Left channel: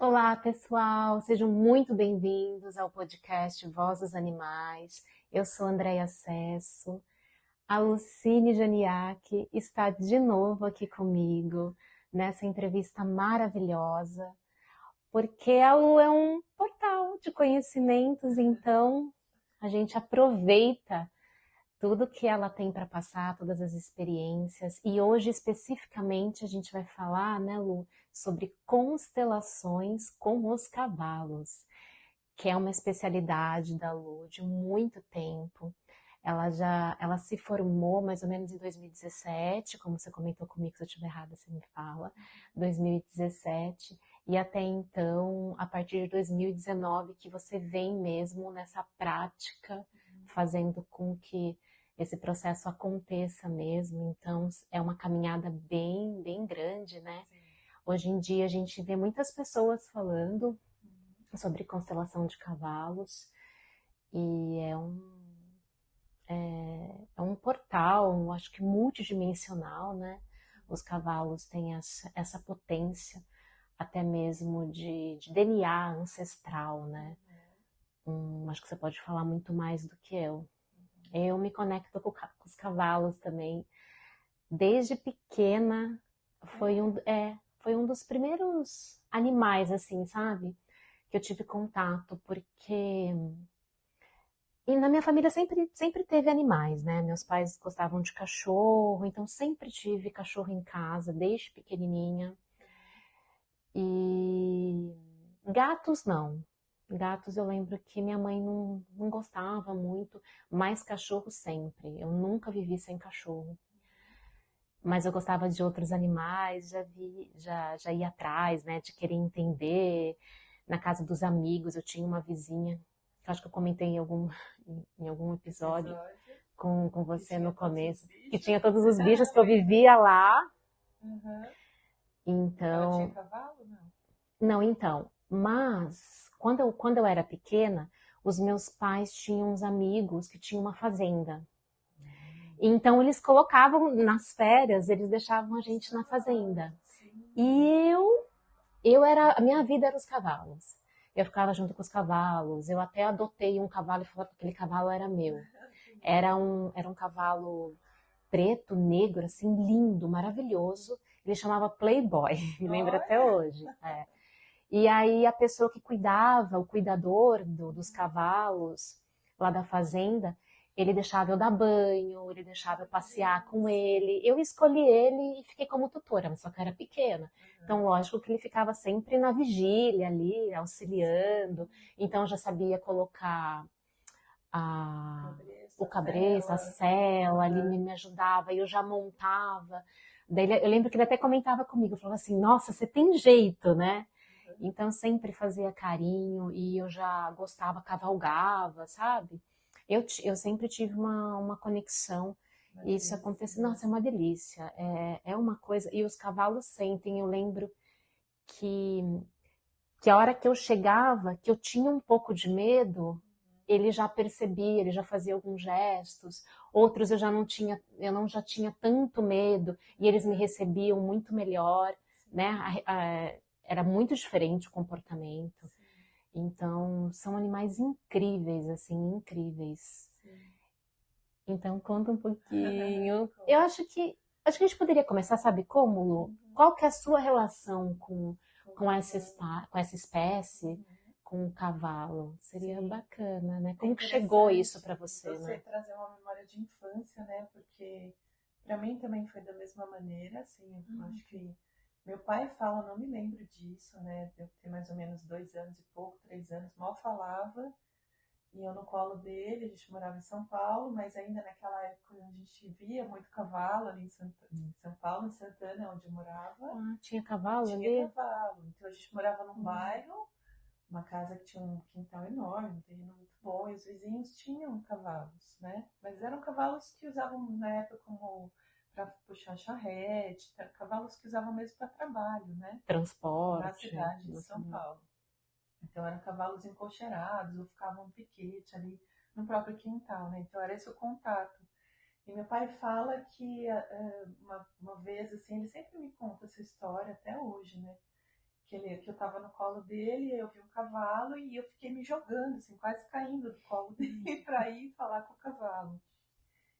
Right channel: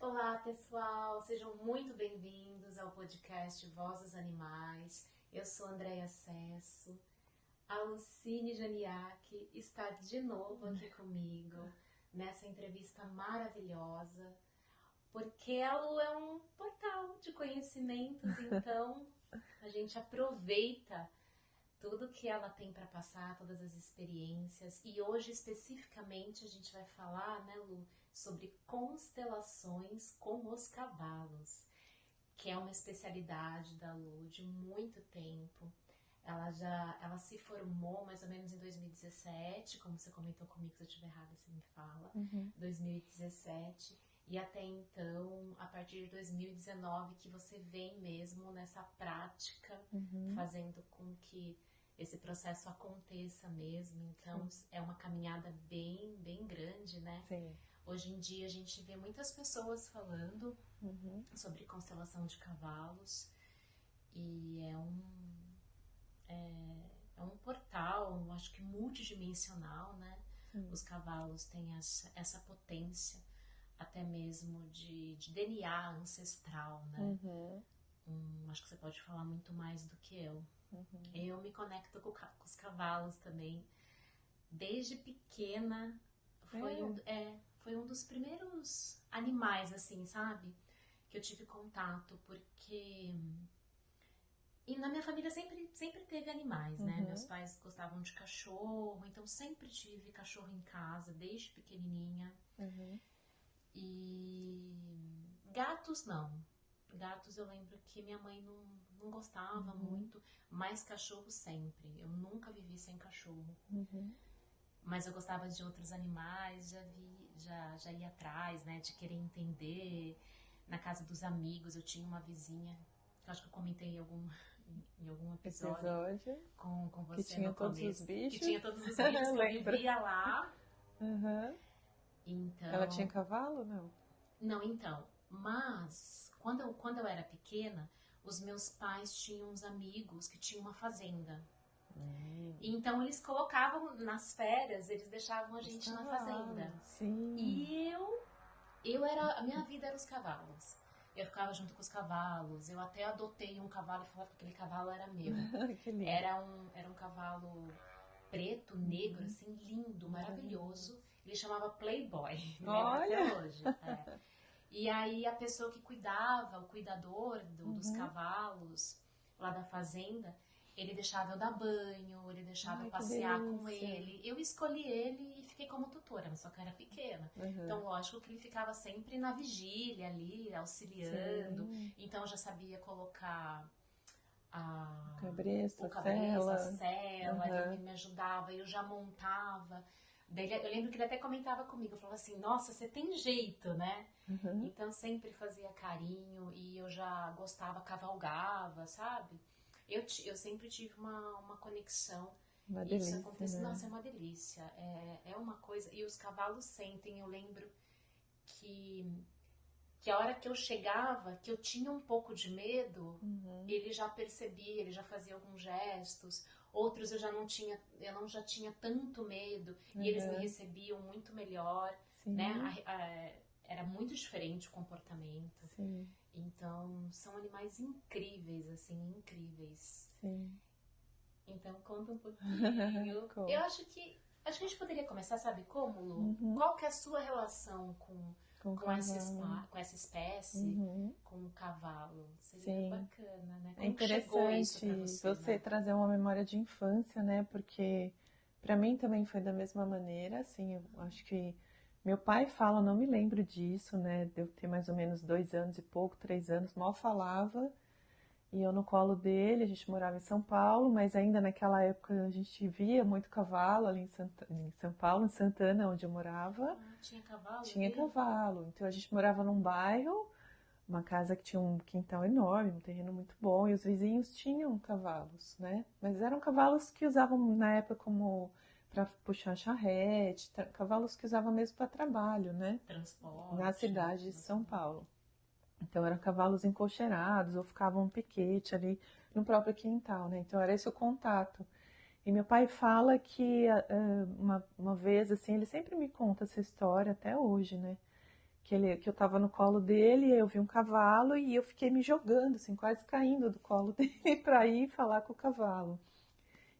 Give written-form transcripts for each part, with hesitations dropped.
Olá, pessoal, sejam muito bem-vindos ao podcast Voz dos Animais. Eu sou Andréia Cesso. A Lucine Janiak está de novo aqui comigo nessa entrevista maravilhosa, porque a Lu é um portal de conhecimentos, então a gente aproveita tudo que ela tem para passar, todas as experiências. E hoje, especificamente, a gente vai falar, né, Lu, sobre constelações com os cavalos, que é uma especialidade da Lu de muito tempo. Ela se formou mais ou menos em 2017, como você comentou comigo, se eu estiver errada, você me fala, 2017. E até então, a partir de 2019, que você vem mesmo nessa prática, fazendo com que esse processo aconteça mesmo. Então, é uma caminhada bem, bem grande, né? Sim. Hoje em dia, a gente vê muitas pessoas falando sobre constelação de cavalos e é um portal, acho que multidimensional, né? Os cavalos têm essa potência até mesmo de DNA ancestral, né? Acho que você pode falar muito mais do que eu. Eu me conecto com os cavalos também. Desde pequena, foi um dos primeiros animais, assim, sabe? Que eu tive contato, porque... E na minha família sempre teve animais, né? Meus pais gostavam de cachorro, então sempre tive cachorro em casa, desde pequenininha. E gatos não. Gatos eu lembro que minha mãe não gostava muito, mas cachorro sempre. Eu nunca vivi sem cachorro. Mas eu gostava de outros animais, já ia atrás, né, de querer entender. Na casa dos amigos, eu tinha uma vizinha, que acho que eu comentei em algum episódio com Que você tinha no todos os começo, que bichos. tinha todos os bichos que eu Lembra? vivia lá. Uhum. Ela tinha Então, cavalo? Não. não, então, mas quando eu era pequena, os meus pais tinham uns amigos que tinham uma fazenda. Então eles colocavam nas férias, eles deixavam a gente na fazenda. Sim. E a minha vida era os cavalos. Eu ficava junto com os cavalos. Eu até adotei um cavalo e falava que aquele cavalo era meu. Que lindo. Era um cavalo preto, negro, assim, lindo, maravilhoso. Ele chamava Playboy, me lembro até Olha. hoje. É. E aí a pessoa que cuidava, o cuidador dos cavalos lá da fazenda, ele deixava eu dar banho, ele deixava eu Ai, que passear com delícia. ele. Eu escolhi ele e fiquei como tutora, mas só que eu era pequena. Então, lógico que ele ficava sempre na vigília ali, auxiliando. Sim. Então, eu já sabia colocar a, Cabresto, o a cabreço, a cela. sela, ali me ajudava, eu já montava. Daí eu lembro que ele até comentava comigo, falava assim, nossa, você tem jeito, né? Então sempre fazia carinho e eu já gostava, cavalgava, sabe? Eu sempre tive uma conexão Uma e isso delícia, acontece, né? nossa, é uma delícia, é uma coisa, e os cavalos sentem, eu lembro que, que a hora que eu chegava, que eu tinha um pouco de medo, ele já percebia, ele já fazia alguns gestos, outros eu não já tinha tanto medo e eles me recebiam muito melhor, né? Sim. Era muito diferente o comportamento. Sim. Então, são animais incríveis, assim, incríveis. Sim. Então, conta um pouquinho. Eu Como? acho que a gente poderia começar, sabe como, Lu? Qual que é a sua relação Com cavalo. com essa espécie, com o cavalo? Seria Sim. bacana, né? É Como que chegou isso para interessante você, você né? trazer uma memória de infância, né? Porque para mim também foi da mesma maneira, assim, eu acho que meu pai fala, eu não me lembro disso, né? De eu ter mais ou menos 2 anos e pouco, 3 anos, mal falava, e eu no colo dele, a gente morava em São Paulo, mas ainda naquela época a gente via muito cavalo ali em São Paulo, em Santana, onde eu morava, Ah, tinha cavalo tinha ali? cavalo. Então a gente morava num bairro, uma casa que tinha um quintal enorme, um terreno muito bom, e os vizinhos tinham cavalos, né? Mas eram cavalos que usavam na época como para puxar charrete, cavalos que usavam mesmo para trabalho, né? Na Transporte. cidade de São Paulo. Então eram cavalos encocheirados ou ficavam um piquete ali no próprio quintal, né? Então era esse o contato. E meu pai fala que uma vez, assim, ele sempre me conta essa história até hoje, né? que eu tava no colo dele, e eu vi um cavalo e eu fiquei me jogando, assim, quase caindo do colo dele para ir falar com o cavalo.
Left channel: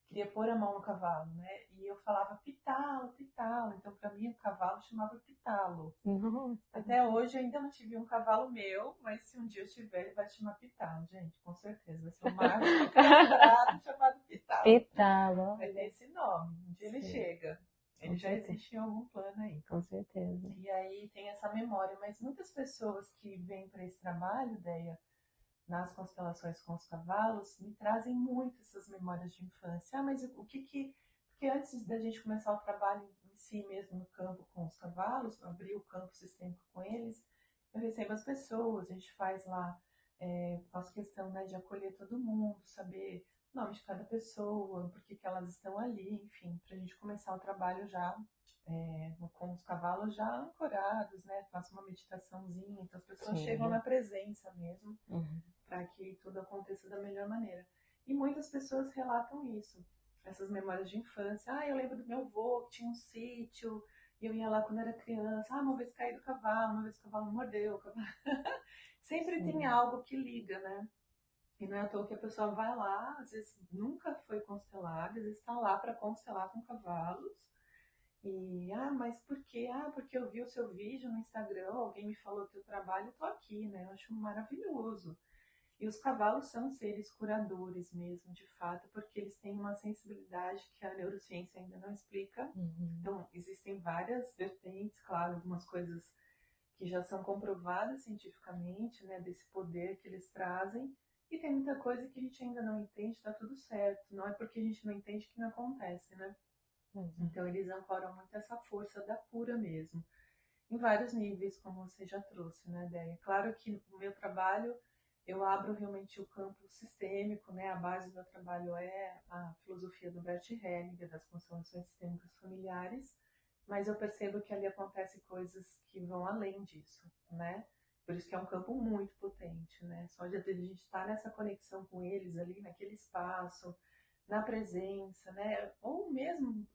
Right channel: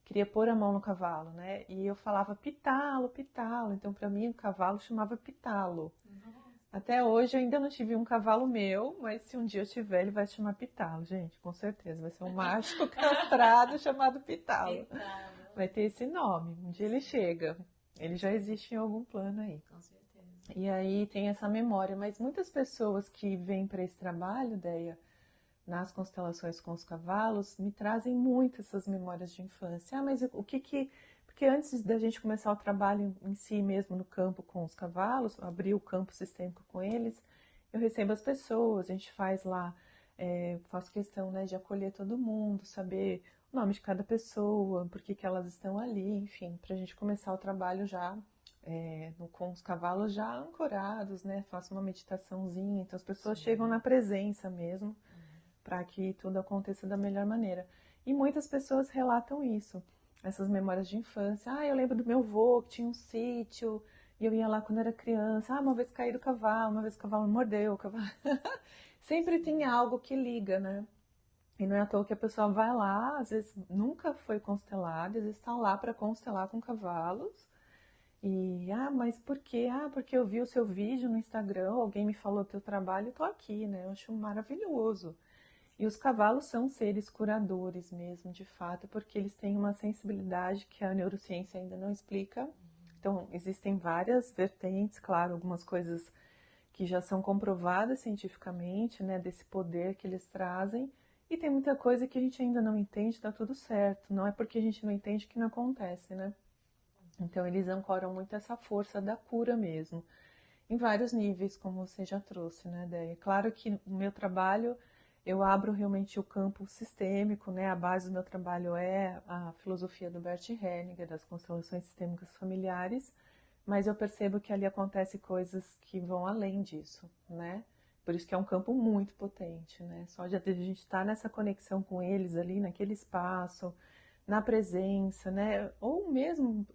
Queria pôr a mão no cavalo, né? E eu falava pitalo, pitalo. Então, para mim, o cavalo chamava pitalo. Nossa. Até hoje eu ainda não tive um cavalo meu, mas se um dia eu tiver, ele vai se chamar pitalo, gente, com certeza. Vai ser um macho castrado chamado pitalo. Pitalo. Vai ter esse nome. Um dia ele Sim. chega. Ele já existe em algum plano aí. Com certeza. E aí tem essa memória. Mas muitas pessoas que vêm para esse trabalho, Deia, nas constelações com os cavalos, me trazem muito essas memórias de infância. Ah, mas o que que... Porque antes da gente começar o trabalho em si mesmo no campo com os cavalos, abrir o campo sistêmico com eles, eu recebo as pessoas, a gente faz lá, faço questão, né, de acolher todo mundo, saber o nome de cada pessoa, por que que elas estão ali, enfim, para a gente começar o trabalho já com os cavalos já ancorados, né? Faço uma meditaçãozinha, então as pessoas chegam na presença mesmo, para que tudo aconteça da melhor maneira. E muitas pessoas relatam isso, essas memórias de infância. Ah, eu lembro do meu avô que tinha um sítio, e eu ia lá quando era criança. Ah, uma vez caí do cavalo, uma vez o cavalo mordeu. O cavalo... Sempre tem algo que liga, né? E não é à toa que a pessoa vai lá, às vezes nunca foi constelada, às vezes está lá para constelar com cavalos. E, mas por quê? Ah, porque eu vi o seu vídeo no Instagram, alguém me falou do teu trabalho e tô aqui, né? Eu acho maravilhoso. E os cavalos são seres curadores mesmo, de fato, porque eles têm uma sensibilidade que a neurociência ainda não explica. Então, existem várias vertentes, claro, algumas coisas que já são comprovadas cientificamente, né, desse poder que eles trazem, e tem muita coisa que a gente ainda não entende, tá tudo certo. Não é porque a gente não entende que não acontece, né? Então, eles ancoram muito essa força da cura mesmo, em vários níveis, como você já trouxe, né, Déia? Claro que o meu trabalho, eu abro realmente o campo sistêmico, né? A base do meu trabalho é a filosofia do Bert Hellinger, das constelações sistêmicas familiares, mas eu percebo que ali acontecem coisas que vão além disso, né? Por isso que é um campo muito potente, né? Só de a gente estar nessa conexão com eles ali, naquele espaço, na presença, né? Ou mesmo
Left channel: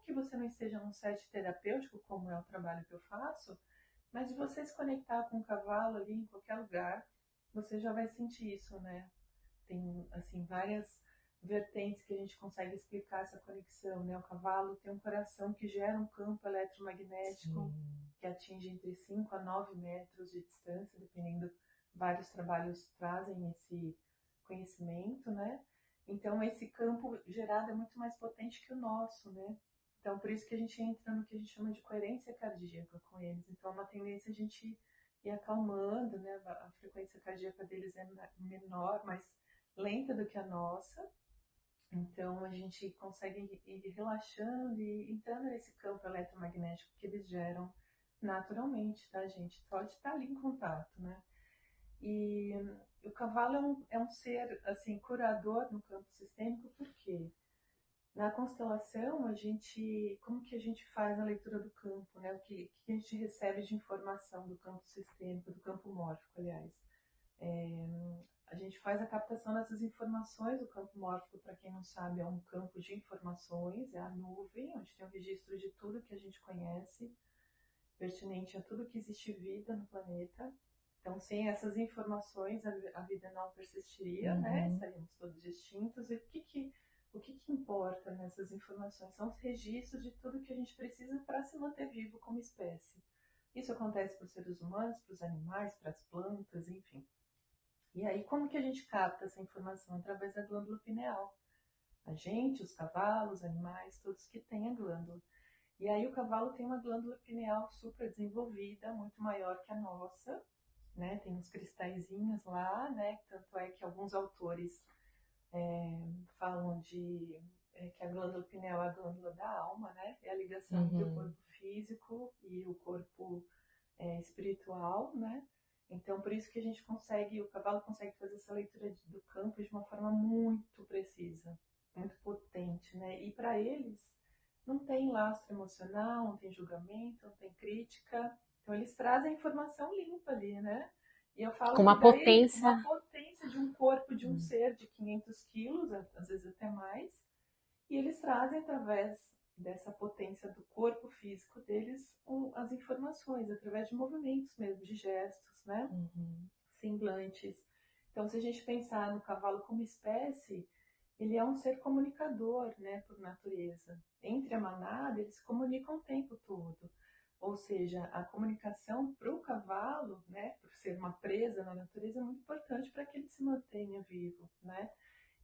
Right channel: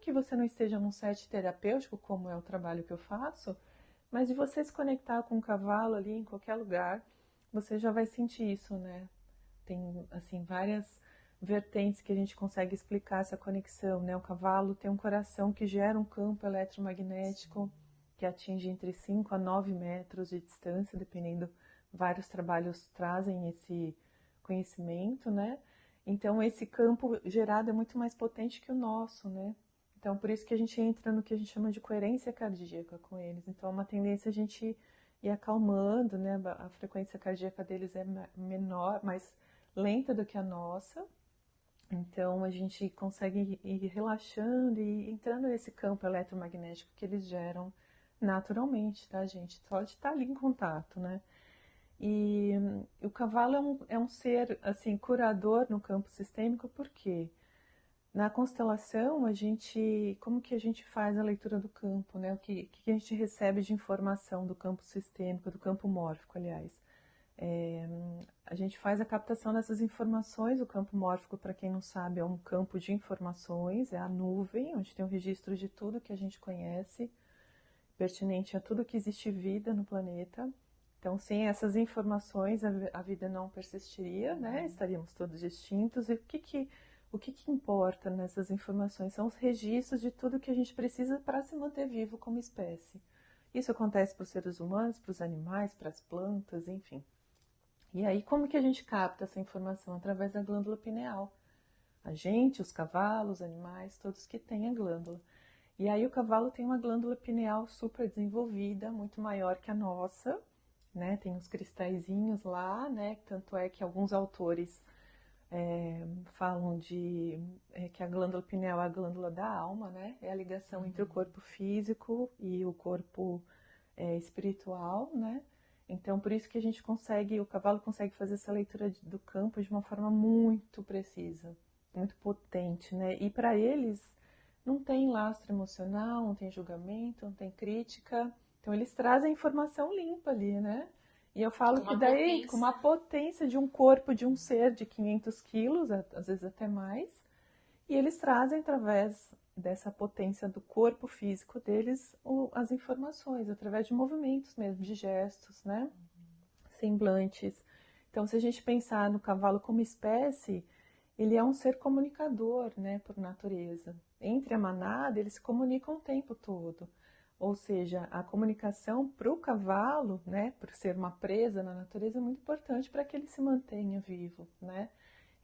que você não esteja num set terapêutico, como é o trabalho que eu faço, mas de você se conectar com um cavalo ali em qualquer lugar, você já vai sentir isso, né? Tem, assim, várias vertentes que a gente consegue explicar essa conexão, né? O cavalo tem um coração que gera um campo eletromagnético que atinge entre 5 a 9 metros de distância, dependendo, vários trabalhos trazem esse conhecimento, né? Então, esse campo gerado é muito mais potente que o nosso, né? Então, por isso que a gente entra no que a gente chama de coerência cardíaca com eles. Então, é uma tendência a gente ir acalmando, né? A frequência cardíaca deles é menor, mais lenta do que a nossa. Então, a gente consegue ir relaxando e entrando nesse campo eletromagnético que eles geram naturalmente, tá, gente? Só de estar ali em contato, né? E o cavalo é um ser, assim, curador no campo sistêmico, por quê? Na constelação, como que a gente faz a leitura do campo, né? O que a gente recebe de informação do campo sistêmico, do campo mórfico, aliás. A gente faz a captação dessas informações. O campo mórfico, para quem não sabe, é um campo de informações, é a nuvem, onde tem um registro de tudo que a gente conhece, pertinente a tudo que existe vida no planeta. Então, sem essas informações, a vida não persistiria, né? Estaríamos todos extintos. E o que importa nessas informações? São os registros de tudo que a gente precisa para se manter vivo como espécie. Isso acontece para os seres humanos, para os animais, para as plantas, enfim. E aí, como que a gente capta essa informação? Através da glândula pineal. A gente, os cavalos, os animais, todos que têm a glândula. E aí o cavalo tem uma glândula pineal super desenvolvida, muito maior que a nossa, né? Tem uns cristalzinhos lá, né? Tanto é que alguns autores falam que a glândula pineal é a glândula da alma, né? É a ligação entre o corpo físico e o corpo espiritual, né? Então, por isso que o cavalo consegue fazer essa leitura do campo de uma forma muito precisa, muito potente, né? E para eles não tem lastro emocional, não tem julgamento, não tem crítica. Então, eles trazem a informação limpa ali, né? E eu falo com uma que daí, potência, com uma potência de um corpo de um ser de 500 quilos, às vezes até mais, e eles trazem através dessa potência do corpo físico deles as informações, através de movimentos mesmo, de gestos, né? Semblantes. Então, se a gente pensar no cavalo como espécie, ele é um ser comunicador, né, por natureza. Entre a manada, eles se comunicam o tempo todo. Ou seja, a comunicação para o cavalo, né, por ser uma presa na natureza, é muito importante para que ele se mantenha vivo, né?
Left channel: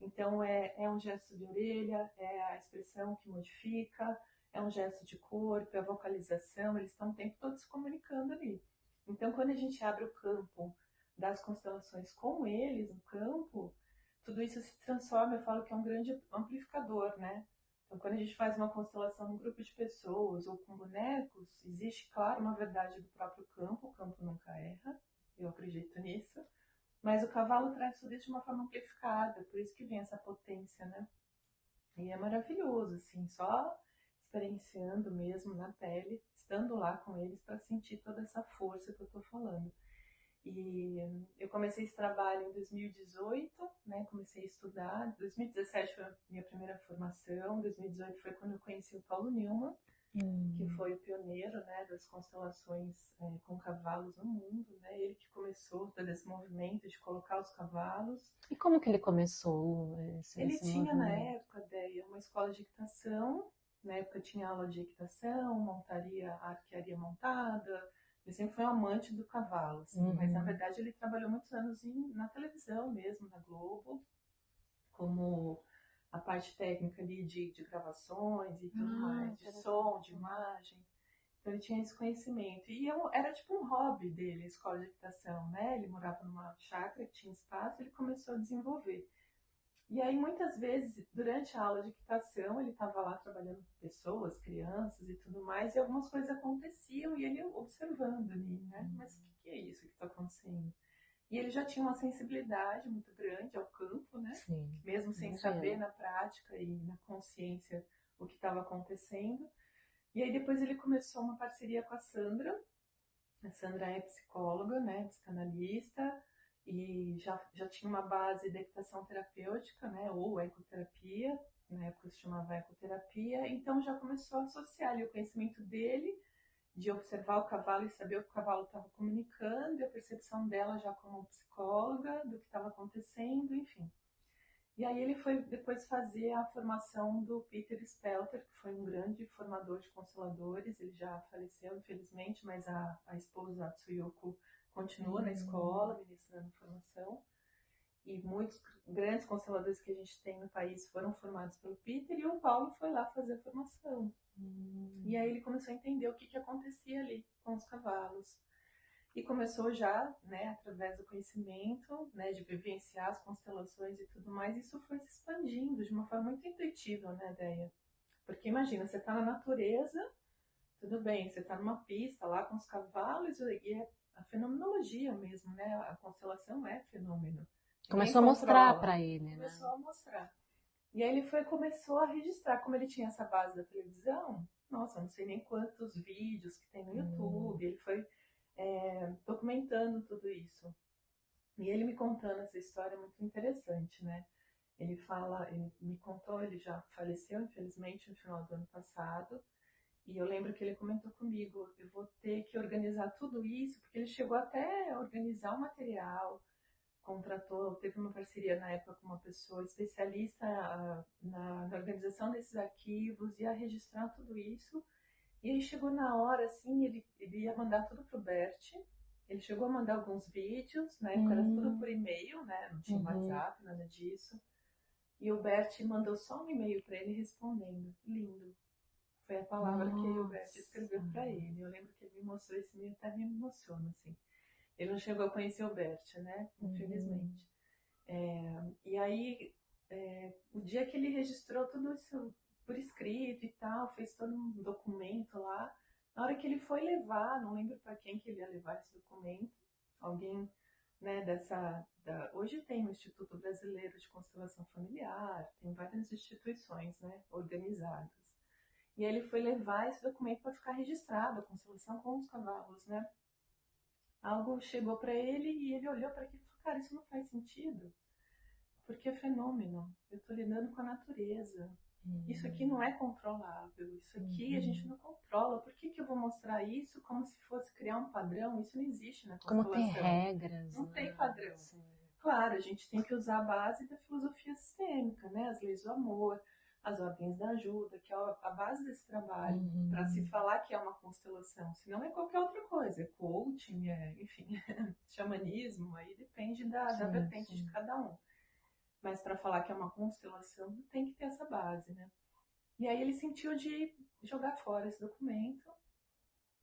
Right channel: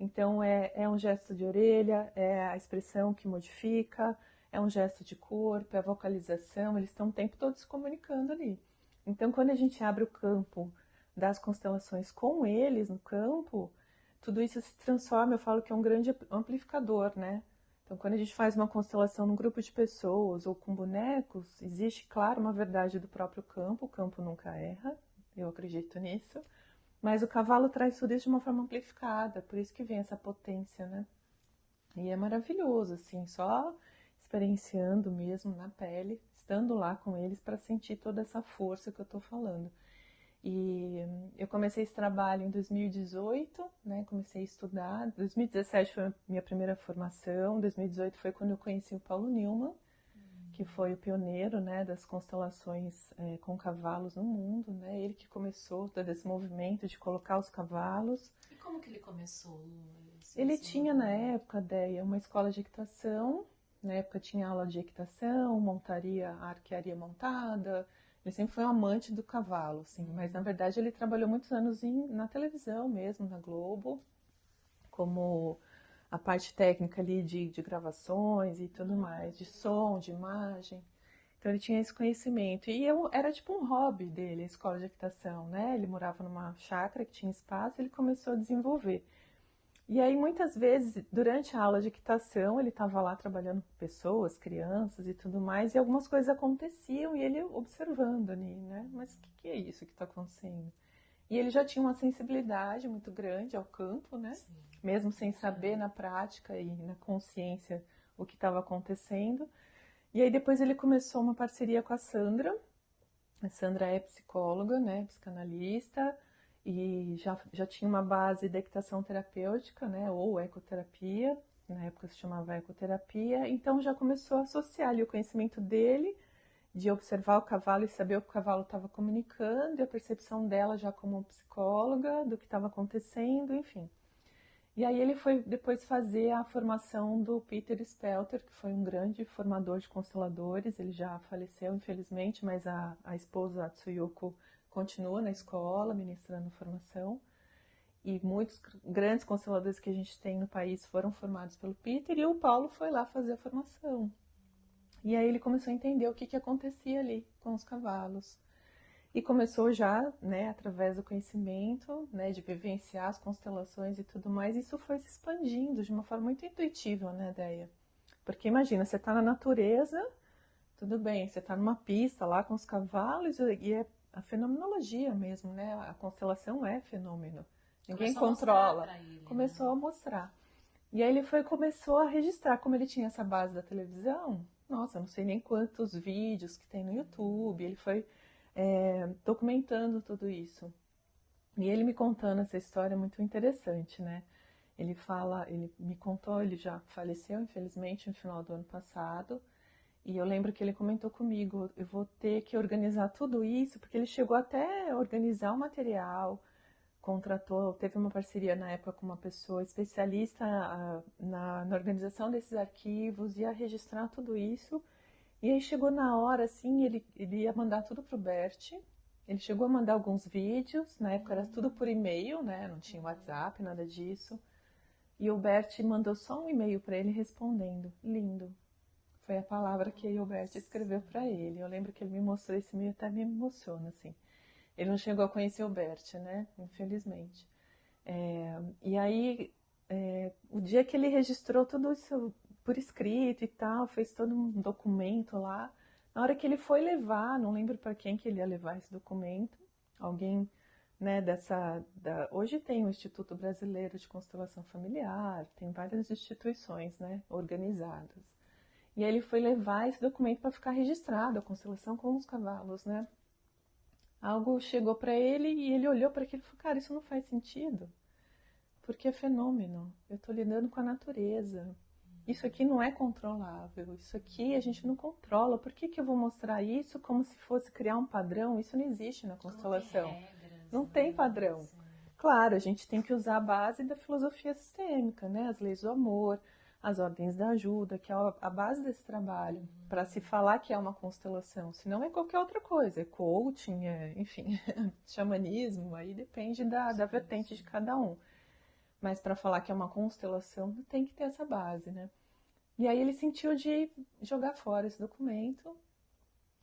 Então, é um gesto de orelha, é a expressão que modifica, é um gesto de corpo, é a vocalização, eles estão o tempo todo se comunicando ali. Então, quando a gente abre o campo das constelações com eles no campo, tudo isso se transforma, eu falo que é um grande amplificador, né? Então, quando a gente faz uma constelação num grupo de pessoas ou com bonecos, existe, claro, uma verdade do próprio campo, o campo nunca erra, eu acredito nisso, mas o cavalo traz tudo isso de uma forma amplificada, por isso que vem essa potência, né? E é maravilhoso, assim, só experienciando mesmo na pele, estando lá com eles para sentir toda essa força que eu tô falando. E eu comecei esse trabalho em 2018, né? Comecei a estudar. 2017 foi a minha primeira formação. 2018 foi quando eu conheci o Paulo Newman, que foi o pioneiro, né, das constelações com cavalos no mundo, né? Ele que começou todo esse movimento de colocar os cavalos. E como que ele começou Ele esse tinha na movimento? época, Déia, uma escola de equitação. Na época tinha aula de equitação, montaria, arquearia montada. Ele sempre foi um amante do cavalo, assim, mas na verdade ele trabalhou muitos anos na televisão mesmo, na Globo, como a parte técnica ali de gravações e tudo mais, de som, de imagem. Então ele tinha esse conhecimento. E era tipo um hobby dele, a escola de equitação, né? Ele morava numa chácara que tinha espaço e ele começou a desenvolver. E aí, muitas vezes, durante a aula de equitação, ele estava lá trabalhando com pessoas, crianças e tudo mais, e algumas coisas aconteciam e ele observando ali, né? Mas o que é isso que está acontecendo? E ele já tinha uma sensibilidade muito grande ao campo, né? Sim, mesmo sem saber na prática e na consciência o que estava acontecendo. E aí depois ele começou uma parceria com a Sandra. A Sandra é psicóloga, né? Psicanalista, e já tinha uma base da equitação terapêutica, né, ou ecoterapia, na época se chamava ecoterapia, então já começou a associar ali o conhecimento dele, de observar o cavalo e saber o que o cavalo estava comunicando, e a percepção dela já como psicóloga, do que estava acontecendo, enfim. E aí ele foi depois fazer a formação do Peter Spelter, que foi um grande formador de consteladores, ele já faleceu, infelizmente, mas a esposa, a Tsuyoko, continua na escola, ministrando formação. E muitos grandes consteladores que a gente tem no país foram formados pelo Peter, e o Paulo foi lá fazer a formação. E aí ele começou a entender o que acontecia ali com os cavalos. E começou já, né, através do conhecimento, né, de vivenciar as constelações e tudo mais, isso foi se expandindo de uma forma muito intuitiva, né, Déia? Porque imagina, você está na natureza, tudo bem, você está numa pista lá com os cavalos e é a fenomenologia mesmo, né? A constelação é fenômeno. Começou a mostrar para ele. Começou a mostrar. E aí ele começou a registrar, como ele tinha essa base da televisão, nossa, não sei nem quantos vídeos que tem no YouTube, ele foi documentando tudo isso. E ele me contando essa história muito interessante, né? Ele me contou, ele já faleceu, infelizmente, no final do ano passado. E eu lembro que ele comentou comigo, eu vou ter que organizar tudo isso, porque ele chegou até a organizar o material, teve uma parceria na época com uma pessoa especialista na organização desses arquivos, ia registrar tudo isso. E aí chegou na hora, assim, ele ia mandar tudo pro Bert. Ele chegou a mandar alguns vídeos, na época era tudo por e-mail, né? Não tinha WhatsApp, nada disso. E o Bert mandou só um e-mail para ele respondendo. Lindo. Foi a palavra que o Bert escreveu para ele. Eu lembro que ele me mostrou esse e-mail, até me emociona, assim. Ele não chegou a conhecer o Bert, né? Infelizmente. E aí, o dia que ele registrou tudo isso por escrito e tal, fez todo um documento lá. Na hora que ele foi levar, não lembro para quem que ele ia levar esse documento, alguém, né, hoje tem o Instituto Brasileiro de Constelação Familiar, tem várias instituições, né, organizadas. E aí ele foi levar esse documento para ficar registrado, a constelação com os cavalos, né? Algo chegou para ele e ele olhou para aquilo e falou, cara, isso não faz sentido, porque é fenômeno, eu estou lidando com a natureza. Isso aqui não é controlável, isso aqui a gente não controla. Por que que eu vou mostrar isso como se fosse criar um padrão? Isso não existe na Como ter constelação. regras, Não tem padrão. Sim. Claro, a gente tem que usar a base da filosofia sistêmica, né? As leis do amor, as ordens da ajuda, que é a base desse trabalho, para se falar que é uma constelação. Se não é qualquer outra coisa, é coaching, enfim, xamanismo, aí depende da vertente de cada um. Mas para falar que é uma constelação, tem que ter essa base, né? E aí ele sentiu de jogar fora esse documento.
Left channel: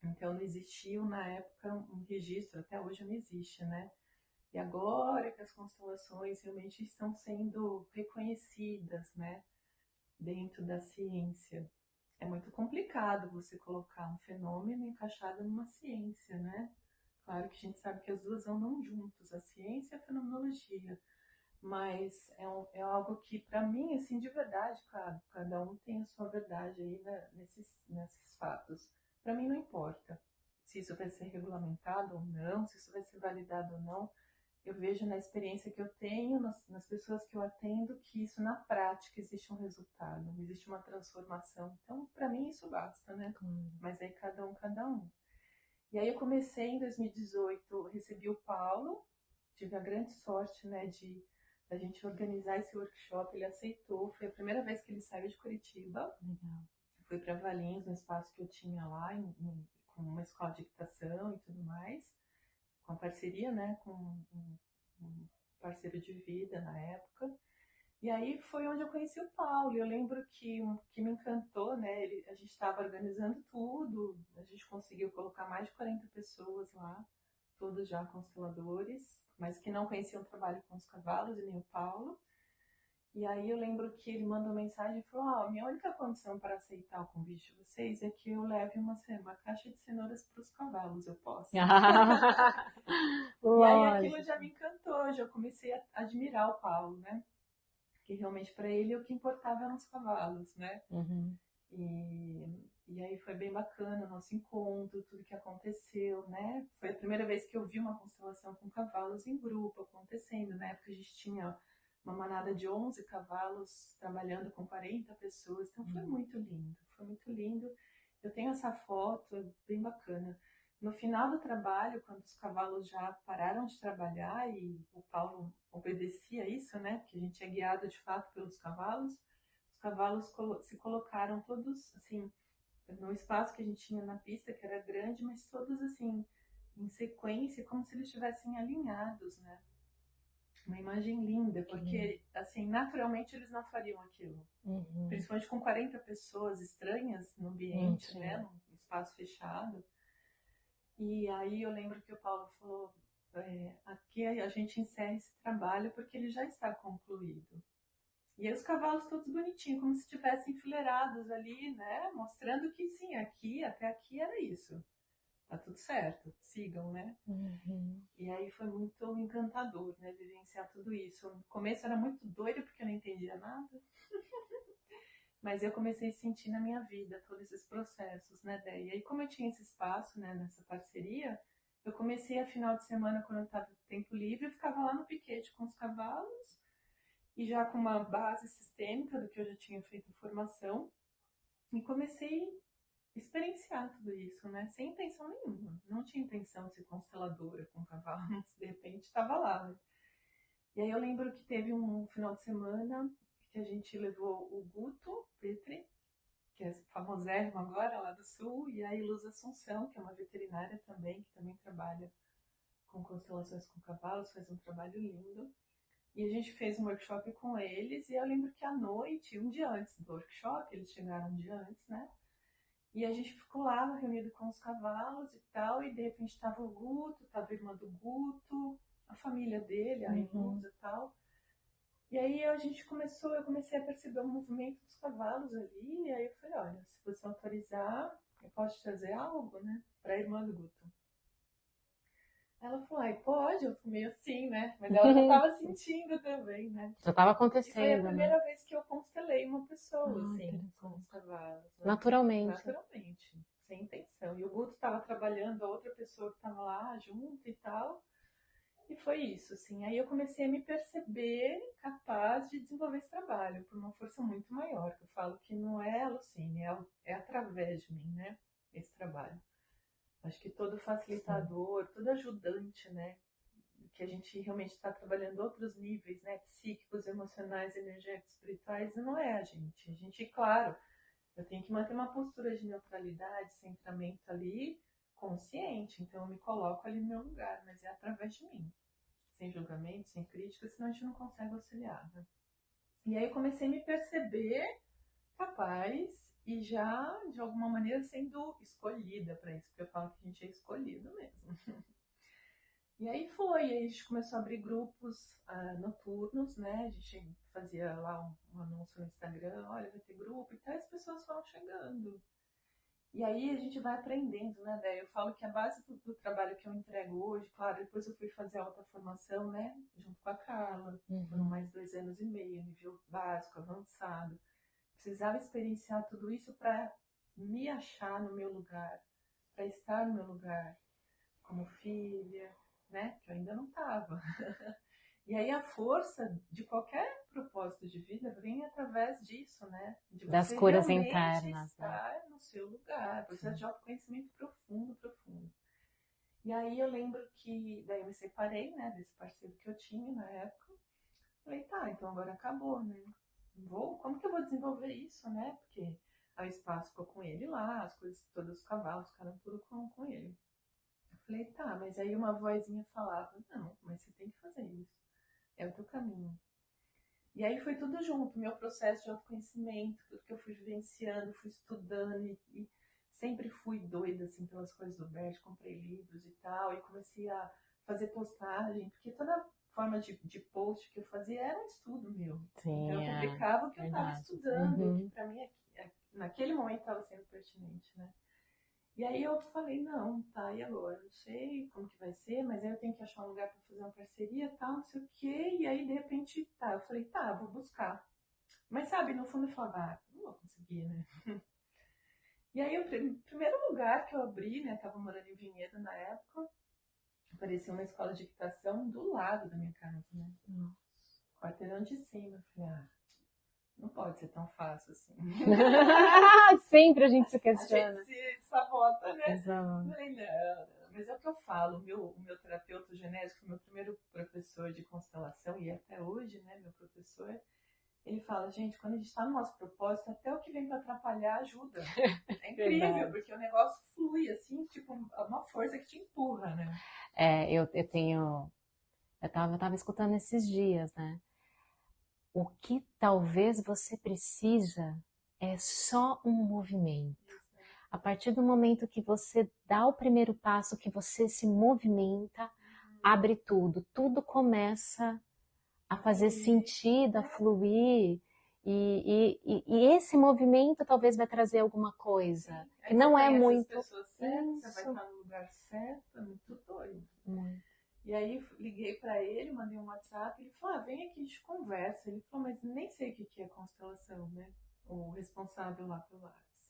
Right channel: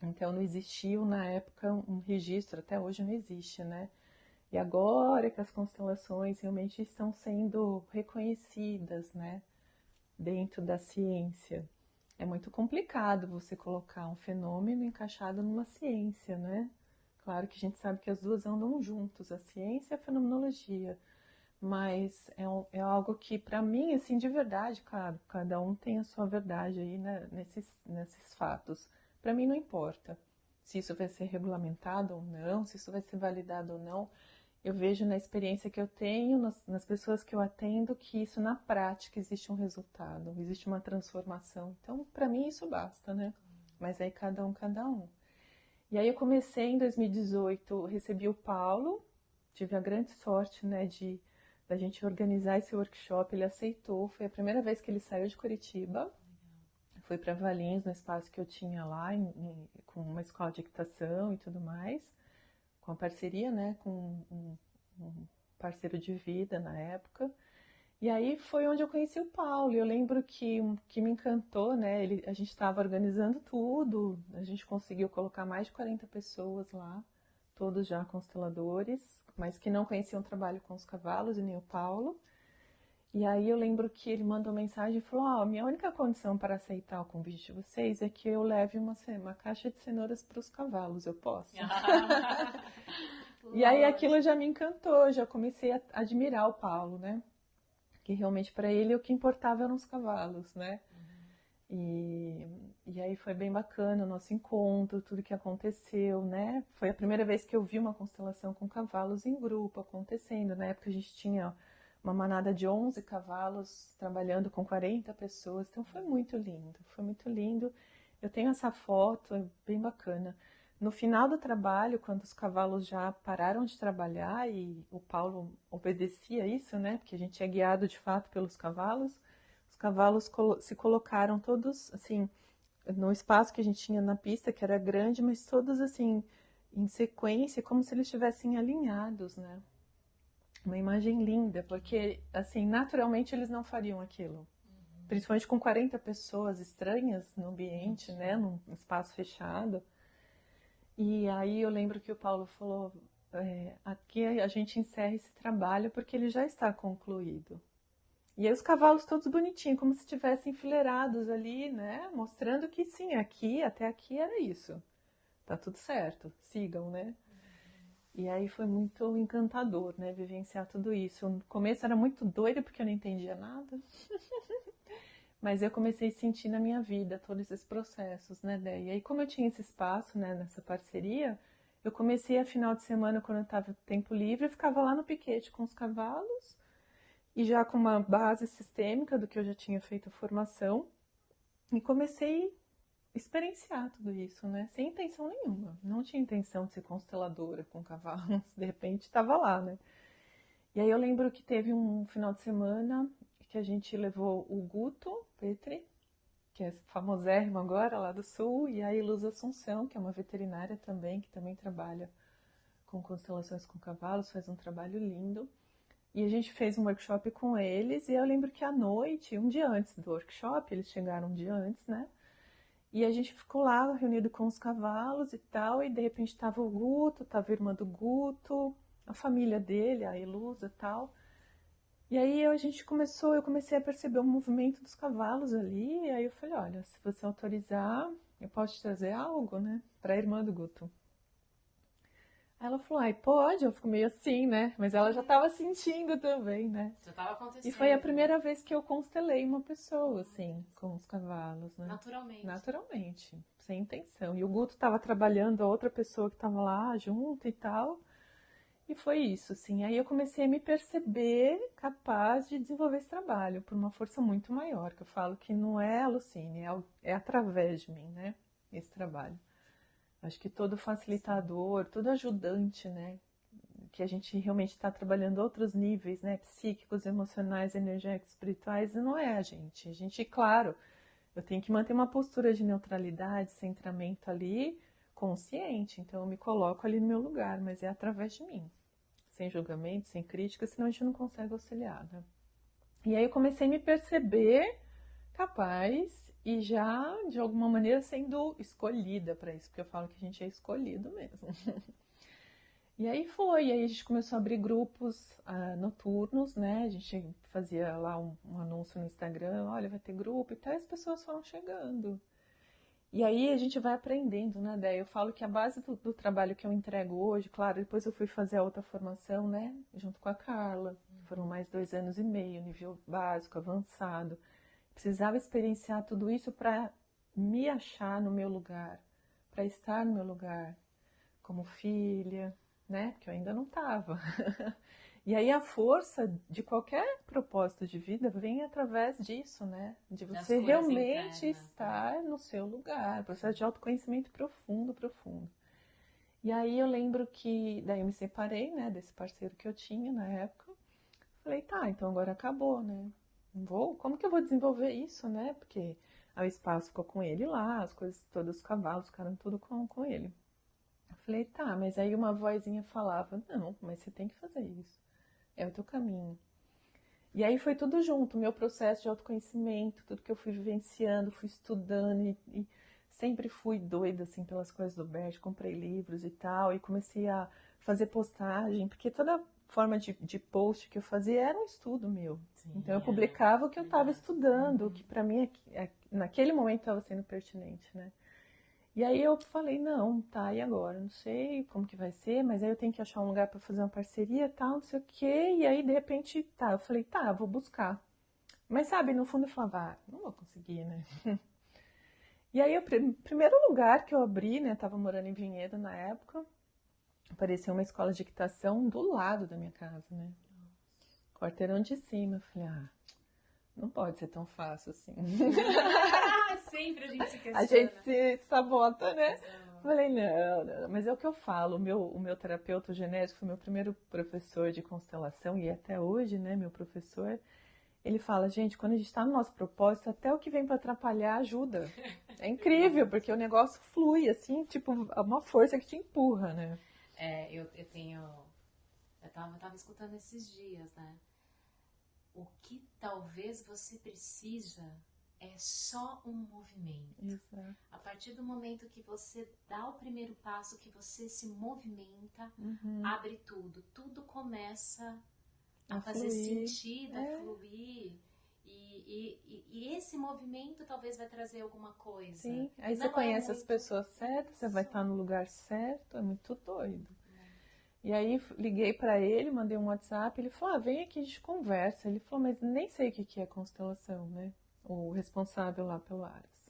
Então não existiu na época um registro, até hoje não existe, né? E agora que as constelações realmente estão sendo reconhecidas, né, dentro da ciência. É muito complicado você colocar um fenômeno encaixado numa ciência, né? Claro que a gente sabe que as duas andam juntos, a ciência e a fenomenologia. Mas é algo que, para mim, assim, de verdade, claro, cada um tem a sua verdade aí, né, nesses fatos. Para mim não importa se isso vai ser regulamentado ou não, se isso vai ser validado ou não. Eu vejo na experiência que eu tenho, nas pessoas que eu atendo, que isso na prática existe um resultado, existe uma transformação. Então, para mim, isso basta, né? Mas aí cada um, cada um. E aí eu comecei em 2018, recebi o Paulo, tive a grande sorte, né, da gente organizar esse workshop, ele aceitou, foi a primeira vez que ele saiu de Curitiba, foi para Valinhos, no espaço que eu tinha lá, com uma escola de equitação e tudo mais, com a parceria, né, com um parceiro de vida na época. E aí foi onde eu conheci o Paulo. E eu lembro que me encantou, né? A gente estava organizando tudo, a gente conseguiu colocar mais de 40 pessoas lá, todos já consteladores, mas que não conheciam o trabalho com os cavalos e nem o Paulo. E aí eu lembro que ele mandou mensagem e falou: ó, minha única condição para aceitar o convite de vocês é que eu leve uma caixa de cenouras para os cavalos, eu posso? E aí aquilo já me encantou, já comecei a admirar o Paulo, né? Que realmente para ele o que importava eram os cavalos, né? E aí foi bem bacana o nosso encontro, tudo que aconteceu, né? Foi a primeira vez que eu vi uma constelação com cavalos em grupo acontecendo. Na época a gente tinha uma manada de 11 cavalos trabalhando com 40 pessoas, então foi muito lindo, foi muito lindo. Eu tenho essa foto, é bem bacana. No final do trabalho, quando os cavalos já pararam de trabalhar e o Paulo obedecia isso, né? Porque a gente é guiado de fato pelos cavalos. Os cavalos se colocaram todos, assim, no espaço que a gente tinha na pista, que era grande, mas todos, assim, em sequência, como se eles estivessem alinhados, né? Uma imagem linda, porque, assim, naturalmente eles não fariam aquilo. Principalmente com 40 pessoas estranhas no ambiente, né? Num espaço fechado. E aí eu lembro que o Paulo falou, aqui a gente encerra esse trabalho porque ele já está concluído. E aí os cavalos todos bonitinhos, como se estivessem enfileirados ali, né? Mostrando que sim, até aqui era isso. Tá tudo certo, sigam, né? E aí foi muito encantador, né? Vivenciar tudo isso. No começo era muito doido porque eu não entendia nada. Mas eu comecei a sentir na minha vida todos esses processos, né, Dé? E aí, como eu tinha esse espaço, né, nessa parceria, eu comecei a final de semana, quando eu estava tempo livre, eu ficava lá no piquete com os cavalos, e já com uma base sistêmica do que eu já tinha feito a formação, e comecei a experienciar tudo isso, né, sem intenção nenhuma. Não tinha intenção de ser consteladora com cavalos, de repente estava lá, né. E aí eu lembro que teve um final de semana que a gente levou o Guto Petri, que é famosérrimo agora, lá do Sul, e a Iluz Assunção, que é uma veterinária também, que também trabalha com constelações com cavalos, faz um trabalho lindo. E a gente fez um workshop com eles, e eu lembro que à noite, um dia antes do workshop, eles chegaram um dia antes, né? E a gente ficou lá reunido com os cavalos e tal, e de repente estava o Guto, estava a irmã do Guto, a família dele, a Ilusa e tal. E aí eu comecei a perceber o movimento dos cavalos ali, e aí eu falei, olha, se você autorizar, eu posso te trazer algo, né, para a irmã do Guto. Aí ela falou, ai, pode, eu fico meio assim, né, mas ela já estava sentindo também, né. Já estava acontecendo, e foi a né? primeira vez que eu constelei uma pessoa, assim, com os cavalos, né. Naturalmente. Naturalmente, sem intenção. E o Guto estava trabalhando, a outra pessoa que estava lá junto e tal. E foi isso, assim. Aí eu comecei a me perceber capaz de desenvolver esse trabalho por uma força muito maior, que eu falo que não é a Lucine, é através de mim, né? Esse trabalho. Acho que todo facilitador, todo ajudante, né? Que a gente realmente está trabalhando outros níveis, né? Psíquicos, emocionais, energéticos, espirituais, não é a gente. A gente, claro, eu tenho que manter uma postura de neutralidade, centramento ali, consciente. Então eu me coloco ali no meu lugar, mas é através de mim. Sem julgamento, sem crítica, senão a gente não consegue auxiliar, né? E aí eu comecei a me perceber capaz e já, de alguma maneira, sendo escolhida para isso, porque eu falo que a gente é escolhido mesmo. E aí a gente começou a abrir grupos noturnos, né? A gente fazia lá um anúncio no Instagram, olha, vai ter grupo e tal, e as pessoas foram chegando. E aí a gente vai aprendendo, né, Déia? Eu falo que a base do trabalho que eu entrego hoje, claro, depois eu fui fazer a outra formação, né, junto com a Carla. Foram mais 2 anos e meio, nível básico, avançado. Precisava experienciar tudo isso para me achar no meu lugar, para estar no meu lugar, como filha, né, porque eu ainda não estava. E aí a força de qualquer propósito de vida vem através disso, né? De Das você curas realmente internas, estar no seu lugar, processo de autoconhecimento profundo, profundo. E aí eu lembro que daí eu me separei, né, desse parceiro que eu tinha na época. Falei, tá, então agora acabou, né? Como que eu vou desenvolver isso, né? Porque o espaço ficou com ele lá, as coisas todas, os cavalos ficaram tudo com ele. Eu falei, tá, mas aí uma vozinha falava, não, mas você tem que fazer isso. É o teu caminho. E aí foi tudo junto, meu processo de autoconhecimento, tudo que eu fui vivenciando, fui estudando e sempre fui doida assim pelas coisas do Bert, comprei livros e tal, e comecei a fazer postagem, porque toda forma de post que eu fazia era um estudo meu. Sim, Então eu publicava o que eu estava verdade. estudando, que para mim naquele momento estava sendo pertinente, né? E aí eu falei, não, tá, e agora? Não sei como que vai ser, mas aí eu tenho que achar um lugar para fazer uma parceria e tal, não sei o quê. E aí, de repente, tá, eu falei, tá, vou buscar. Mas sabe, no fundo eu falava, não vou conseguir, né? E aí, o primeiro lugar que eu abri, né, tava morando em Vinhedo na época, apareceu uma escola de equitação do lado da minha casa, né? Quarteirão de cima. Eu falei, não pode ser tão fácil assim. Sempre a gente se A questiona. gente se sabota, né? Exato. Falei, não, mas é o que eu falo. O meu terapeuta genésico foi meu primeiro professor de constelação e até hoje, né, meu professor. Ele fala, gente, quando a gente está no nosso propósito, até o que vem para atrapalhar ajuda. É incrível, Verdade. porque o negócio flui, assim, tipo, uma força que te empurra, né? Eu tenho. Eu tava escutando esses dias, né? O que talvez você precisa é só um movimento. Isso, é. A partir do momento que você dá o primeiro passo, que você se movimenta, abre tudo. Tudo começa a fazer fluir. sentido, a fluir. E esse movimento talvez vai trazer alguma coisa. Sim, aí não você é conhece muito as pessoas certas, você vai estar no lugar certo, é muito doido. E aí liguei para ele, mandei um WhatsApp, ele falou, vem aqui, a gente conversa. Ele falou, mas nem sei o que é constelação, né? O responsável lá pelo Ares.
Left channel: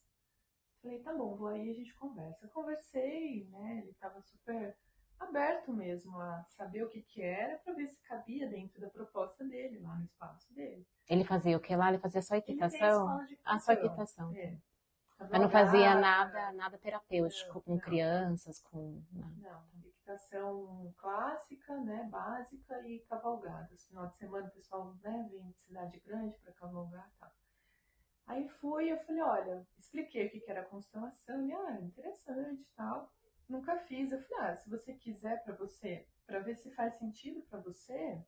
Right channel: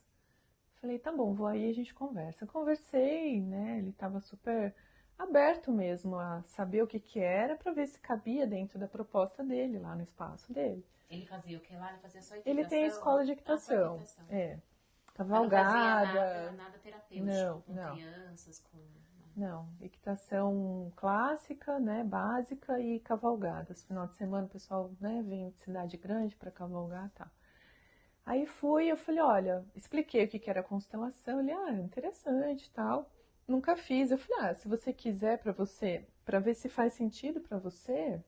Falei, tá bom, vou aí, a gente conversa. Conversei, né? Ele estava super aberto mesmo a saber o que era para ver se cabia dentro da proposta dele, lá no espaço dele. Ele fazia o que lá? Ele fazia só equitação? Ele tem escola de equitação. Só equitação. Mas não fazia nada terapêutico com crianças, Não, equitação clássica, né, básica e cavalgadas. Final de semana o pessoal, né, vem de cidade grande para cavalgar e tal. Aí eu falei, olha, expliquei o que era constelação. Ele, interessante e tal. Nunca fiz. Eu falei, se você quiser para ver se faz sentido para você,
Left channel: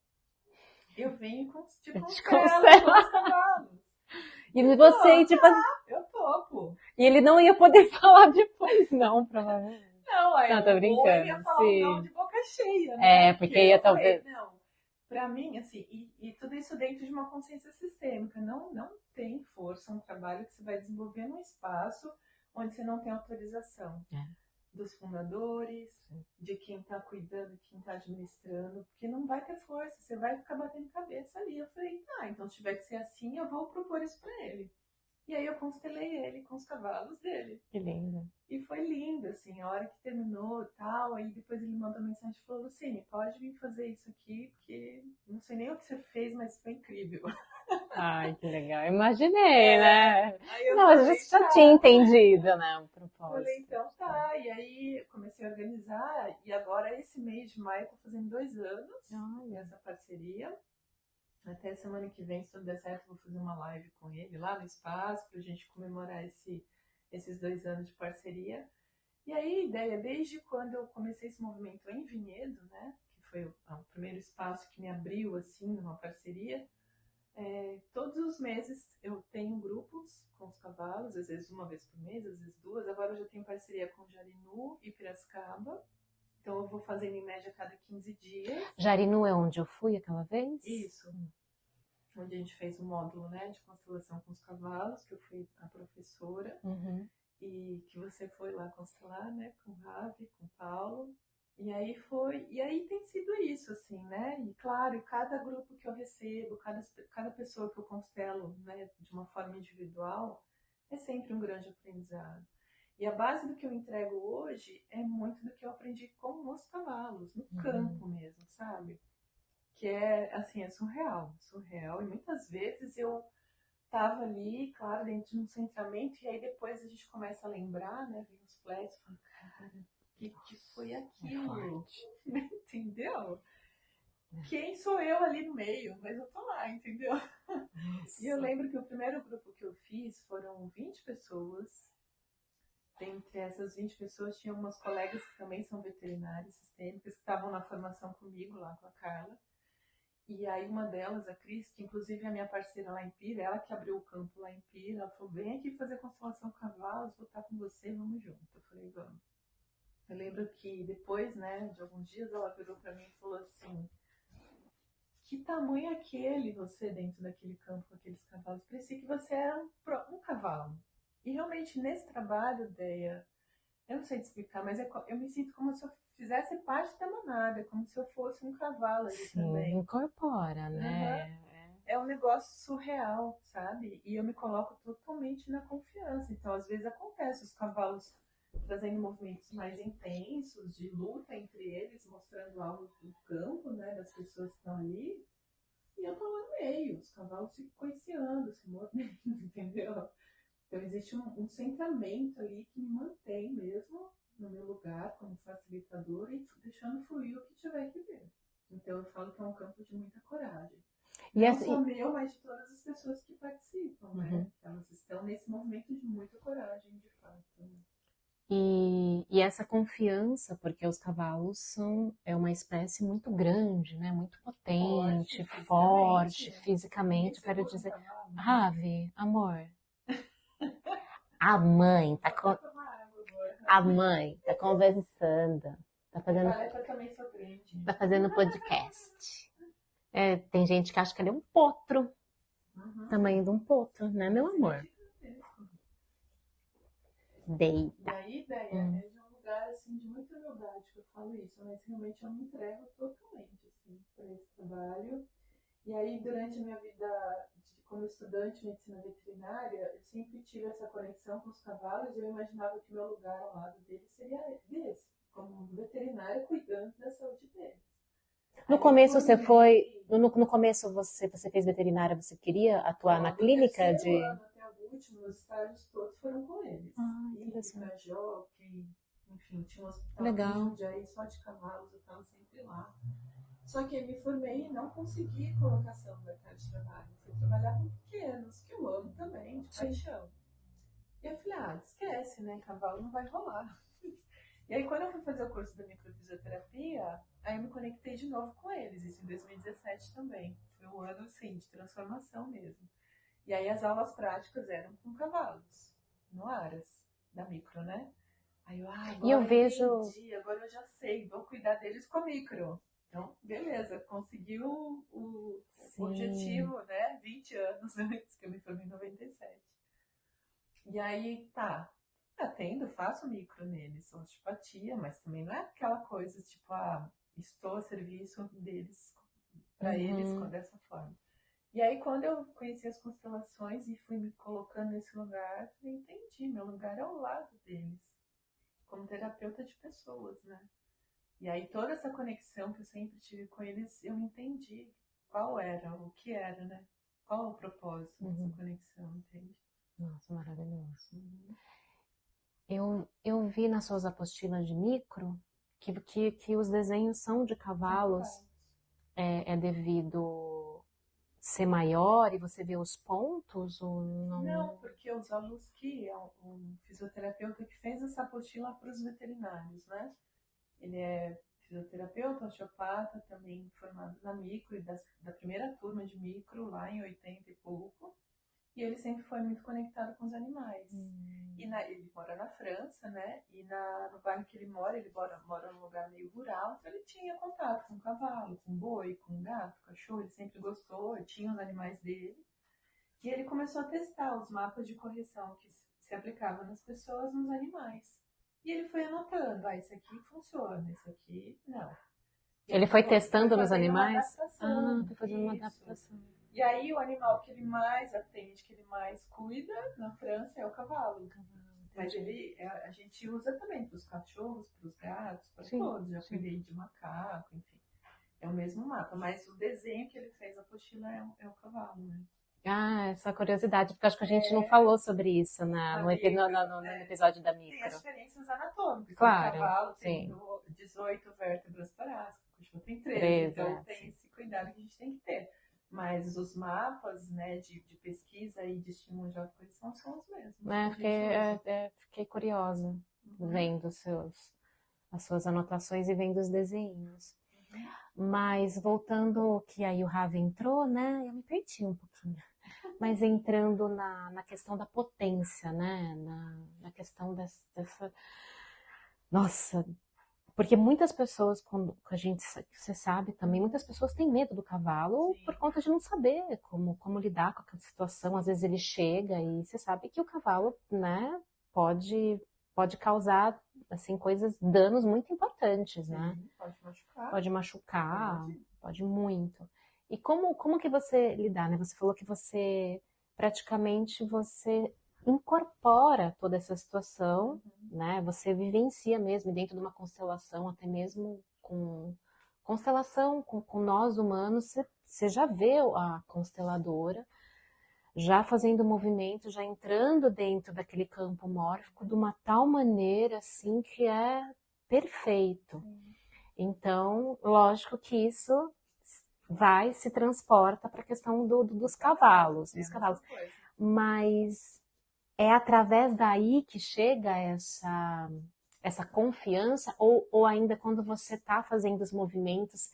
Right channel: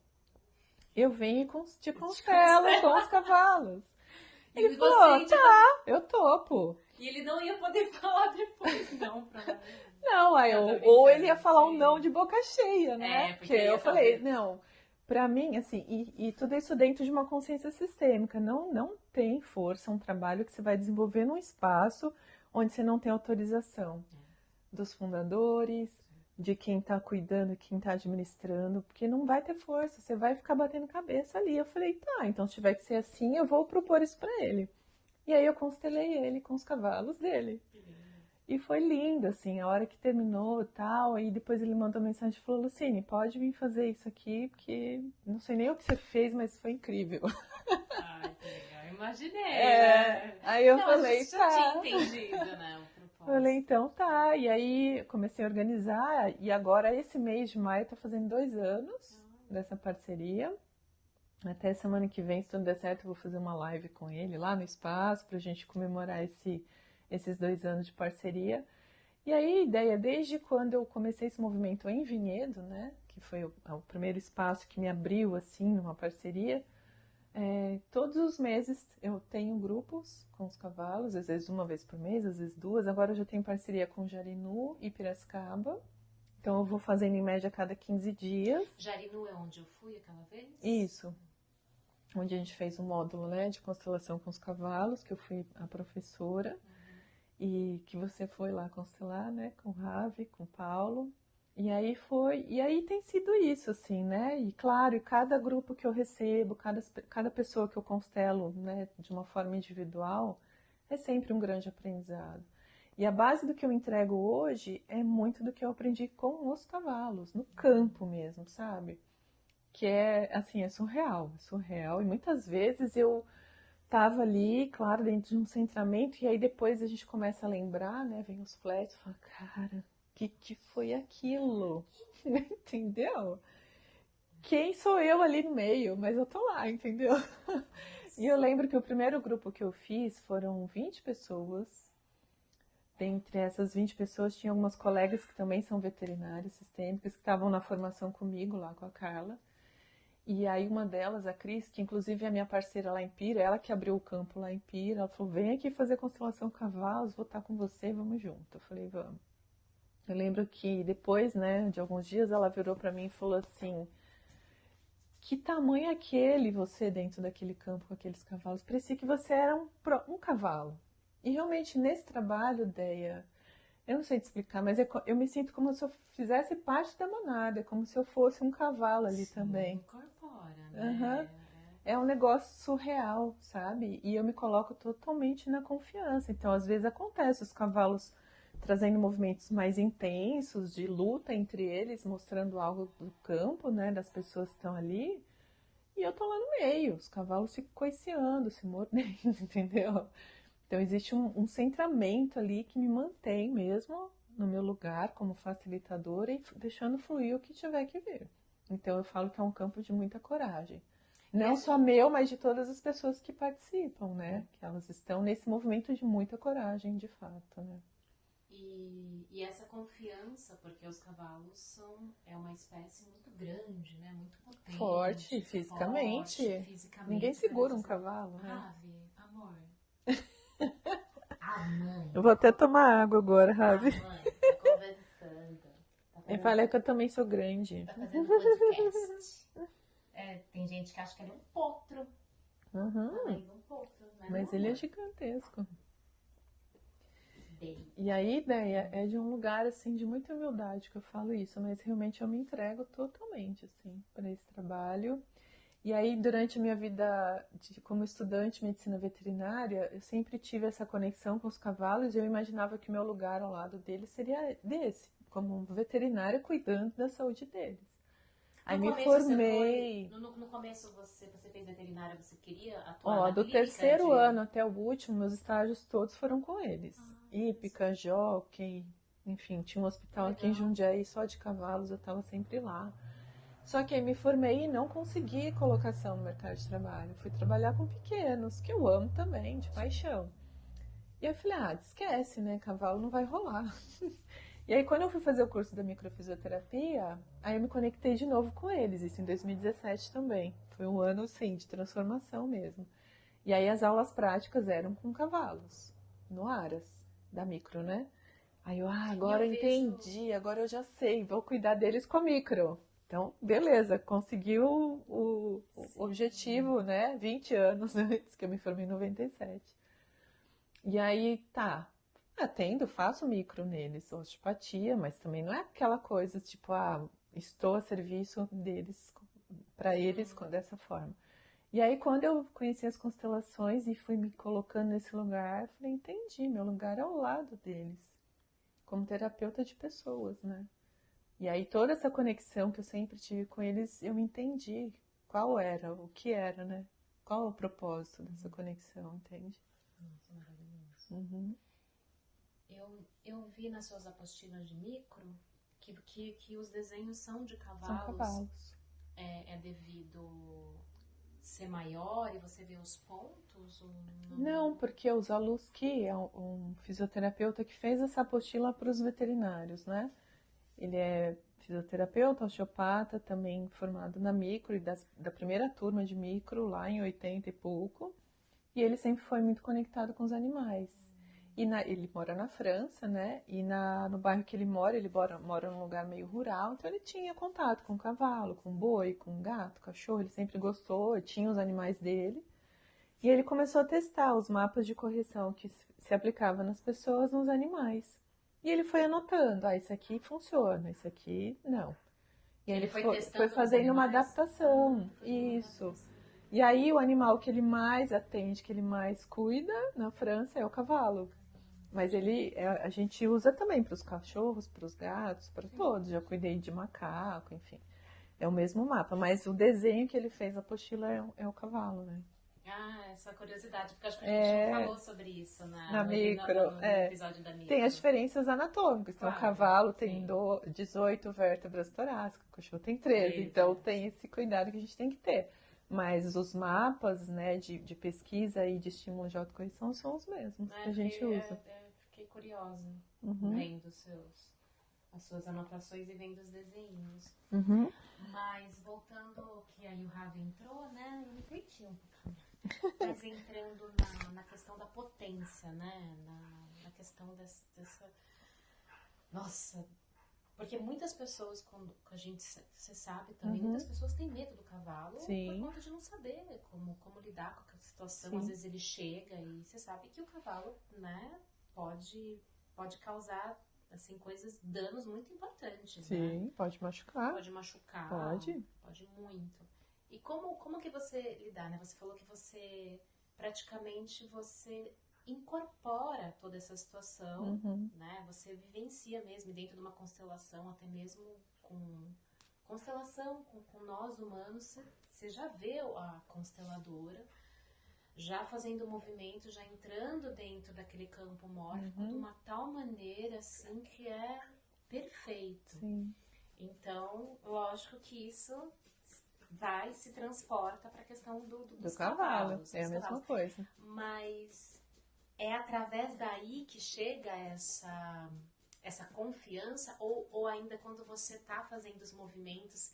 eu venho e te constelo com os cavalos. E você, eu topo. E ele não ia poder falar depois, não, provavelmente. Não, ou ele ia falar um não de boca cheia, né? Porque ia talvez. Não, pra mim, assim, e tudo isso dentro de uma consciência sistêmica. Não tem força um trabalho que você vai desenvolver num espaço onde você não tem autorização dos fundadores, de quem tá cuidando, quem tá administrando, porque não vai ter força, você vai ficar batendo cabeça ali. Eu falei, tá, então se tiver que ser assim, eu vou propor isso pra ele. E aí eu constelei ele com os cavalos dele. Que lindo. E foi lindo, assim, a hora que terminou e tal, aí depois ele mandou mensagem e falou, Lucine, pode vir fazer isso aqui, porque não sei nem o que você fez, mas foi incrível. Ai, que legal. Imaginei, né? Aí eu Não, a falei, gente já tinha tá. entendido, né, o Falei, propósito. então tá. E aí comecei a organizar, e agora esse mês de maio tá fazendo 2 anos Olha. dessa parceria. Até semana que vem, se tudo der certo, eu vou fazer uma live com ele lá no espaço pra gente comemorar esses 2 anos de parceria. E aí a ideia, desde quando eu comecei esse movimento em Vinhedo, né, que foi o primeiro espaço que me abriu assim numa parceria, todos os meses eu tenho grupos com os cavalos, às vezes uma vez por mês, às vezes duas. Agora eu já tenho parceria com Jarinu e Piracicaba, então eu vou fazendo em média a cada 15 dias. Jarinu é onde eu fui aquela vez? Isso, onde a gente fez um módulo, né, de constelação com os cavalos, que eu fui a professora. Uhum. E que você foi lá constelar, né, com o Ravi, com o Paulo. E aí tem sido isso, assim, né? E claro, e cada grupo que eu recebo, cada pessoa que eu constelo, né, de uma forma individual, é sempre um grande aprendizado. E a base do que eu entrego hoje é muito do que eu aprendi com os cavalos, no campo mesmo, sabe? Que é, assim, é surreal. E muitas vezes eu tava ali, claro, dentro de um centramento, e aí depois a gente começa a lembrar, né? Vem os flashes, fala, cara, o que foi aquilo? Entendeu? Quem sou eu ali no meio? Mas eu tô lá, entendeu? E eu lembro que o primeiro grupo que eu fiz foram 20 pessoas. Dentre essas 20 pessoas, tinha algumas colegas que também são veterinárias sistêmicas, que estavam na formação comigo, lá com a Carla. E aí uma delas, a Cris, que inclusive é a minha parceira lá em Pira, ela que abriu o campo lá em Pira, ela falou, vem aqui fazer constelação cavalos, vou estar com você, vamos junto. Eu falei, vamos. Eu lembro que depois, né, de alguns dias, ela virou para mim e falou assim, que tamanho é aquele você dentro daquele campo com aqueles cavalos? Parecia que você era um cavalo. E realmente nesse trabalho, Deia, eu não sei te explicar, mas eu me sinto como se eu fizesse parte da manada, é como se eu fosse um cavalo ali também. Incorpora, Uhum. né? É um negócio surreal, sabe? E eu me coloco totalmente na confiança. Então, às vezes acontece os cavalos trazendo movimentos mais intensos de luta entre eles, mostrando algo do campo, né, das pessoas que estão ali. E eu tô lá no meio, os cavalos ficam coiceando, se mordendo, entendeu? Então existe um centramento ali que me mantém mesmo no meu lugar como facilitadora e deixando fluir o que tiver que vir. Então eu falo que é um campo de muita coragem. Não só meu, mas de todas as pessoas que participam, né? Que elas estão nesse movimento de muita coragem, de fato, né? E essa confiança, porque os cavalos é uma espécie muito grande, né? Muito potente, forte, fisicamente. Ninguém segura um cavalo. Né? Ravi, amor. A mãe. Eu vou até tomar água agora, Ravi. A mãe tá conversando. Tá fazendo... Eu falei que eu também sou grande. Tá fazendo podcast. Tem gente que acha que ele é um potro. Tamanho de um potro, né, meu amor? Mas ele é gigantesco. Deita. E a ideia é de um lugar assim de muita humildade que eu falo isso, mas realmente eu me entrego totalmente assim para esse trabalho. E aí durante a minha vida como estudante de medicina veterinária, eu sempre tive essa conexão com os cavalos e eu imaginava que o meu lugar ao lado deles seria desse, como veterinária cuidando da saúde deles. No começo você foi, no começo você fez veterinária, você queria atuar na clínica? Do terceiro ano até o último, meus estágios todos foram com eles. Hípica, jockey, enfim, tinha um hospital aqui em Jundiaí só de cavalos, eu estava sempre lá. Só que aí me formei e não consegui colocação no mercado de trabalho. Fui trabalhar com pequenos, que eu amo também, de paixão. E eu falei, esquece, né, cavalo não vai rolar. E aí, quando eu fui fazer o curso da microfisioterapia, aí eu me conectei de novo com eles, isso em 2017 também. Foi um ano, sim, de transformação mesmo. E aí, as aulas práticas eram com cavalos, no Aras, da micro, né? Aí agora eu entendi, agora eu já sei, vou cuidar deles com a micro. Então, beleza, conseguiu o objetivo, né? 20 anos antes, que eu me formei em 97. E aí, faço micro neles, osteopatia, mas também não é aquela coisa tipo, estou a serviço deles, para eles dessa forma. E aí, quando eu conheci as constelações e fui me colocando nesse lugar, falei, entendi, meu lugar é ao lado deles. como terapeuta de pessoas, né? E aí toda essa conexão que eu sempre tive com eles, eu entendi qual era, o que era, né? Qual o propósito dessa conexão, entende? Nossa, maravilhoso. Uhum. Eu vi nas suas apostilas de micro que os desenhos são de São cavalos. cavalos. É devido ser maior e você vê os pontos? Ou não? Não, porque o Zaluski é um fisioterapeuta que fez essa apostila para os veterinários, né? Ele é fisioterapeuta, osteopata, também formado na micro e da primeira turma de micro lá em 80 e pouco. E ele sempre foi muito conectado com os animais. E ele mora na França, né? E no bairro que ele mora num lugar meio rural, então ele tinha contato com cavalo, com boi, com gato, cachorro, ele sempre gostou, tinha os animais dele. E ele começou a testar os mapas de correção que se aplicava nas pessoas, nos animais. E ele foi anotando, isso aqui funciona, isso aqui não. E Ele aí foi testando nos fazendo uma animais? adaptação. Foi fazendo uma Isso. adaptação. E aí o animal que ele mais atende, que ele mais cuida na França é o cavalo. Mas a gente usa também para os cachorros, para os gatos, para todos. Já cuidei de macaco, enfim. É o mesmo mapa, mas o desenho que ele fez, a apostila, é o cavalo, né? Essa curiosidade, porque acho que a gente não falou sobre isso no episódio da micro. Tem as diferenças anatômicas. Claro, o cavalo tem 18 vértebras torácicas, o cachorro tem 13. Então tem esse cuidado que a gente tem que ter. Mas os mapas, né, de pesquisa e de estímulo de autocorreção são os mesmos. Fiquei curiosa vendo as suas anotações e vendo os desenhos. Mas voltando que aí o Ravi entrou, né? Eu me perdi um pouquinho. Mas entrando na questão da potência, né? Na questão dessa... Nossa, porque muitas pessoas, quando você sabe também, muitas pessoas têm medo do cavalo por conta de não saber como lidar com aquela situação. Às vezes ele chega e você sabe que o cavalo, né, pode causar assim, danos muito importantes, né? Sim, pode machucar. Pode machucar, pode muito. E como que você lidar, né? Você falou que praticamente você incorpora toda essa situação, né? Você vivencia mesmo dentro de uma constelação, até mesmo com constelação, com nós humanos, você já vê a consteladora já fazendo movimento, já entrando dentro daquele campo mórfico de uma tal maneira assim que é perfeito. Então, lógico que isso se transporta para a questão dos cavalos. É a mesma coisa. Mas é através daí que chega essa confiança, ou ainda quando você está fazendo os movimentos,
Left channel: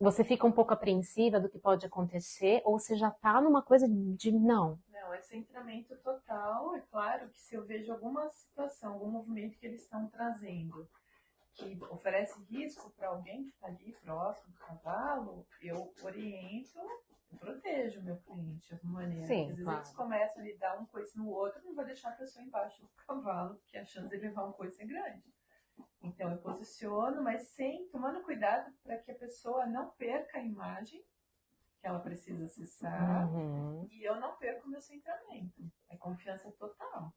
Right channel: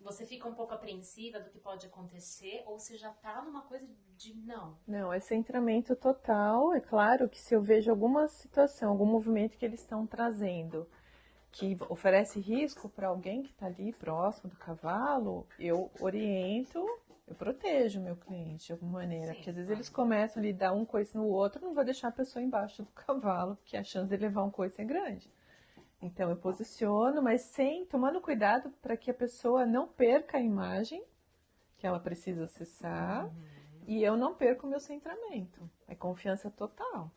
você fica um pouco apreensiva do que pode acontecer, ou você já está numa coisa de não? Não, é centramento total. É claro que se eu vejo alguma situação, algum movimento que eles estão trazendo, que oferece risco para alguém que está ali próximo do cavalo, eu oriento, eu protejo meu cliente de alguma maneira. Porque às vezes eles começam a lhe dar um coice no outro, não vai deixar a pessoa embaixo do cavalo, porque a chance de levar um coice é grande. Então eu posiciono, mas tomando cuidado para que a pessoa não perca a imagem que ela precisa acessar e eu não perco o meu centramento. É confiança total.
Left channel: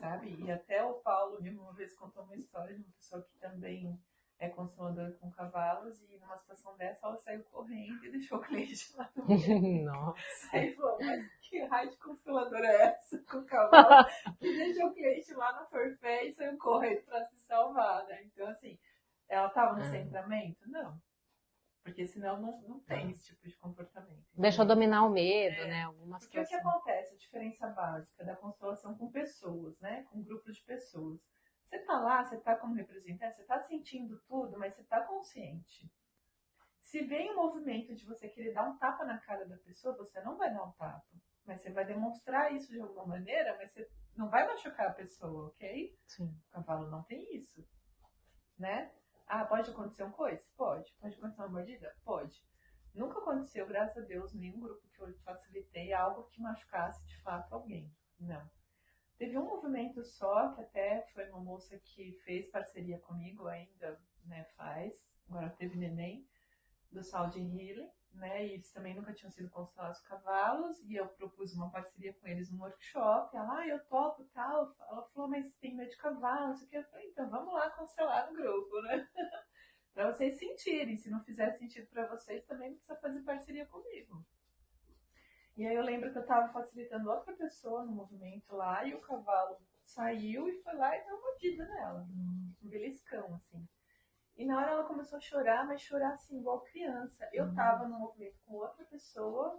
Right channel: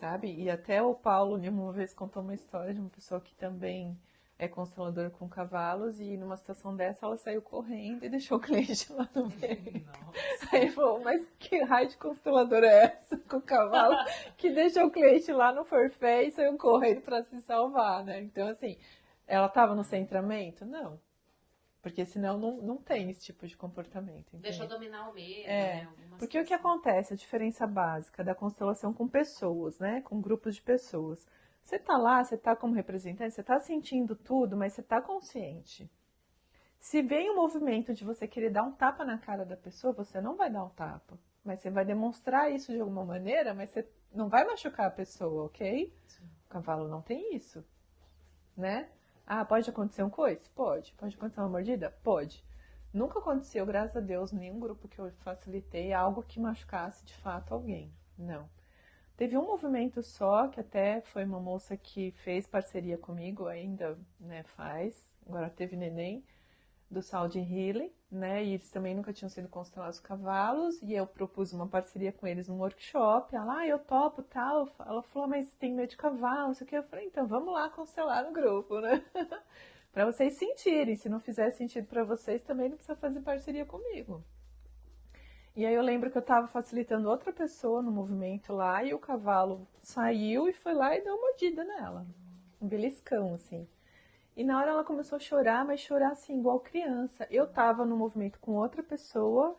Sabe? E até o Paulo uma vez contou uma história de uma pessoa que também é consteladora com cavalos e numa situação dessa ela saiu correndo e deixou o cliente lá no meio. Nossa. Aí ele falou, mas que raio de consteladora é essa com o cavalo que deixou o cliente lá no forfé e saiu correndo para se salvar, né? Então assim, ela estava no centramento? Não. Porque senão não tem esse tipo de comportamento. Entendeu? Deixa eu dominar o medo, né? Porque o que acontece, a diferença básica da constelação com pessoas, né? Com grupos de pessoas. Você tá lá, você tá como representante, você tá sentindo tudo, mas você tá consciente. Se vem o movimento de você querer dar um tapa na cara da pessoa, você não vai dar um tapa. Mas você vai demonstrar isso de alguma maneira, mas você não vai machucar a pessoa, ok? Sim. O cavalo não tem isso, né? Pode acontecer um coice? Pode. Pode acontecer uma mordida? Pode. Nunca aconteceu, graças a Deus, nenhum grupo que eu facilitei algo que machucasse de fato alguém. Não. Teve um movimento só, que até foi uma moça que fez parceria comigo, ainda, né, faz. Agora teve neném. do Saudi Healing, né? E eles também nunca tinham sido constelados cavalos, e eu propus uma parceria com eles num workshop. Ela, eu topo, tal. Ela falou, mas tem medo de cavalo, isso aqui. Eu falei, então vamos lá constelar no grupo, né? Para vocês sentirem. Se não fizer sentido para vocês, também não precisa fazer parceria comigo. E aí eu lembro que eu estava facilitando outra pessoa no movimento lá, e o cavalo saiu e foi lá e deu uma mordida nela. Um beliscão, assim. E na hora ela começou a chorar, mas chorar assim, igual criança. Eu tava no movimento com outra pessoa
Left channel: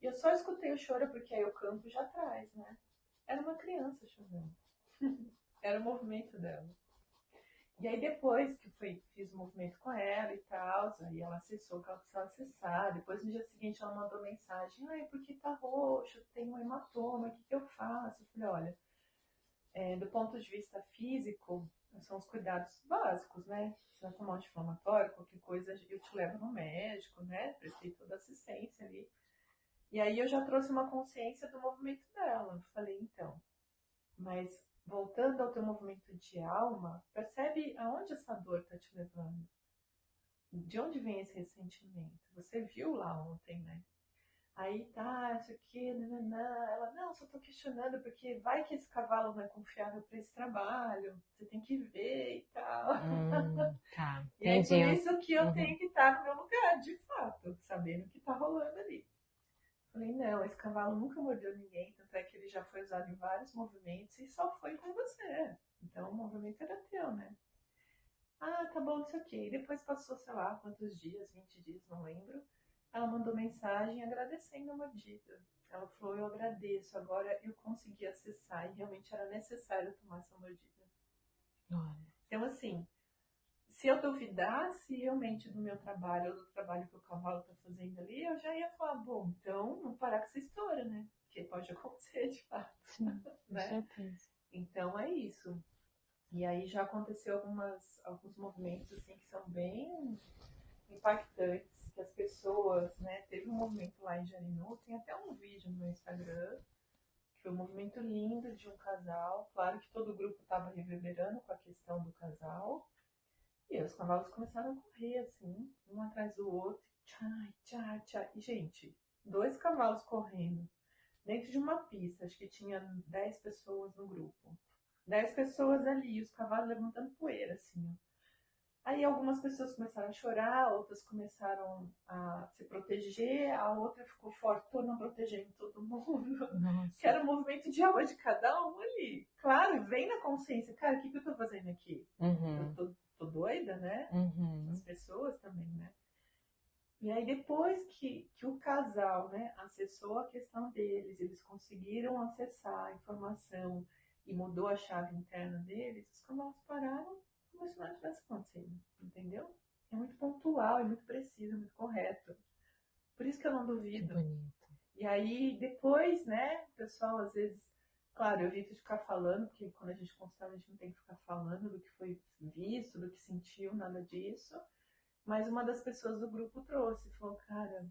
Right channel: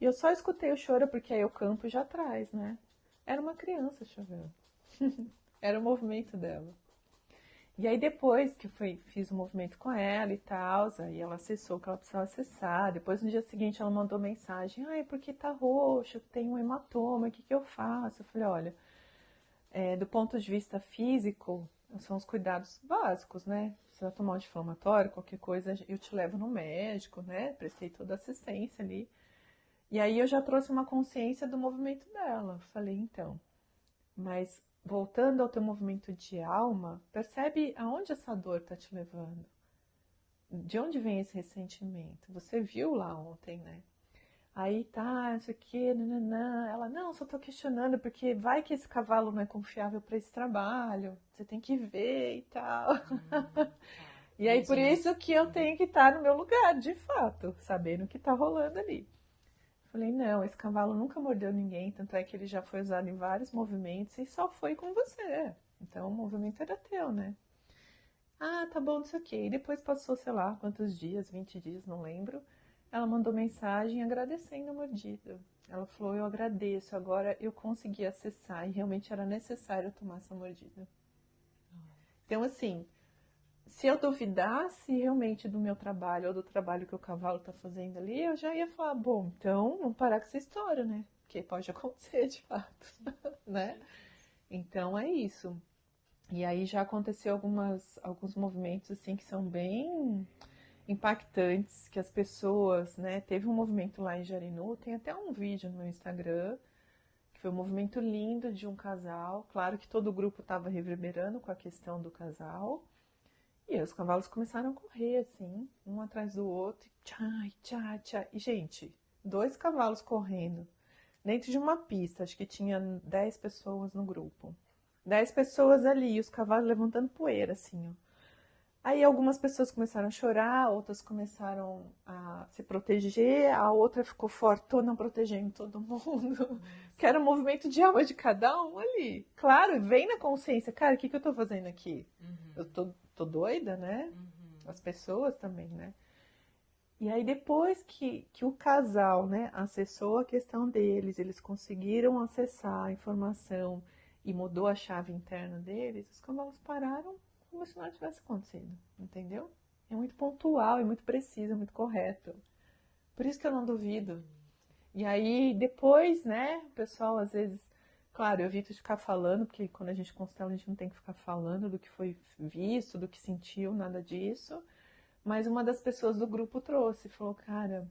e eu só escutei o choro porque aí o campo já atrás, né? Era uma criança chorando. Era o movimento dela. E aí depois que fiz o movimento com ela e tal, aí ela acessou o que ela precisava acessar. Depois no dia seguinte ela mandou mensagem, ai, porque tá roxo, tem um hematoma, o que que eu faço? Eu falei, olha, do ponto de vista físico, são os cuidados básicos, né? Você vai tomar um anti-inflamatório, qualquer coisa, eu te levo no médico, né? Prestei toda a assistência ali. E aí eu já trouxe uma consciência do movimento dela. Falei, então, mas voltando ao teu movimento de alma, percebe aonde essa dor tá te levando? De onde vem esse ressentimento? Você viu lá ontem, né? Aí tá, isso aqui, nananã. Ela, não, só tô questionando, porque vai que esse cavalo não é confiável para esse trabalho, você tem que ver e tal. Tá. E aí por Entendi. isso que eu tenho que estar no meu lugar, de fato, sabendo o que tá rolando ali. Falei, não, esse cavalo nunca mordeu ninguém, tanto é que ele já foi usado em vários movimentos e só foi com você. Então o movimento era teu, né? Ah, tá bom, não sei o quê. E depois passou, sei lá, quantos dias, 20 dias, não lembro. Ela mandou mensagem agradecendo a mordida. Ela falou, eu agradeço, agora eu consegui acessar e realmente era necessário tomar essa mordida. Então, assim, se eu duvidasse realmente do meu trabalho ou do trabalho que o cavalo tá fazendo ali, eu já ia falar, bom, então vamos parar com essa história, né? Porque pode acontecer de fato, né? Então é isso. E aí já aconteceu alguns movimentos assim que são bem impactantes, que as pessoas, né? Teve um movimento lá em Jarinu, tem até um vídeo no meu Instagram, que foi um movimento lindo de um casal. Claro que todo o grupo estava reverberando com a questão do casal. E aí os cavalos começaram a correr, assim, um atrás do outro, tchá, tchá, tchá. E, gente, 2 cavalos correndo dentro de uma pista, acho que tinha 10 pessoas no grupo. 10 pessoas ali, e os cavalos levantando poeira, assim, ó. Aí algumas pessoas começaram a chorar, outras começaram a se proteger, a outra ficou fortona protegendo todo mundo. Que era o movimento de alma de cada um ali. Claro, vem na consciência, cara, o que eu tô fazendo aqui? Eu tô doida, né? As pessoas também, né? E aí depois que o casal, né, acessou a questão deles, eles conseguiram acessar a informação e mudou a chave interna deles, os cavalos pararam como se nada tivesse acontecido, entendeu? É muito pontual, é muito preciso, é muito correto. Por isso que eu não duvido. E aí depois, né, o pessoal às vezes, claro, eu evito de ficar falando, porque quando a gente constela a gente não tem que ficar falando do que foi visto, do que sentiu, nada disso. Mas uma das pessoas do grupo trouxe, falou, cara,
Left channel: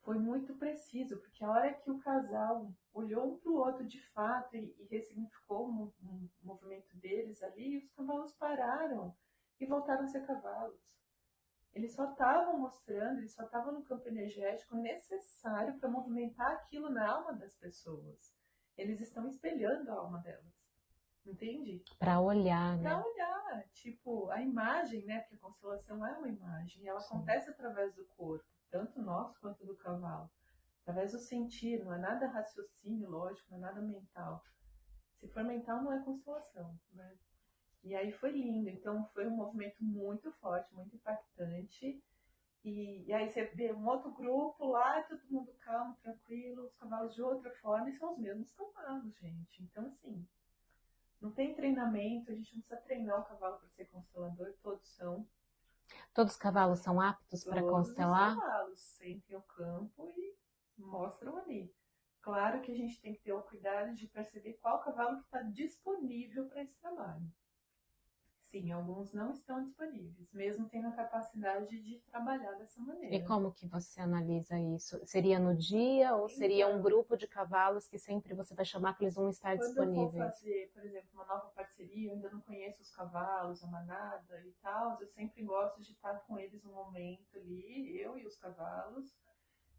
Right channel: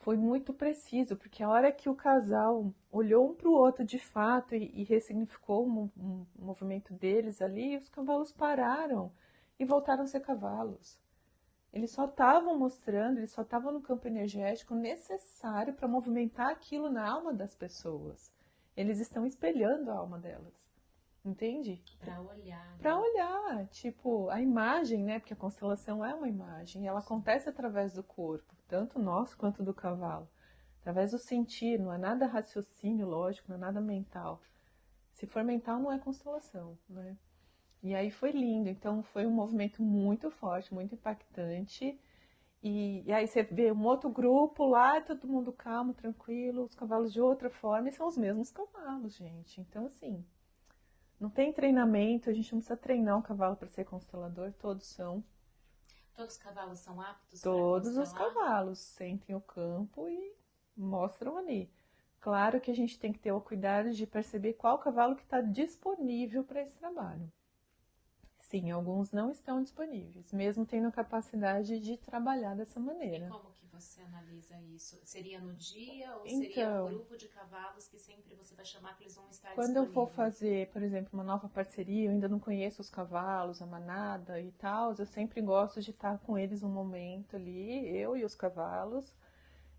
foi muito preciso, porque a hora que o casal olhou um para o outro de fato e ressignificou um movimento deles ali, os cavalos pararam e voltaram a ser cavalos. Eles só estavam mostrando, eles só estavam no campo energético necessário para movimentar aquilo na alma das pessoas. Eles estão espelhando a alma delas. Entende? Para olhar, né? Para olhar, tipo, a imagem, né? Porque a constelação é uma imagem, ela acontece através do corpo, tanto nosso quanto do cavalo. Através do sentir, não é nada raciocínio lógico, não é nada mental. Se for mental, não é constelação, né? E aí foi lindo, então foi um movimento muito forte, muito impactante. E aí você vê um outro grupo lá, todo mundo calmo, tranquilo, os cavalos de outra forma, e são os mesmos cavalos, gente. Então, assim, não tem treinamento, a gente não precisa treinar o cavalo para ser constelador, todos são. Todos os cavalos são aptos para Todos os constelar? cavalos sentem o campo e mostram ali. Claro que a gente tem que ter o cuidado de perceber qual cavalo que está disponível para esse trabalho. sim, alguns não estão disponíveis, mesmo tendo a capacidade de trabalhar dessa E maneira. como que você analisa isso? Seria no dia ou seria um Então, grupo de cavalos que sempre você vai chamar que eles vão estar quando eu for disponíveis? fazer, por exemplo, uma nova parceria, eu ainda não conheço os cavalos, a manada e tal, eu sempre gosto de estar com eles um momento ali, eu e os cavalos,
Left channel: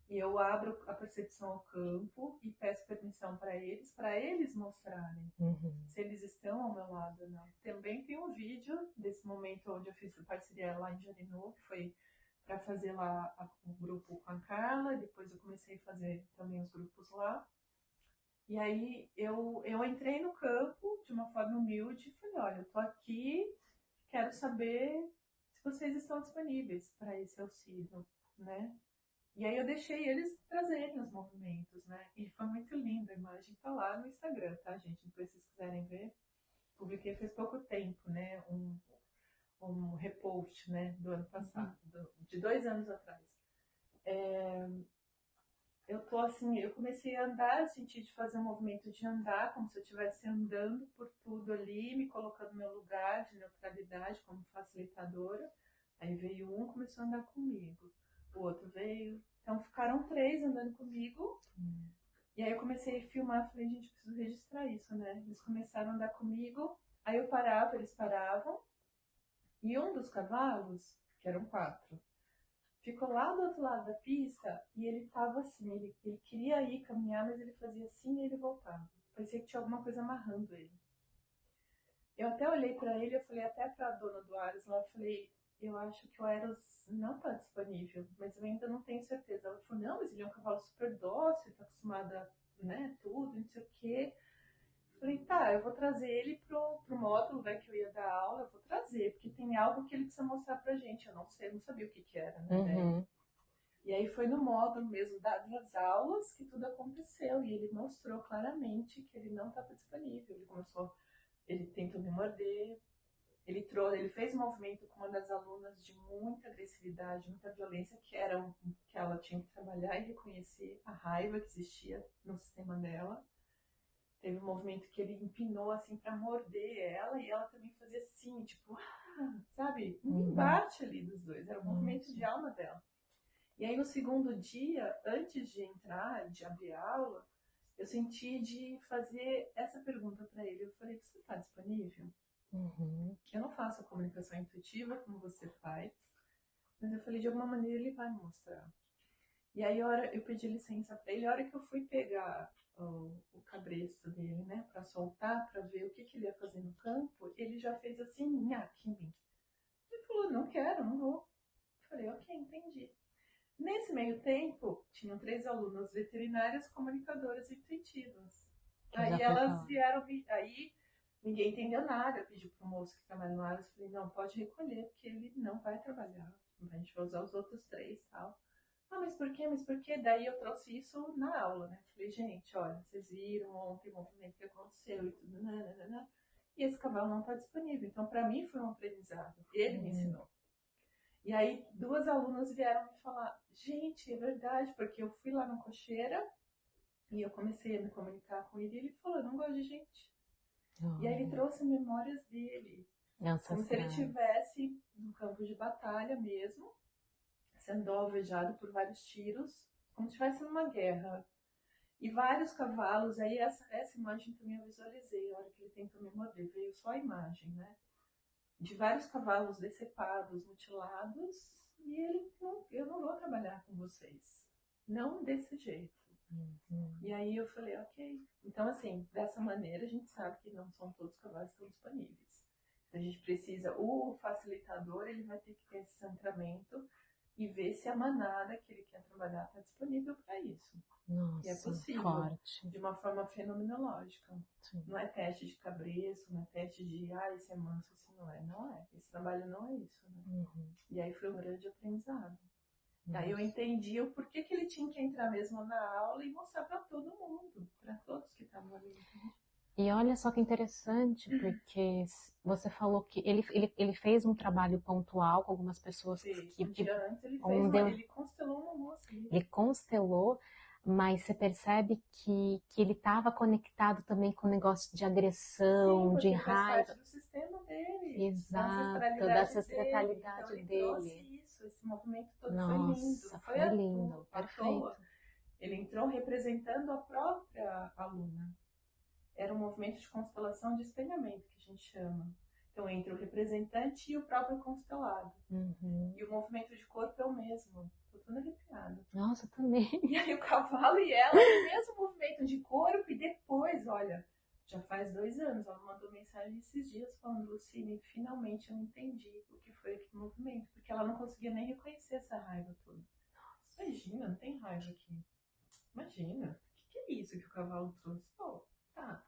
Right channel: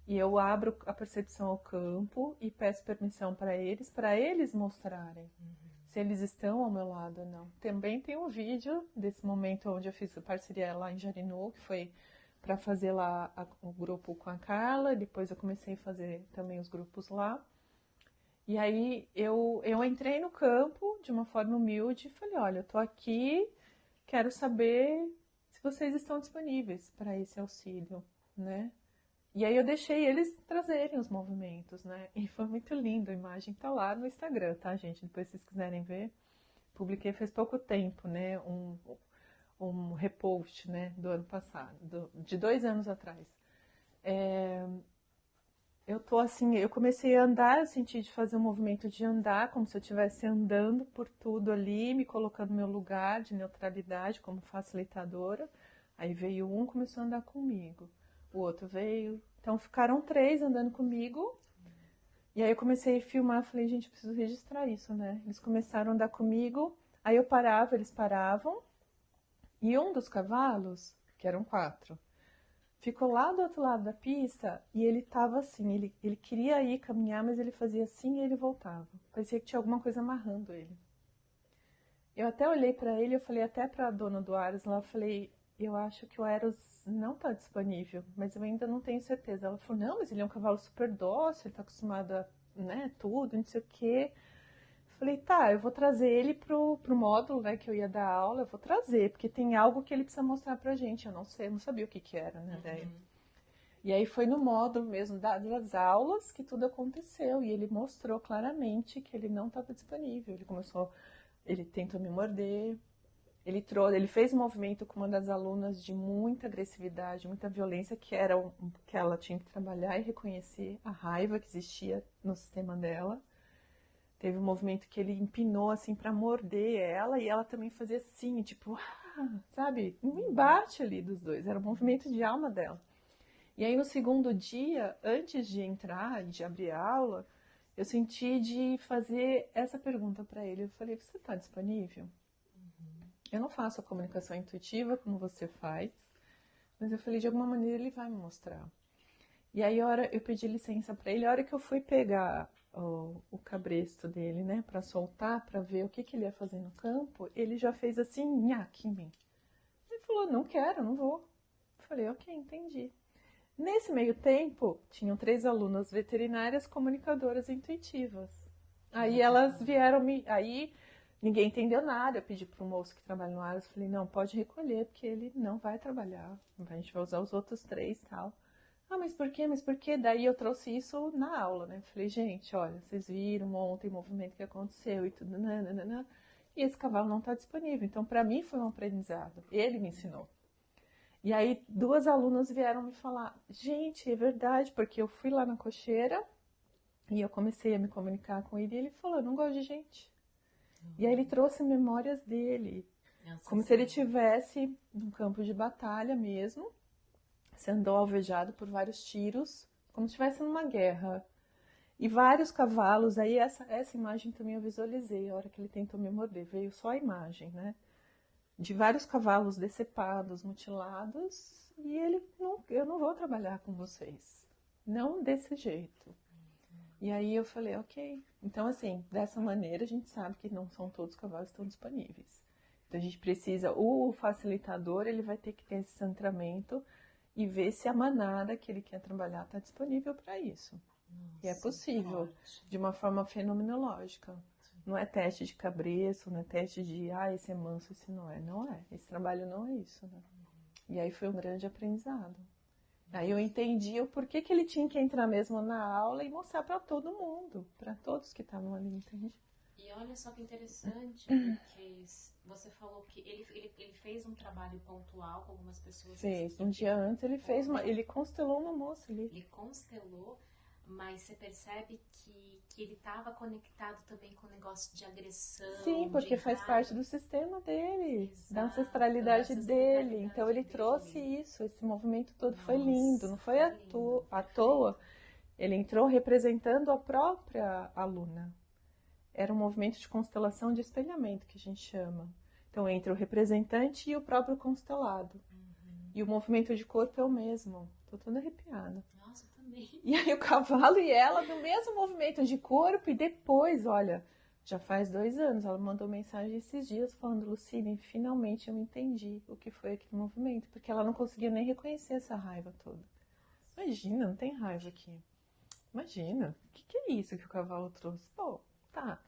e eu abro a percepção ao campo e peço permissão para eles mostrarem Uhum. se eles estão ao meu lado ou não. Também tem um vídeo desse momento onde eu fiz a parceria lá em Jarinu, que foi para fazer lá o grupo com a Carla, depois eu comecei a fazer também os grupos lá. E aí eu entrei no campo de uma forma humilde e falei, olha, eu tô aqui, quero saber se vocês estão disponíveis para esse auxílio, né? E aí eu deixei eles trazerem os movimentos, né? E foi muito lindo, a imagem tá lá no Instagram, tá, gente? Depois se vocês quiserem ver, publiquei faz pouco tempo, né? Um repost, né? Do ano passado, de 2 anos atrás. Eu tô assim, eu comecei a andar, eu senti de fazer um movimento de andar, como se eu estivesse andando por tudo ali, me colocando no meu lugar de neutralidade como facilitadora. Aí veio um, começou a andar comigo. O outro veio. Então ficaram 3 andando comigo. E aí eu comecei a filmar, falei, gente, eu preciso registrar isso, né? Eles começaram a andar comigo, aí eu parava, eles paravam. E um dos cavalos, que eram 4, ficou lá do outro lado da pista e ele tava assim, ele queria ir caminhar, mas ele fazia assim e ele voltava. Parecia que tinha alguma coisa amarrando ele. Eu até olhei para ele, eu falei até para a dona do Ares lá, eu falei, eu acho que o Eros não tá disponível, mas eu ainda não tenho certeza. Ela falou, não, mas ele é um cavalo super dócil, ele tá acostumado a, né, tudo, não sei o quê. Falei, tá, eu vou trazer ele pro módulo, né, que eu ia dar aula, eu vou trazer, porque tem algo que ele precisa mostrar pra gente. Eu não sei, eu não sabia o que que era, né, daí. E aí foi no módulo mesmo das aulas que tudo aconteceu. E ele mostrou claramente que ele não estava disponível. Ele tentou me morder. Ele fez um movimento com uma das alunas de muita agressividade, muita violência, que ela tinha que trabalhar e reconhecer a raiva que existia no sistema dela. Teve um movimento que ele empinou assim para morder ela e ela também fazia assim, tipo, sabe? Um embate ali dos dois. Era um movimento de alma dela. E aí no segundo dia, antes de entrar e de abrir a aula, eu senti de fazer essa pergunta para ele. Eu falei, você está disponível? Eu não faço a comunicação intuitiva como você faz, mas eu falei, de alguma maneira ele vai me mostrar. E aí eu pedi licença para ele, a hora que eu fui pegar o cabresto dele, né, para soltar, para ver o que ele ia fazer no campo, ele já fez assim, nhaque em mim. Ele falou, não quero, não vou. Eu falei, ok, entendi. Nesse meio tempo, tinham 3 alunas veterinárias comunicadoras intuitivas. Aí elas vieram aí ninguém entendeu nada. Eu pedi para o moço que trabalha no Aras, falei, não, pode recolher, porque ele não vai trabalhar. A gente vai usar os outros 3 e tal. Ah, mas por quê? Mas por quê? Daí eu trouxe isso na aula, né? Falei, gente, olha, vocês viram ontem o movimento que aconteceu e tudo, nananana, e esse cavalo não está disponível. Então, para mim, foi um aprendizado. Ele me ensinou. E aí 2 alunas vieram me falar, gente, é verdade, porque eu fui lá na cocheira e eu comecei a me comunicar com ele e ele falou, eu não gosto de gente. E aí ele trouxe memórias dele, como se ele estivesse num campo de batalha mesmo, sendo alvejado por vários tiros, como se estivesse numa guerra. E vários cavalos, aí essa imagem também eu visualizei, a hora que ele tentou me morder, veio só a imagem, né? De vários cavalos decepados, mutilados, e ele, não, eu não vou trabalhar com vocês, não desse jeito. E aí eu falei, ok. Então, assim, dessa maneira a gente sabe que não são todos os cavalos que estão disponíveis. Então a gente precisa, o facilitador, ele vai ter que ter esse centramento e ver se a manada que ele quer trabalhar está disponível para isso. Nossa, e é possível, forte. de uma forma fenomenológica. Sim. Não é teste de cabreço, não é teste de, esse é manso, esse não é. Não é. Esse trabalho não é isso. Né? E aí foi um grande aprendizado. Aí eu entendi o porquê que ele tinha que entrar mesmo na aula e mostrar para todo mundo, para todos que estavam ali, entende? E olha só que interessante, porque você falou que ele fez um trabalho pontual com algumas pessoas. Fez. Um dia antes ele fez, ele constelou uma moça ali. Ele constelou, mas você percebe que ele estava conectado também com o negócio de agressão, Sim, de porque faz raiva. parte do sistema dele, da Exato, da ancestralidade dele. Então ancestralidade ele trouxe dele. isso, esse movimento todo foi lindo, não Nossa, foi foi lindo, à perfeito. toa. Ele entrou representando a própria aluna. Era um movimento de constelação de espelhamento, que a gente chama. Então entra o representante e o próprio constelado. Uhum. E o movimento de corpo é o mesmo. Tô toda arrepiada. Nossa, também. E aí o cavalo e ela no mesmo movimento de corpo e depois, olha, já faz 2 anos, ela mandou mensagem esses dias falando, Lucine, finalmente eu entendi o que foi aquele movimento, porque ela não conseguia nem reconhecer essa raiva toda. Imagina, não tem raiva aqui. Imagina, o que é isso que o cavalo trouxe? Pô, tá.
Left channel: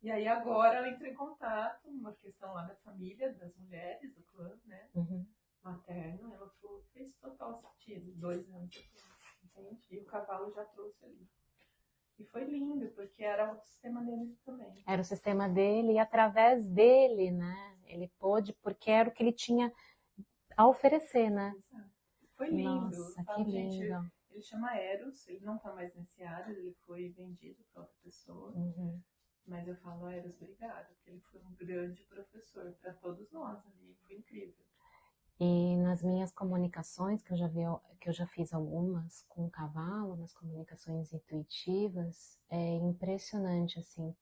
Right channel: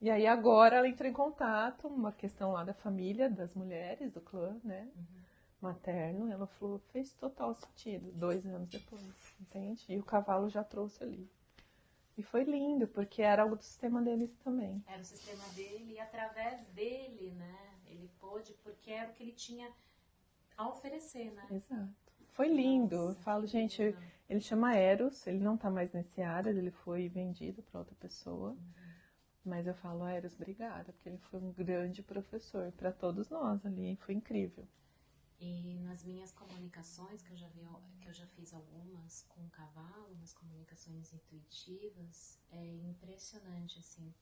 E aí agora ela entrou em contato, uma questão lá da família, das mulheres, do clã, né? Uhum. Materno, ela falou, fez total sentido, 2 anos depois, entende? E o cavalo já trouxe ali. E foi lindo, porque era o sistema deles também. Era o sistema dele e através dele, né? Ele pôde, porque era o que ele tinha a oferecer, né? Exato. Foi lindo. Nossa, Eu falo, que gente, lindo. ele chama Eros, ele não tá mais nesse área, ele foi vendido para outra pessoa. Uhum. Mas eu falo, Eros, obrigada, porque ele foi um grande professor para todos nós ali, foi incrível. E nas minhas comunicações, que eu já fiz algumas com o cavalo, nas comunicações intuitivas, é impressionante, assim,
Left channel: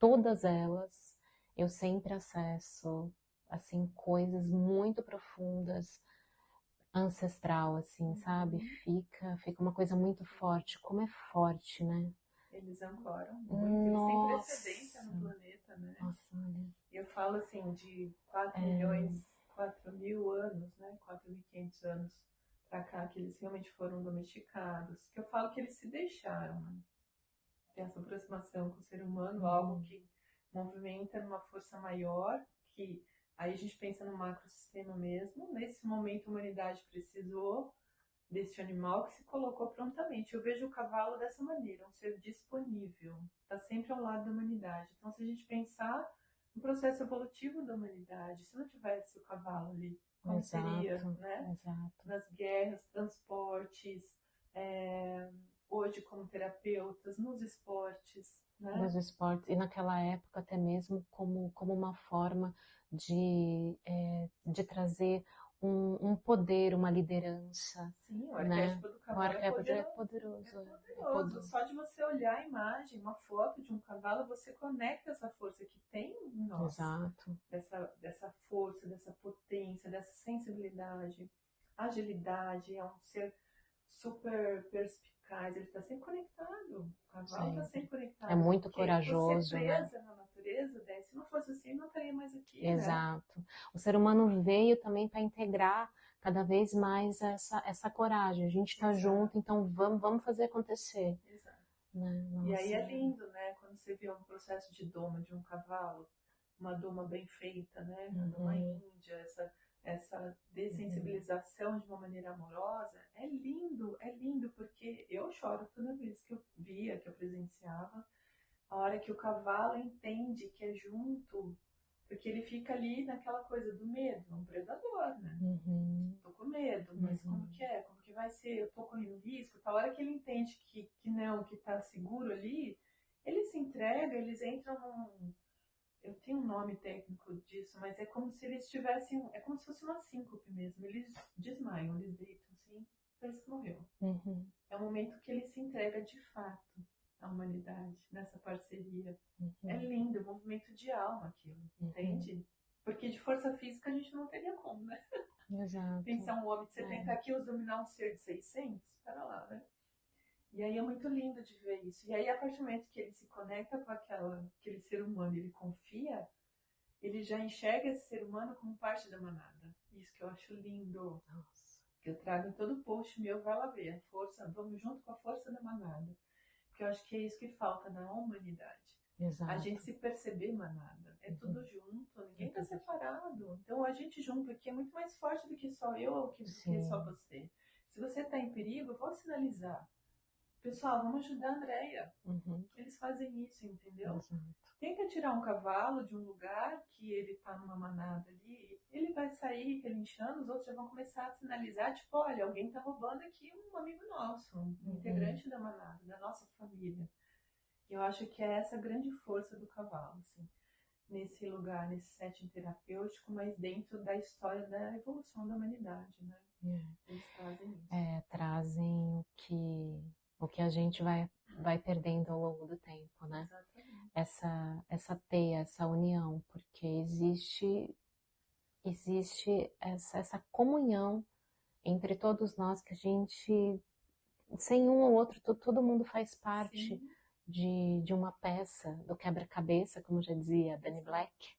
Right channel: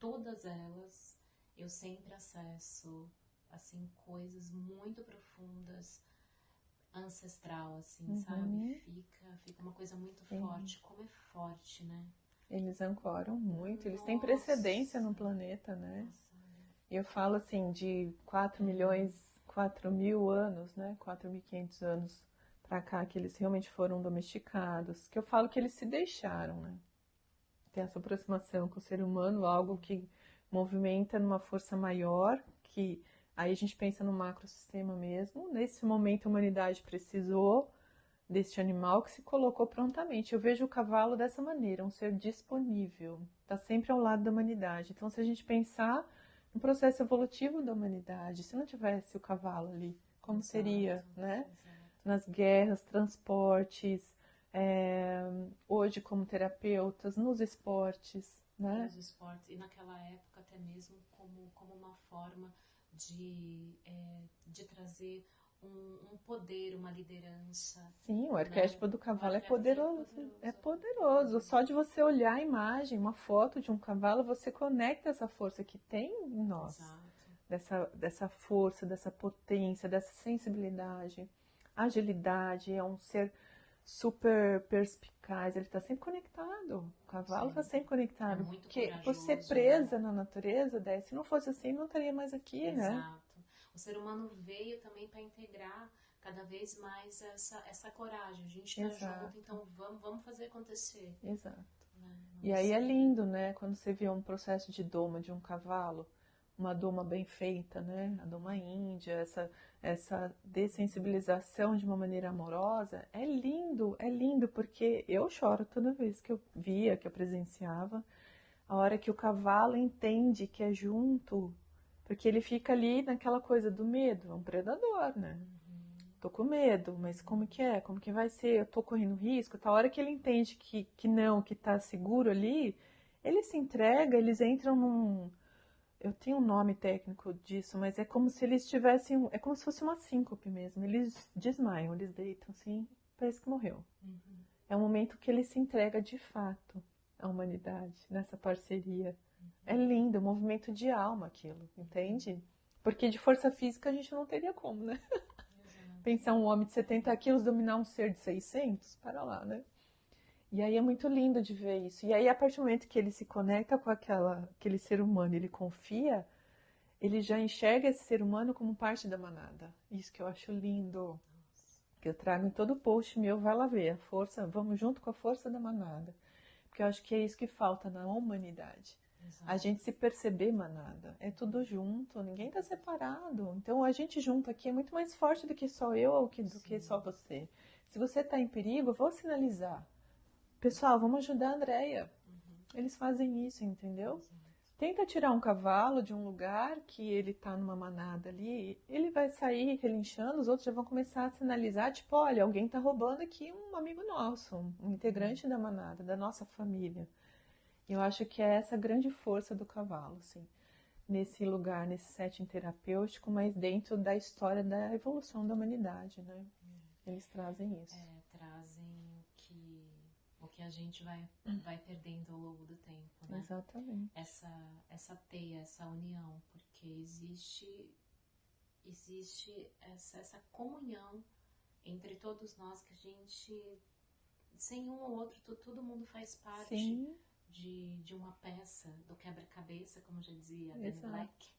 todas elas eu sempre acesso, assim, coisas muito profundas, ancestral, assim, sabe? Fica uma coisa muito forte, como é forte, né? Eles ancoram muito, eles têm precedência no planeta, né? Nossa, E eu falo assim, de 4 milhões, 4 mil anos, né? 4.500 anos pra cá, que eles realmente foram domesticados. Que eu falo que eles se deixaram, né? Tem essa aproximação com o ser humano, algo que movimenta numa força maior, que aí a gente pensa no macrosistema mesmo. Nesse momento a humanidade precisou deste animal que se colocou prontamente. Eu vejo o cavalo dessa maneira, um ser disponível, está sempre ao lado da humanidade. Então, se a gente pensar no processo evolutivo da humanidade, se não tivesse o cavalo ali, como seria, né? Exato. Nas guerras, transportes, hoje como terapeutas, nos esportes, né? Nos esportes, e naquela época até mesmo como uma forma de trazer um poder, uma liderança. Sim, o arquétipo do cavalo é poderoso. É poderoso. Só de você olhar a imagem, uma foto de um cavalo, você conecta essa força que tem em nós. Exato. Dessa força, dessa potência, dessa sensibilidade, agilidade. É um ser super perspicaz, ele está sempre conectado. O cavalo está sempre conectado. É muito corajoso. Por ser presa, né, na natureza, daí, se não fosse assim, não estaria mais aqui, Exato. Né? O ser humano veio também para integrar cada vez mais essa coragem. A gente está junto, então vamos fazer acontecer. Exato. Né? E aí é lindo, né? Quando você vê um processo de doma de um cavalo, uma doma bem feita, né? A doma índia, essa dessensibilização de uma maneira amorosa, é lindo, porque eu choro toda vez que eu via, que eu presenciava, a hora que o cavalo entende que é junto, porque ele fica ali naquela coisa do medo, é um predador, né? Tô com medo, mas como que é? Como que vai ser? Eu tô correndo risco? A hora que ele entende que não, que tá seguro ali, ele se entrega, eles entram num... Eu tenho um nome técnico disso, mas é como se eles tivessem... É como se fosse uma síncope mesmo. Eles desmaiam, eles deitam assim, parece que morreu. É um momento que ele se entrega de fato à humanidade, nessa parceria. É lindo, é um movimento de alma aquilo, entende? Porque de força física a gente não teria como, né? Exato. Pensar um homem de 70 quilos dominar um ser de 600, para lá, né? E aí é muito lindo de ver isso. E aí, a partir do momento que ele se conecta com aquele ser humano, ele confia, ele já enxerga esse ser humano como parte da manada. Isso que eu acho lindo. Nossa. Que eu trago em todo post meu, vai lá ver. A força, vamos junto com a força da manada. Porque eu acho que é isso que falta na humanidade. Exato. A gente se perceber manada. É tudo junto, ninguém tá separado. Então a gente junto aqui é muito mais forte do que só eu ou do que só você. Se você tá em perigo, eu vou sinalizar. Pessoal, vamos ajudar a Andrea. Eles fazem isso, entendeu? Tenta tirar um cavalo de um lugar que ele tá numa manada ali, ele vai sair relinchando, os outros já vão começar a sinalizar, tipo, olha, alguém tá roubando aqui um amigo nosso, um integrante da manada, da nossa família. E eu acho que é essa grande força do cavalo, assim, nesse lugar, nesse setting terapêutico, mas dentro da história da evolução da humanidade, né? Eles trazem isso. Trazem o que a gente vai perdendo ao longo do tempo, né? Exatamente. Essa teia, essa união, porque existe essa comunhão entre todos nós que a gente, sem um ou outro, todo mundo faz parte de uma peça do quebra-cabeça, como já dizia Benny Black.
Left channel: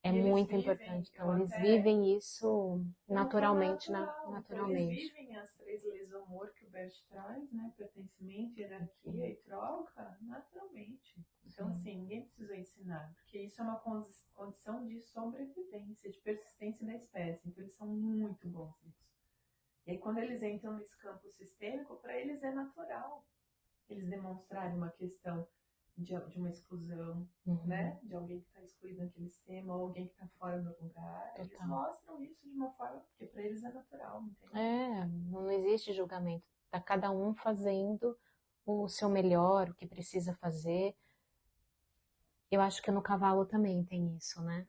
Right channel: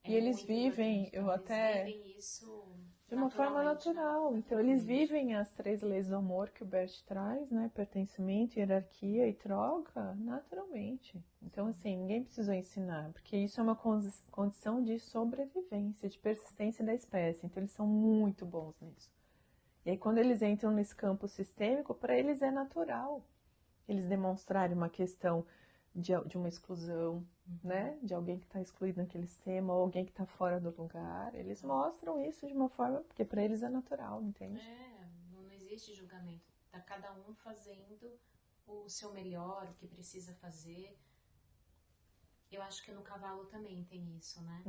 É muito importante. Então, eles vivem isso naturalmente. Então, eles vivem as 3 leis do amor que o Bert traz, né? Pertencimento, hierarquia e troca, naturalmente. Então, assim, ninguém precisou ensinar, porque isso é uma condição de sobrevivência, de persistência da espécie. Então, eles são muito bons nisso. E aí, quando eles entram nesse campo sistêmico, para eles é natural eles demonstrarem uma questão de uma exclusão, né? De alguém que está excluído naquele sistema, ou alguém que está fora do lugar. Eles mostram isso de uma forma, porque para eles é natural, entende? Não existe julgamento. Tá cada um fazendo o seu melhor, o que precisa fazer. Eu acho que no cavalo também tem isso, né?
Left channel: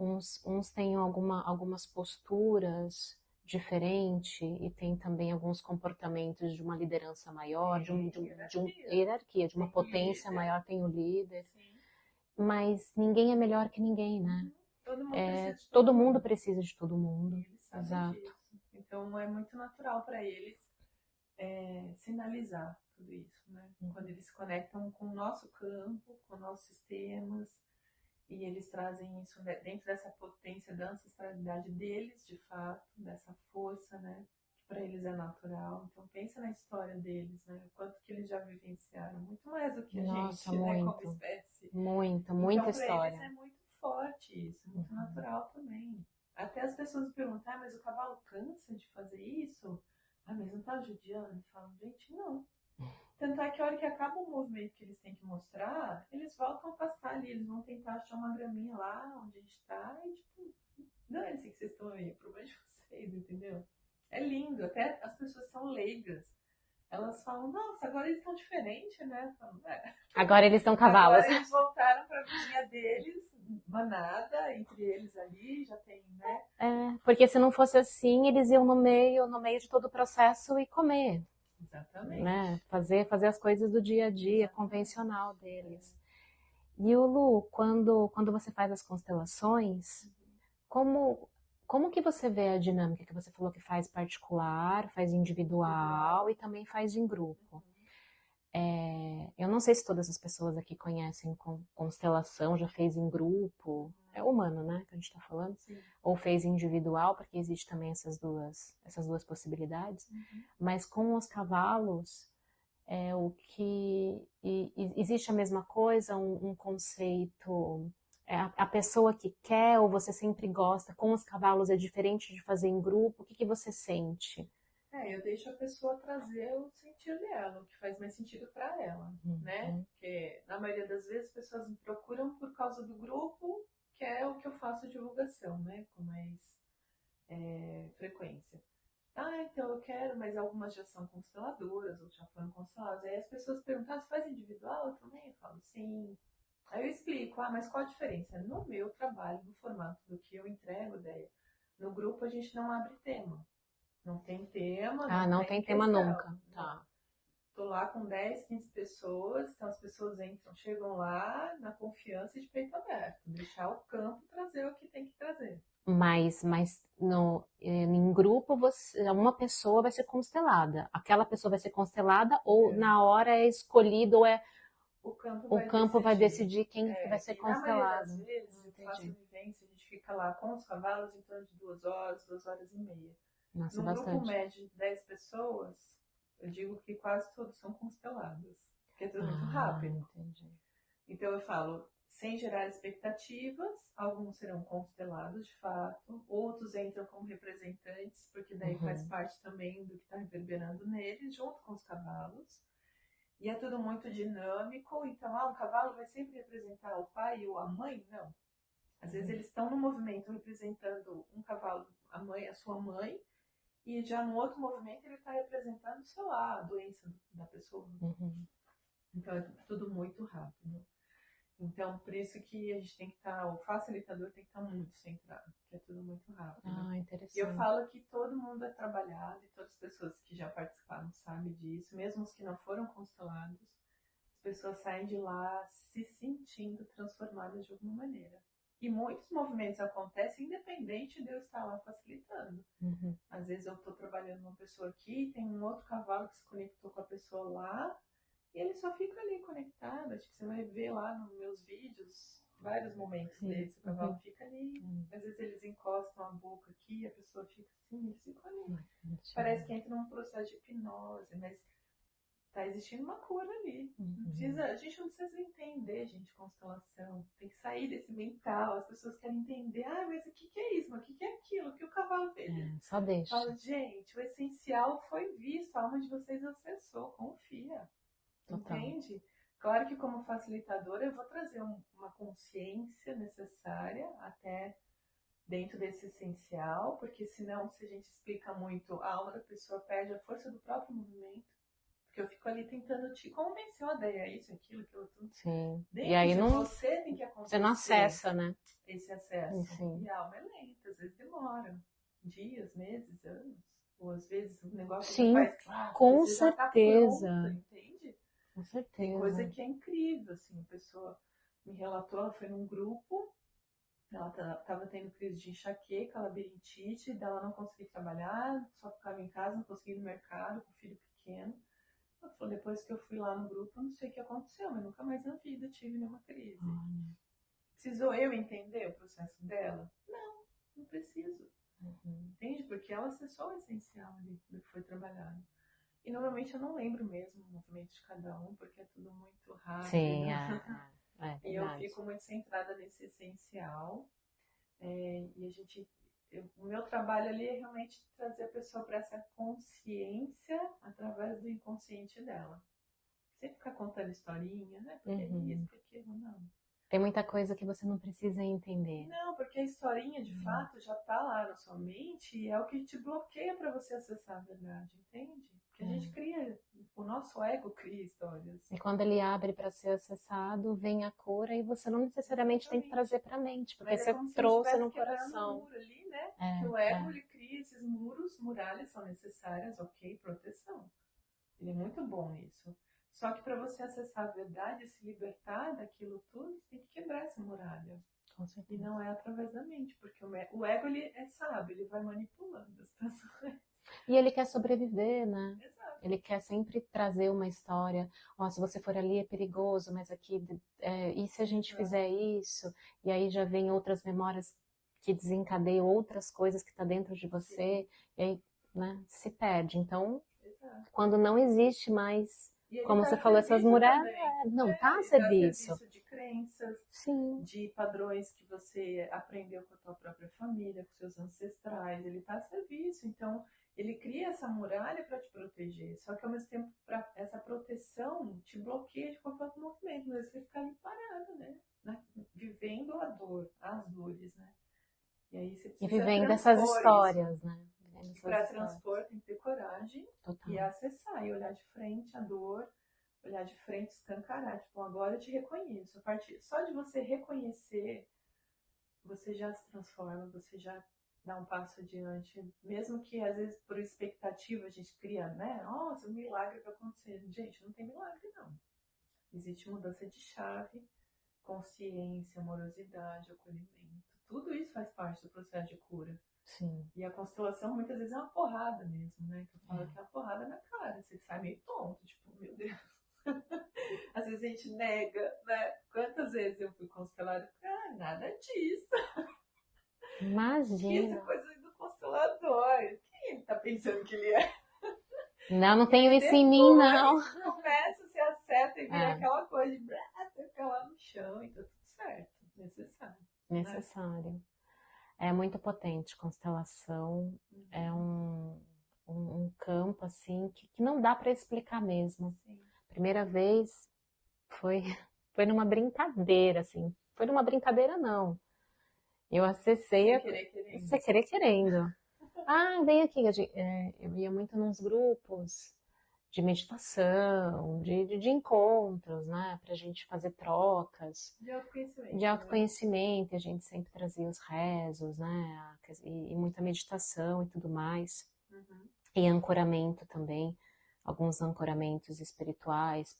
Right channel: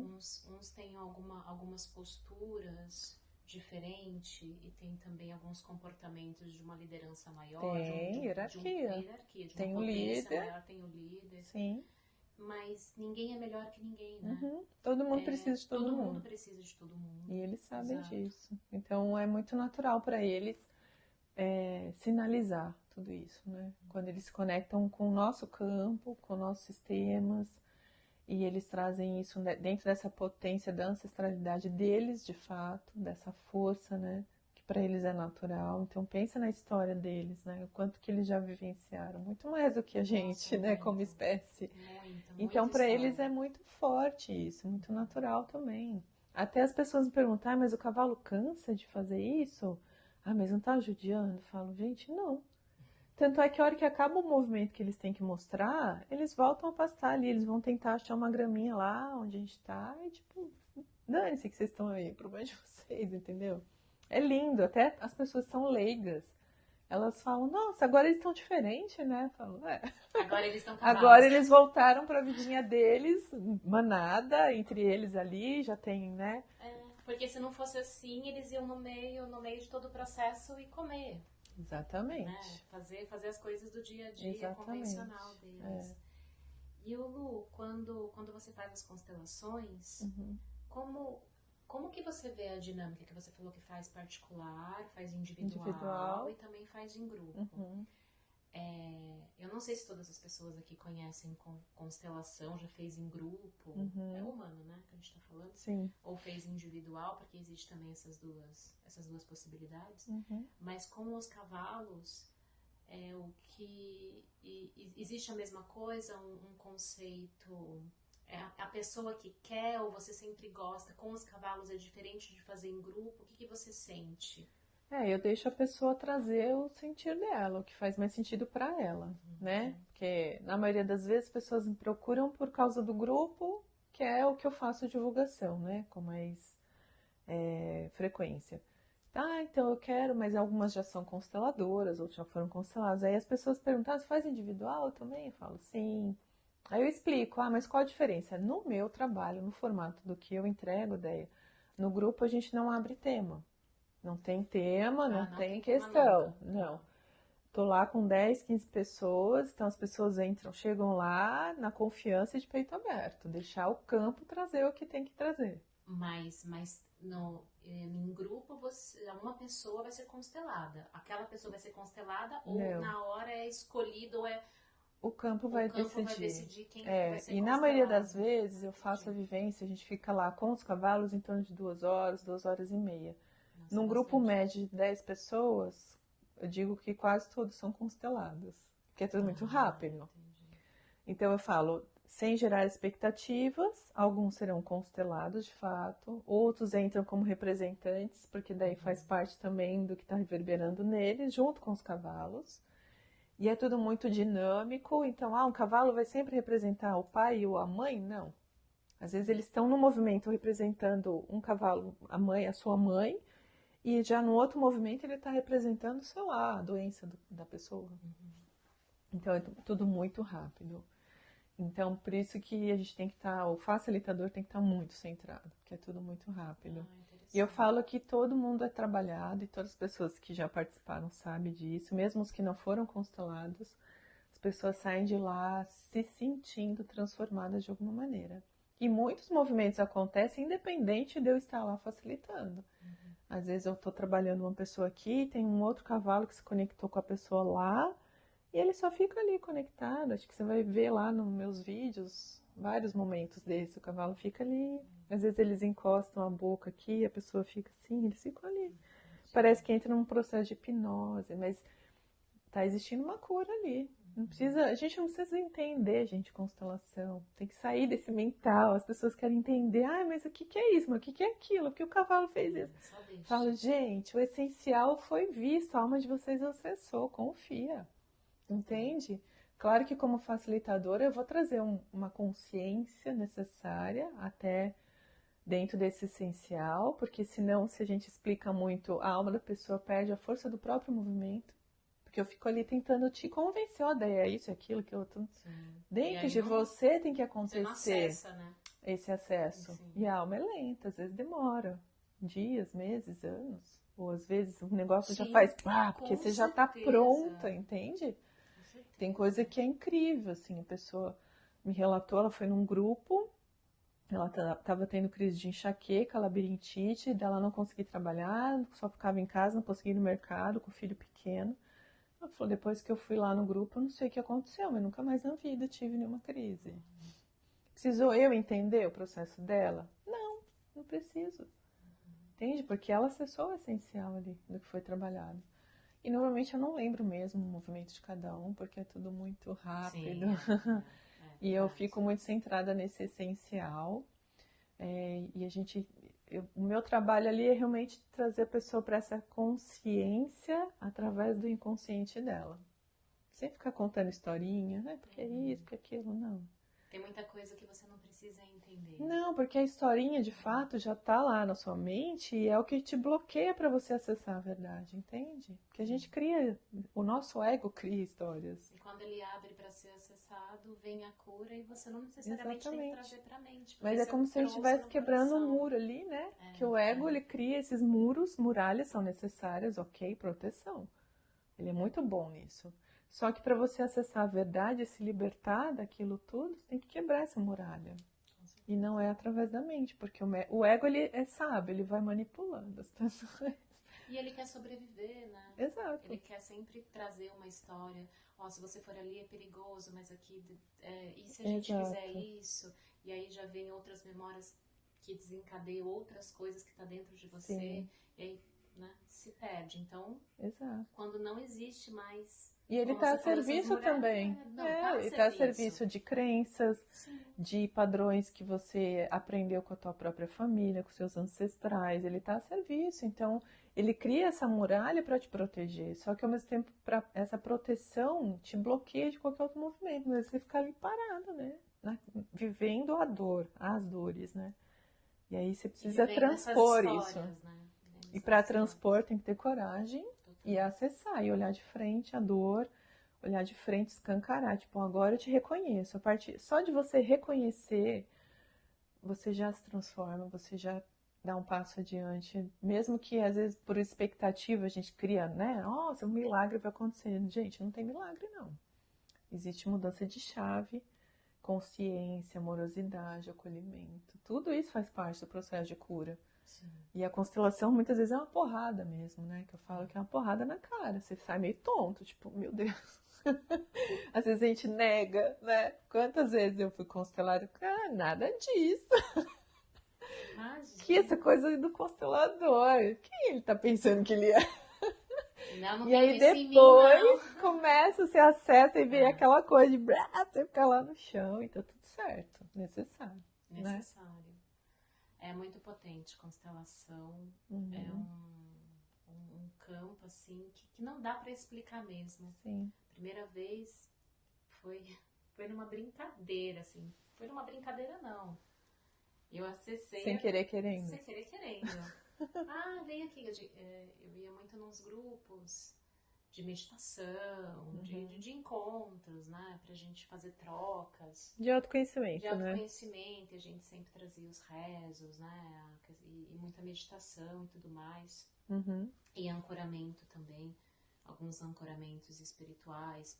Uns têm algumas posturas diferentes e tem também alguns comportamentos de uma liderança maior, de uma potência maior, tem o líder. Sim. Mas ninguém é melhor que ninguém, né? Todo mundo precisa de todo mundo precisa de todo mundo. E eles sabem disso. Então é muito natural para eles sinalizar tudo isso, né? Quando eles se conectam com o nosso campo, com nossos sistemas, e eles trazem isso dentro dessa potência da ancestralidade deles, de fato, dessa força, né? Que para eles é natural. Então pensa na história deles, né? O quanto que eles já vivenciaram, muito mais do que a gente, né? Como espécie. Muita então para história. eles é muito forte isso, muito natural também. Até as pessoas me perguntam, mas o cavalo cansa de fazer isso? Mas não tá judiando? Eu falo, gente, não. Tanto é que a hora que acaba o movimento que eles têm que mostrar, eles voltam a pastar ali, eles vão tentar achar uma graminha lá onde a gente tá, e tipo, dane-se que vocês estão aí, o problema é de vocês, entendeu? É lindo, até as pessoas são leigas. Elas falam, nossa, agora eles estão diferentes, né? Eu falo, Agora eles estão cavalos. Agora eles voltaram para a vidinha deles, manada, entre eles ali, já tem, né? Porque se não fosse assim, eles iam no meio de todo o processo e comer. Exatamente. Né? Fazer as coisas do dia a dia, convencional deles. E o Lu, quando você faz as constelações, como que você vê a dinâmica que você falou que faz particular, faz individual e também faz em grupo? Eu não sei se todas as pessoas aqui conhecem constelação, já fez em grupo, é humano, né, que a gente está falando? Sim. Ou fez individual, porque existe também essas duas possibilidades. Mas com os cavalos, existe a mesma coisa, um conceito, a pessoa que quer ou você sempre gosta, com os cavalos é diferente de fazer em grupo, o que você sente? Eu deixo a pessoa trazer o sentir dela, o que faz mais sentido para ela, né? Porque na maioria das vezes as pessoas me procuram por causa do grupo, que é o que eu faço divulgação, né? Com mais frequência. Então eu quero, mas algumas já são consteladoras, outras já foram consteladas. Aí as pessoas perguntam, você faz individual também? Eu falo, sim. Aí eu explico, mas qual a diferença? No meu trabalho, no formato do que eu entrego, ideia, no grupo a gente não abre tema. Não tem tema, não tem tema questão. Nunca. Não. Tô lá com 10, 15 pessoas, então as pessoas chegam lá na confiança de peito aberto, deixar o campo trazer o que tem que trazer. Mas em grupo, uma pessoa vai ser constelada. Aquela pessoa vai ser constelada ou na hora é escolhido ou o campo vai decidir quem vai ser constelado. E na maioria das vezes eu faço a vivência, a gente fica lá com os cavalos em torno de 2 horas, 2 horas e meia. Num grupo médio de 10 pessoas, eu digo que quase todos são constelados, porque é tudo muito rápido. Entendi. Então eu falo, sem gerar expectativas, alguns serão constelados de fato, outros entram como representantes, porque daí faz parte também do que está reverberando neles, junto com os cavalos. E é tudo muito dinâmico, então, um cavalo vai sempre representar o pai ou a mãe? Não. Às vezes eles estão no movimento representando um cavalo, a mãe, a sua mãe, e já no outro movimento ele está representando, sei lá, a doença da pessoa. Então é tudo muito rápido. Então, por isso que a gente tem que estar, o facilitador tem que estar muito centrado, porque é tudo muito rápido. E eu falo que todo mundo é trabalhado e todas as pessoas que já participaram sabem disso, mesmo os que não foram constelados, as pessoas saem de lá se sentindo transformadas de alguma maneira. E muitos movimentos acontecem independente de eu estar lá facilitando. Às vezes eu estou trabalhando uma pessoa aqui, tem um outro cavalo que se conectou com a pessoa lá, e ele só fica ali conectado. Acho que você vai ver lá nos meus vídeos vários momentos desse. O cavalo fica ali. Às vezes eles encostam a boca aqui, a pessoa fica assim, eles ficam ali. Parece que entra num processo de hipnose, mas tá existindo uma cura ali. Não precisa, a gente não precisa entender, gente, constelação. Tem que sair desse mental. As pessoas querem entender. Mas o que é isso? Mas o que é aquilo? O que o cavalo fez isso? Só deixa. Falo, gente, o essencial foi visto. A alma de vocês acessou. Confia. Entende? Claro que como facilitadora eu vou trazer uma consciência necessária até dentro desse essencial, porque senão, se a gente explica muito, a alma da pessoa perde a força do próprio movimento, porque eu fico ali tentando te convencer, é isso, aquilo, que eu tô... Sim. Dentro e aí de você tem que acontecer. Você não acessa, né? Esse acesso. Sim. E a alma é lenta, às vezes demora dias, meses, anos. Ou às vezes o negócio já faz... com você certeza. já tá pronta, entende? Com certeza. Tem coisa que é incrível, assim, a pessoa me relatou, ela foi num grupo, ela estava tendo crise de enxaqueca, labirintite, dela não conseguia trabalhar, só ficava em casa, não conseguia ir no mercado com o filho pequeno. Ela falou, depois que eu fui lá no grupo, eu não sei o que aconteceu, mas nunca mais na vida tive nenhuma crise. Precisou eu entender o processo dela? Não preciso. Entende? Porque ela acessou o essencial ali do que foi trabalhado. E normalmente eu não lembro mesmo o movimento de cada um, porque é tudo muito rápido. Sim, e eu fico muito centrada nesse essencial. E o meu trabalho ali é realmente trazer a pessoa para essa consciência através do inconsciente dela. Sem ficar contando historinha, porque é isso, porque aquilo, não. Tem muita coisa que você não precisa entender. Não, porque a historinha de fato já tá lá na sua mente e é o que te bloqueia para você acessar a verdade, entende? Porque a gente cria, o nosso ego cria histórias. E quando ele abre para ser acessado, vem a cura e você não necessariamente tem que trazer para a mente. Porque mas é como se ele estivesse quebrando um muro ali, né? Que o ego, ele cria esses muros, muralhas são necessárias, ok, proteção. Ele é muito bom nisso. Só que para você acessar a verdade, se libertar daquilo tudo, você tem que quebrar essa muralha. E não é através da mente, porque o ego, ele é sábio, ele vai manipulando as pessoas. E ele quer sobreviver, né? Exato. Ele quer sempre trazer uma história. Se você for ali é perigoso, mas aqui... e se a gente fizer isso? E aí já vem outras memórias que desencadeiam outras coisas que estão dentro de você. Sim. E aí, né, se perde. Então, quando não existe mais... E como você falou, essas muralhas, não tá a serviço de crenças, sim, de padrões que você aprendeu com a tua própria família, com seus ancestrais, ele tá a serviço. Então, ele cria essa muralha para te proteger. Só que ao mesmo tempo, essa proteção te bloqueia de qualquer outro movimento. Mas você fica ali parado, né? Vivendo a dor, as dores, né? E aí você precisa vivendo essas histórias, isso. Né? E para transpor tem que ter coragem. E acessar, e olhar de frente a dor, olhar de frente, escancarar. Tipo, agora eu te reconheço. Só de você reconhecer, você já se transforma, você já dá um passo adiante. Mesmo que, às vezes, por expectativa, a gente cria, né? Nossa, um milagre vai acontecer. Gente, não tem milagre, não. Existe mudança de chave, consciência, amorosidade, acolhimento. Tudo isso faz parte do processo de cura. Sim. E a constelação muitas vezes é uma porrada mesmo, né? Que eu falo que é uma porrada na cara. Você sai meio tonto, tipo, meu Deus. Às vezes a gente nega, né? Quantas vezes eu fui constelada? Nada disso. Imagina. Que essa coisa do constelador. Quem ele tá pensando que ele é? Não tenho isso em mim, não. Começa, você acessa e vira aquela coisa de você fica lá no chão e tá tudo certo. Necessário. Necessário. Né? É muito potente, constelação, é um campo assim que não dá para explicar mesmo. Sim. Primeira vez foi numa brincadeira, assim. Foi numa brincadeira, não. Eu acessei Sem querer querendo. sem querer querendo. Ah, vem aqui. Eu ia muito nos grupos de meditação, de encontros, né? Pra gente fazer trocas. De autoconhecimento, De autoconhecimento, a gente sempre trazia os rezos, né? E muita meditação e tudo mais. Uhum. E ancoramento também, alguns ancoramentos espirituais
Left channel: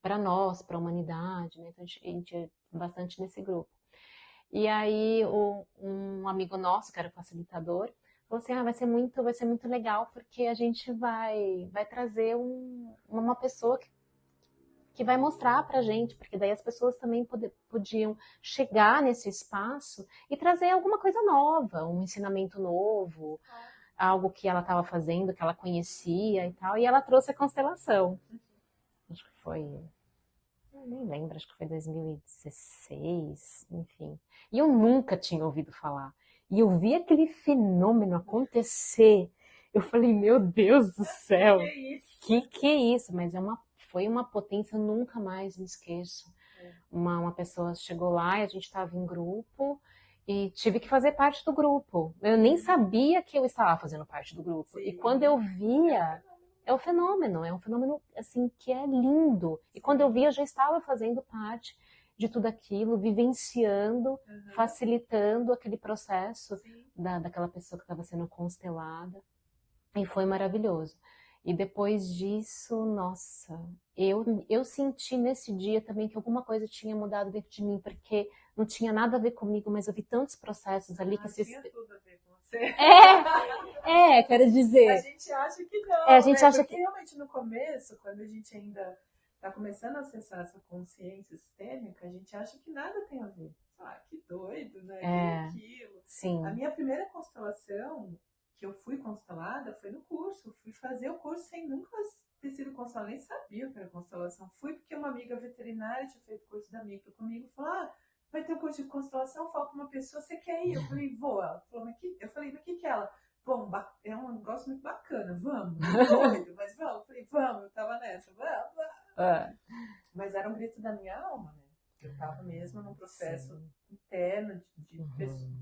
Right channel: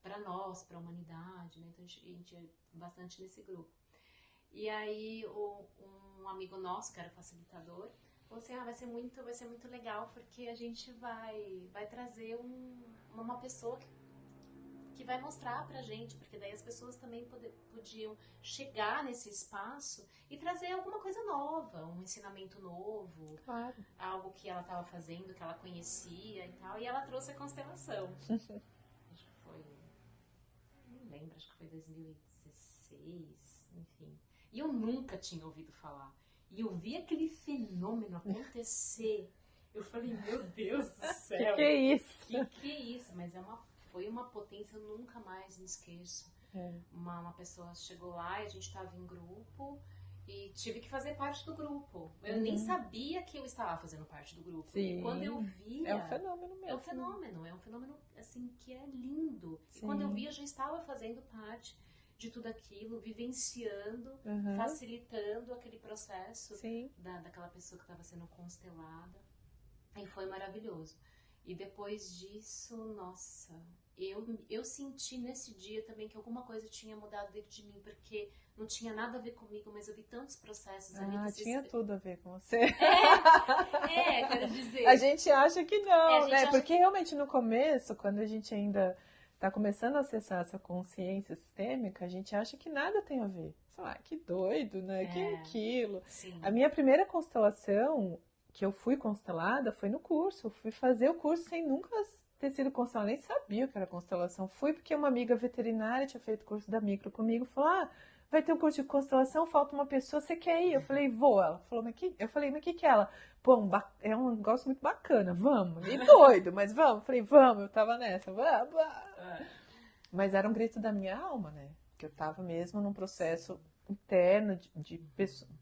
para nós, para a humanidade, né? Então a gente é bastante nesse grupo. E aí um amigo nosso, que era facilitador, falou assim, vai ser muito legal, porque a gente vai trazer uma pessoa que vai mostrar pra gente, porque daí as pessoas também podiam chegar nesse espaço e trazer alguma coisa nova, um ensinamento novo, Claro. algo que ela estava fazendo, que ela conhecia e tal, e ela trouxe a constelação. Acho que foi, eu nem lembro, acho que foi 2016, enfim. E eu nunca tinha ouvido falar. E eu vi aquele fenômeno acontecer. Eu falei, meu Deus do céu. Que é isso? Que é isso? Mas foi uma potência, eu nunca mais me esqueço. Uma pessoa chegou lá e a gente estava em grupo e tive que fazer parte do grupo. Eu nem sabia que eu estava fazendo parte do grupo. Sim. E quando eu via... É um fenômeno É um fenômeno assim, que é lindo. Sim. E quando eu via, eu já estava fazendo parte de tudo aquilo, vivenciando, facilitando aquele processo daquela pessoa que estava sendo constelada. E foi maravilhoso. E depois disso, nossa, eu senti nesse dia também que alguma coisa tinha mudado dentro de mim, porque não tinha nada a ver comigo, mas eu vi tantos processos ali que tinha tudo a ver com você. Quero dizer. A gente acha que não, a gente acha porque realmente no começo, quando a gente ainda está começando a acessar essa consciência sistêmica, a gente acha que nada tem a ver. Sei lá, que doido, né? Que aquilo. Sim. A minha primeira constelação, que eu fui constelada, foi no curso. Eu fui fazer o curso sem nunca ter sido constelada, nem sabia o que era constelação. Fui porque uma amiga veterinária tinha feito curso da micro comigo, falou, vai ter um curso de constelação, falta uma pessoa, você quer ir? Eu falei, vou. Ela falou, eu falei, mas o que é ela? Pô, é um negócio muito bacana, vamos. E doido, mas vamos. Eu falei, vamos, eu tava nessa, vamos. Mas era um grito da minha alma, né? Que eu tava mesmo num processo interno, de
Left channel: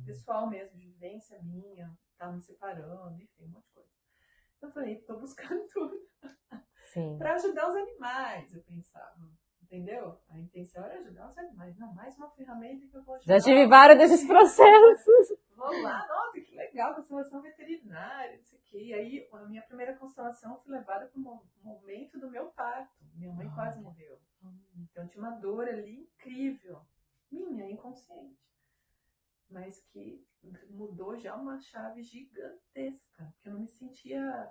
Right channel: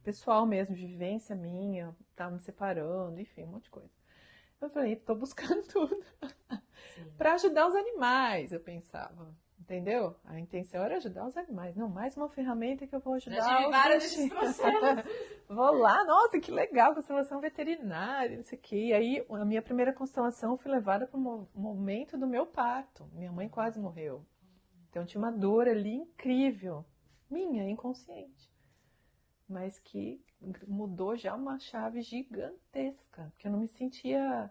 pessoal mesmo, de vivência minha, tava me separando, enfim, um monte de coisa. Eu falei, tô buscando tudo. Pra ajudar os animais, eu pensava. Entendeu? A intenção era ajudar os animais. Não, mais uma ferramenta que eu vou ajudar. Já tive vários desses processos. Vou lá, nossa, que legal, constelação veterinária, não sei o quê. E aí, a minha primeira constelação, eu fui levada para o momento do meu parto. Minha mãe quase morreu. Então, tinha uma dor ali incrível. Minha, inconsciente. Mas que mudou já uma chave gigantesca. Que eu não me sentia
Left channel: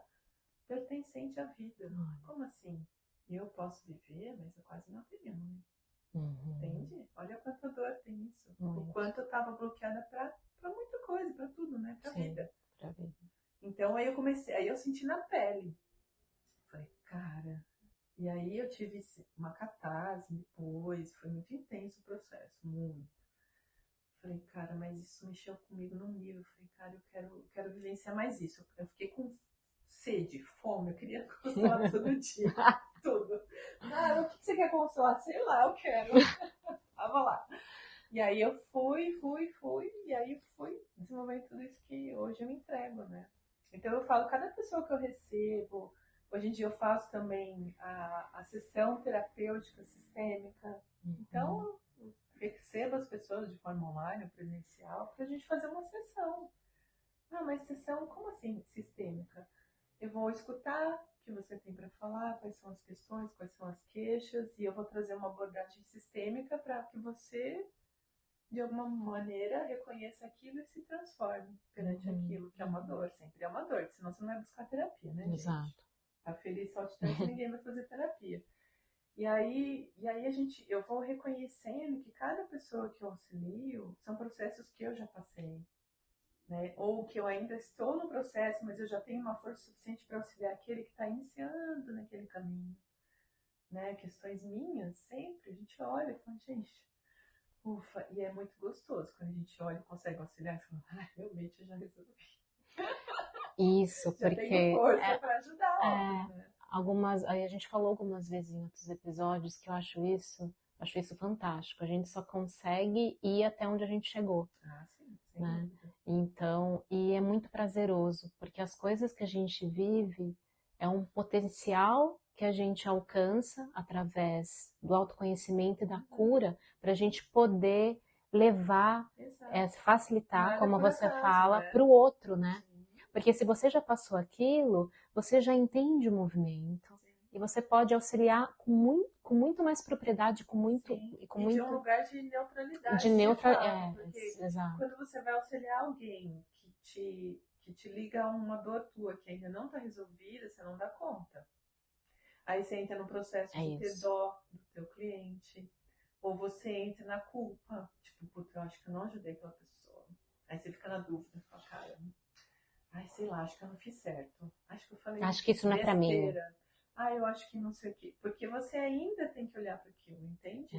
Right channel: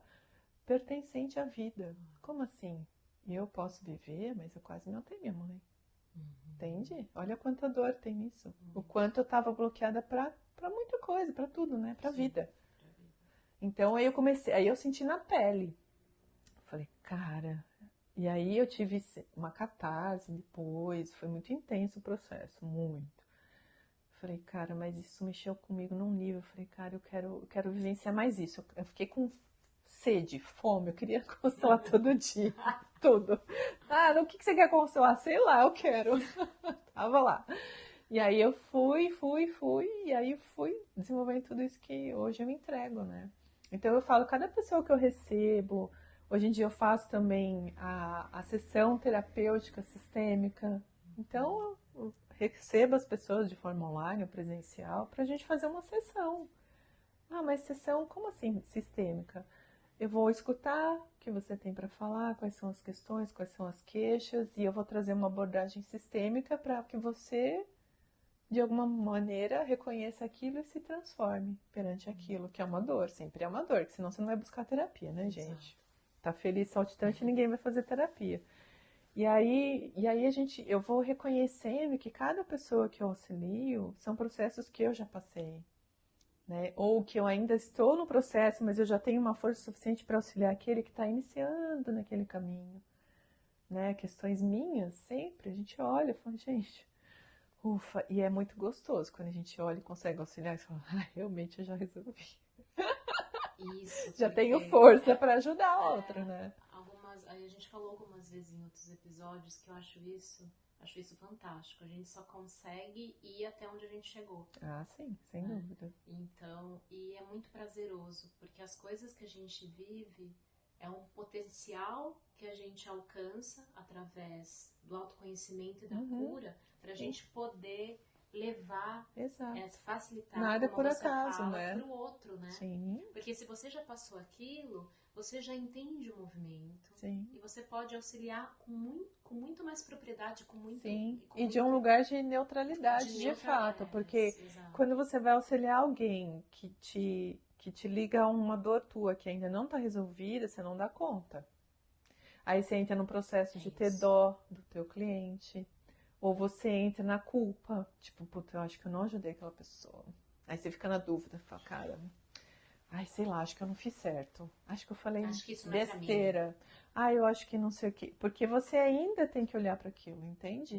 pertencente à vida. Como assim? Eu posso viver, mas eu quase não tenho minha mãe. Entende? Olha quanta dor tem nisso. O quanto eu estava bloqueada para muita coisa, para tudo, né? Para vida. Então aí eu senti na pele. Falei, cara. E aí eu tive uma catarse depois, foi muito intenso o processo, muito. Falei, cara, mas isso mexeu comigo num nível. Falei, cara, eu quero vivenciar mais isso. Eu fiquei com sede, fome, eu queria constelar todo dia, tudo. O que você quer constelar? Sei lá, eu quero. Tava lá. E aí eu fui, e aí fui desenvolvendo tudo isso que hoje eu entrego, né? Então eu falo, cada pessoa que eu recebo, hoje em dia eu faço também a sessão terapêutica sistêmica. Então eu recebo as pessoas de forma online ou presencial pra gente fazer uma sessão. Mas sessão, como assim sistêmica? Eu vou escutar o que você tem para falar, quais são as questões, quais são as queixas, e eu vou trazer uma abordagem sistêmica para que você, de alguma maneira, reconheça aquilo e se transforme perante aquilo, que é uma dor, sempre é uma dor, senão você não vai buscar terapia, né, gente? Tá feliz, saltitante, ninguém vai fazer terapia. E aí eu vou reconhecendo que cada pessoa que eu auxilio são processos que eu já passei. Né? Ou que eu ainda estou no processo, mas eu já tenho uma força suficiente para auxiliar aquele que está iniciando naquele caminho. Né? Questões minhas, sempre, a gente olha e fala, gente, ufa, e é muito gostoso quando a gente olha e consegue auxiliar e fala, realmente eu já resolvi. Isso, Já tenho porque força para ajudar a outra, né? aí a gente falou algumas vezes em outros episódios que eu acho isso fantástico. A gente só consegue ir até onde a gente chegou, Ah, sim, sem né? dúvida. Então, e é muito prazeroso, porque as coisas que a gente vive é um potencial que a gente alcança através do autoconhecimento e da cura para a gente poder levar, Exato. facilitar, Nada como por você acaso, fala, né? para o outro, né? Sim, Porque se você já passou aquilo, você já entende o movimento sim, e você pode auxiliar com muito mais propriedade, sim. com E de um muito lugar de de neutralidade, de neutra, fato, porque exato. quando você vai auxiliar alguém que te liga a uma dor tua que ainda não está resolvida, você não dá conta. Aí você entra no processo É de ter isso. dó do teu cliente, ou você entra na culpa, tipo, puta, eu acho que eu não ajudei aquela pessoa. Aí você fica na dúvida, fala, cara, ai, sei lá, acho que eu não fiz certo. Acho que eu falei Acho que isso não é para mim. besteira. Ah, eu acho que não sei o quê. Porque você ainda tem que olhar para aquilo, entende?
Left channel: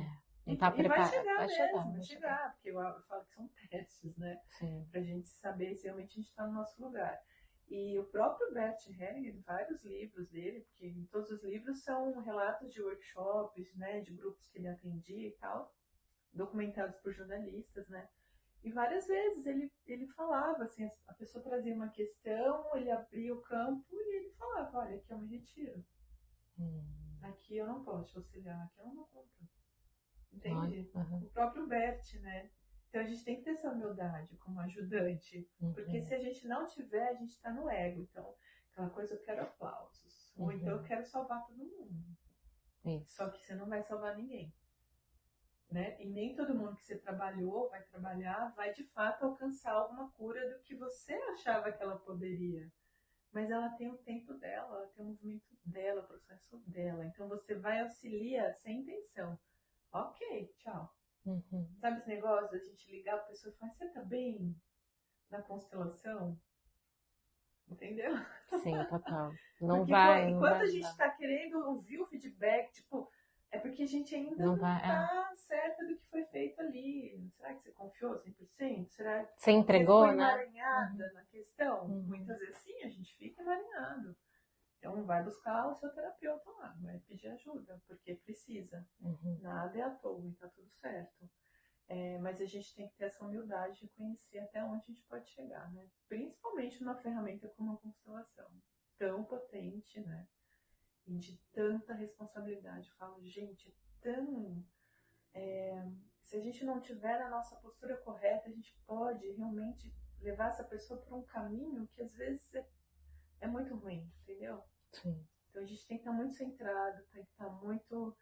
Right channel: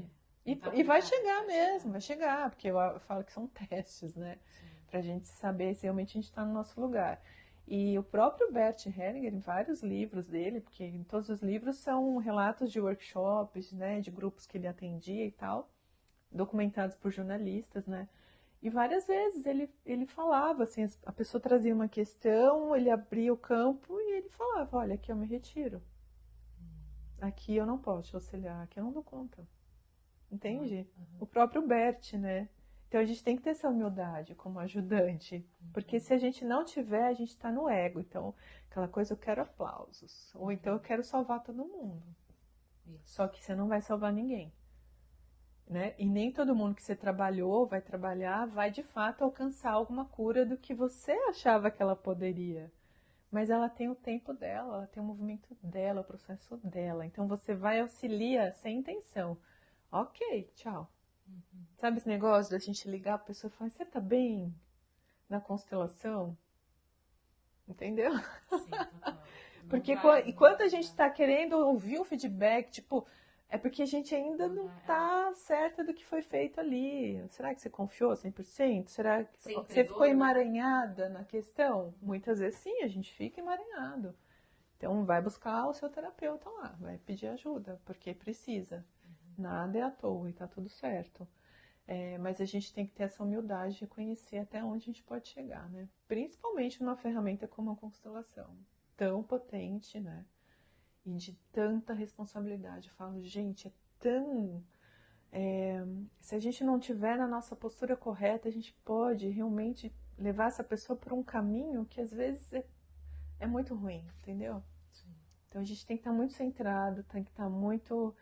Não tá E vai preparado. chegar Vai chegar, mesmo, vai vai chegar. chegar, porque eu falo que são testes, né? Sim. Pra gente saber se realmente a gente está no nosso lugar. E o próprio Bert Hellinger, em vários livros dele, porque em todos os livros são relatos de workshops, né, de grupos que ele atendia e tal, documentados por jornalistas, né? E várias vezes ele falava, assim, a pessoa trazia uma questão, ele abria o campo e ele falava, olha, aqui eu me retiro. Aqui eu não posso te auxiliar, aqui eu não dou conta. Olha, Entende? O próprio Bert, né? Então a gente tem que ter essa humildade como ajudante. Porque se a gente não tiver, a gente está no ego. Então, aquela coisa, eu quero aplausos. Ou então eu quero salvar todo mundo. Isso. Só que você não vai salvar ninguém. Né? E nem todo mundo que você trabalhou, vai trabalhar, vai de fato alcançar alguma cura do que você achava que ela poderia. Mas ela tem o tempo dela, ela tem o movimento dela, o processo dela. Então você vai auxiliar sem intenção. Ok, tchau. Sabe esse negócio da gente ligar a pessoa e falar, você tá bem na constelação? Entendeu? Sim, total. Não Porque vai, não enquanto vai a gente ajudar. tá querendo ouvir o feedback, tipo, é porque a gente ainda Não não vai, tá certa do que foi feito ali. Será que você confiou 100%? Será que Você você ficou entregou, né? emaranhada na questão? Muitas vezes sim, a gente fica emaranhado. Então vai buscar o seu terapeuta lá, vai pedir ajuda, porque precisa. Nada é à toa e tá tudo certo. Mas a gente tem que ter essa humildade de conhecer até onde a gente pode chegar, né? Principalmente numa ferramenta como a constelação, tão potente, né? E de tanta responsabilidade. Eu falo, gente, é tão. Se a gente não tiver na nossa postura correta, a gente pode realmente levar essa pessoa por um caminho que às vezes é muito ruim, entendeu? Sim. Então a gente tem que estar muito centrado, tem que estar muito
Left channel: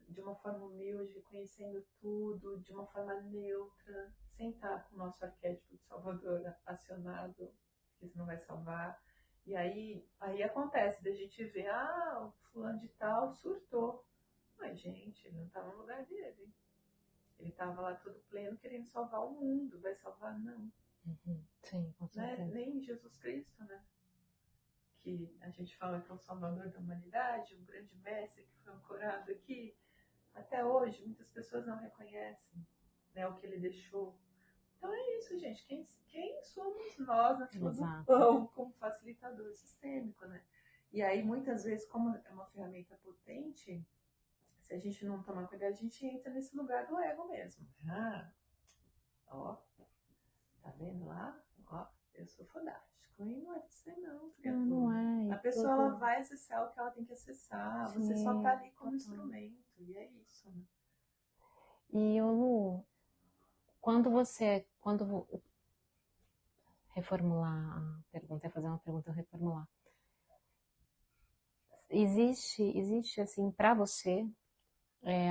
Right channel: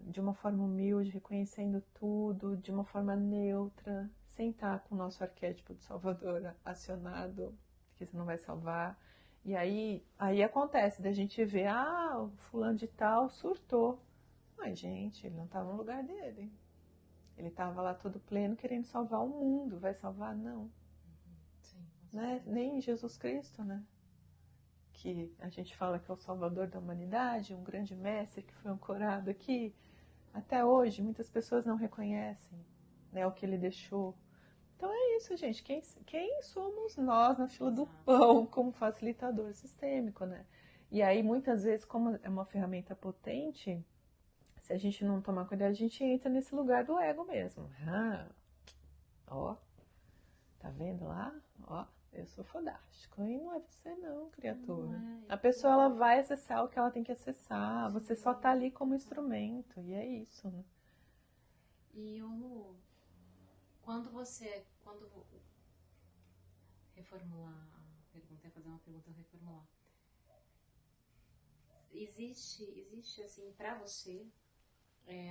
de uma forma humilde, reconhecendo tudo, de uma forma neutra, sem estar com o nosso arquétipo de salvador acionado, que você não vai salvar. E aí acontece da gente ver, o fulano de tal surtou. Mas, gente, ele não estava no lugar dele. Ele estava lá todo pleno querendo salvar o mundo. Vai salvar? Não. Sim, com Né? certeza. Nem Jesus Cristo, né? Que a gente fala que é o salvador da humanidade, um grande mestre que foi ancorado aqui. Até hoje, muitas pessoas não reconhecem, né, o que ele deixou. Então é isso, gente. Quem somos nós na fila do Exato. pão como facilitador sistêmico, né? E aí, muitas vezes, como é uma ferramenta potente, se a gente não tomar cuidado, a gente entra nesse lugar do ego mesmo. Ó, tá vendo lá? Ó, eu sou fodástico. E não é você não, criatura. Não é. A pessoa, ela vai acessar o que ela tem que acessar. Sim, você só tá ali como instrumento. E é isso, né? E Lu, quando reformular a pergunta, é fazer uma pergunta, reformular. Existe assim, para você,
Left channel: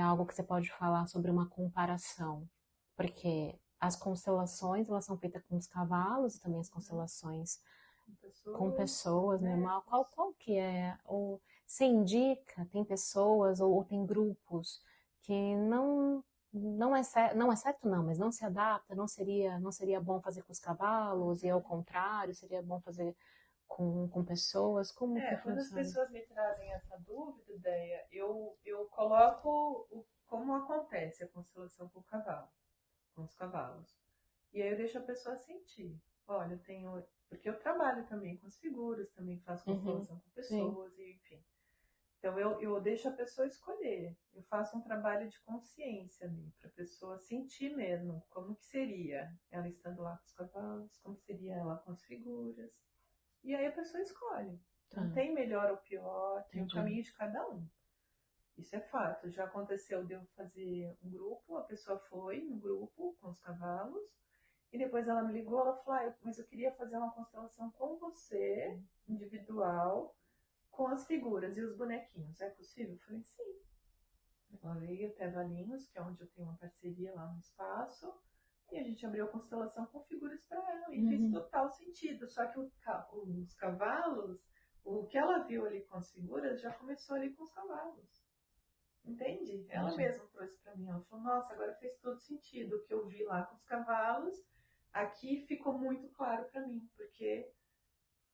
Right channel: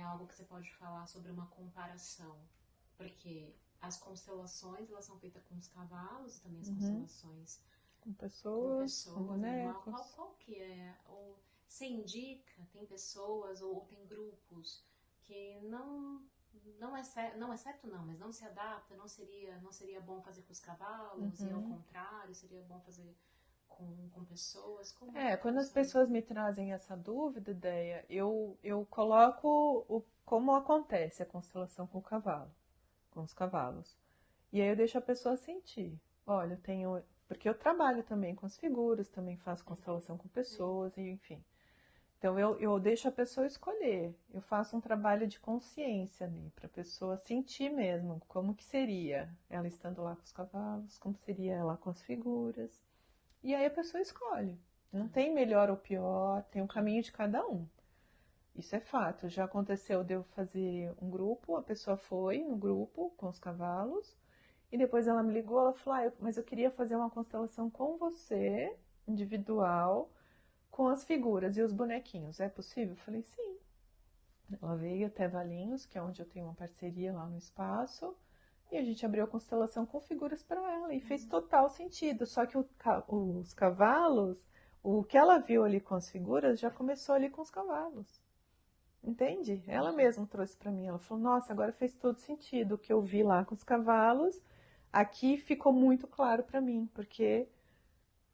algo que você pode falar sobre uma comparação? Porque as constelações, elas são feitas com os cavalos e também as constelações com pessoas, normal. Qual que é? Ou você indica, tem pessoas ou tem grupos que não é certo não, mas não se adapta, não seria bom fazer com os cavalos e ao contrário, seria bom fazer com pessoas? Como que Quando as funciona? pessoas me trazem essa dúvida, ideia, eu coloco como acontece a constelação com o cavalo, com os cavalos. E aí eu deixo a pessoa sentir. Olha, eu tenho. Porque eu trabalho também com as figuras, também faço Uhum. constelação com Sim. pessoas, e enfim. Então eu deixo a pessoa escolher. Eu faço um trabalho de consciência ali, para a pessoa sentir mesmo como que seria ela estando lá com os cavalos, como seria ela com as figuras. E aí a pessoa escolhe. Não Ah, tem melhor ou pior, tem um entendi. caminho de cada um. Isso é fato. Já aconteceu de eu fazer um grupo, a pessoa foi no grupo com os cavalos, e depois ela me ligou, ela falou, mas eu queria fazer uma constelação com você, individual, com as figuras e os bonequinhos. É possível? Eu falei, sim. Ela veio até Valinhos, que é onde eu tenho uma parceria lá no espaço, e a gente abriu a constelação com figuras para ela, e fez Uhum. total sentido. Só que os cavalos, o que ela viu ali com as figuras, já começou ali com os cavalos. Entende? Ela Entendi. mesma trouxe para mim. Ela falou: Nossa, agora fez todo sentido. O que eu vi lá com os cavalos, aqui ficou muito claro para mim, porque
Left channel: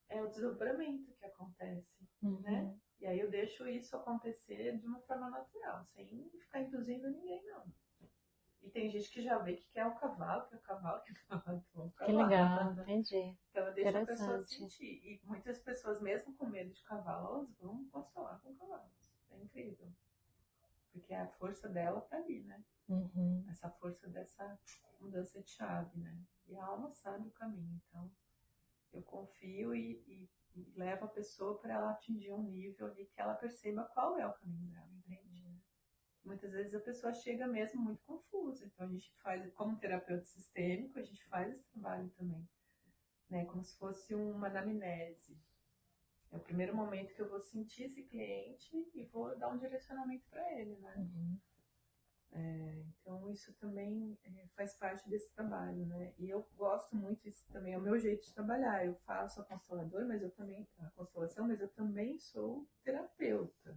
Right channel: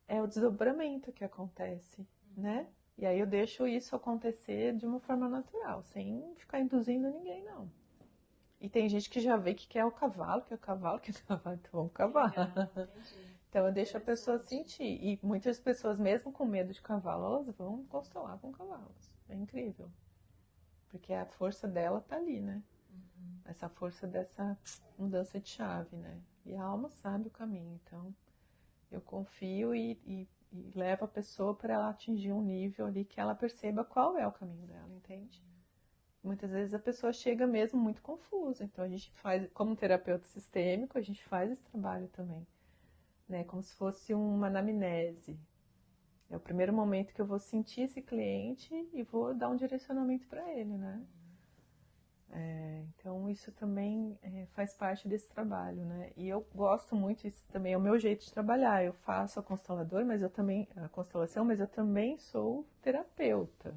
é o desdobramento que acontece, né? Uhum. E aí eu deixo isso acontecer de uma forma natural, sem ficar induzindo ninguém, não. E tem gente que já vê que quer o cavalo, que é o cavalo, que é o cavalo, então vamos Que cavalo. legal, entendi. Então eu deixo a pessoa Interessante. sentir. E muitas pessoas, mesmo com medo de cavalo, elas vão constelar com cavalos. É incrível. Porque a força dela tá ali, né? Uhum. Essa força dessa mudança de chave, né? E a alma sabe o caminho. Então eu confio e levo a pessoa para ela atingir um nível ali que ela perceba qual é o caminho dela, entende? Muitas vezes a pessoa chega mesmo muito confusa. Então a gente faz, como terapeuta sistêmico, a gente faz esse trabalho também, né? Como se fosse uma anamnese. É o primeiro momento que eu vou sentir esse cliente e vou dar um direcionamento para ele, né? Uhum. Então isso também faz parte desse trabalho, né? E eu gosto muito, isso também é o meu jeito de trabalhar. Eu faço a constelação, mas eu também sou terapeuta.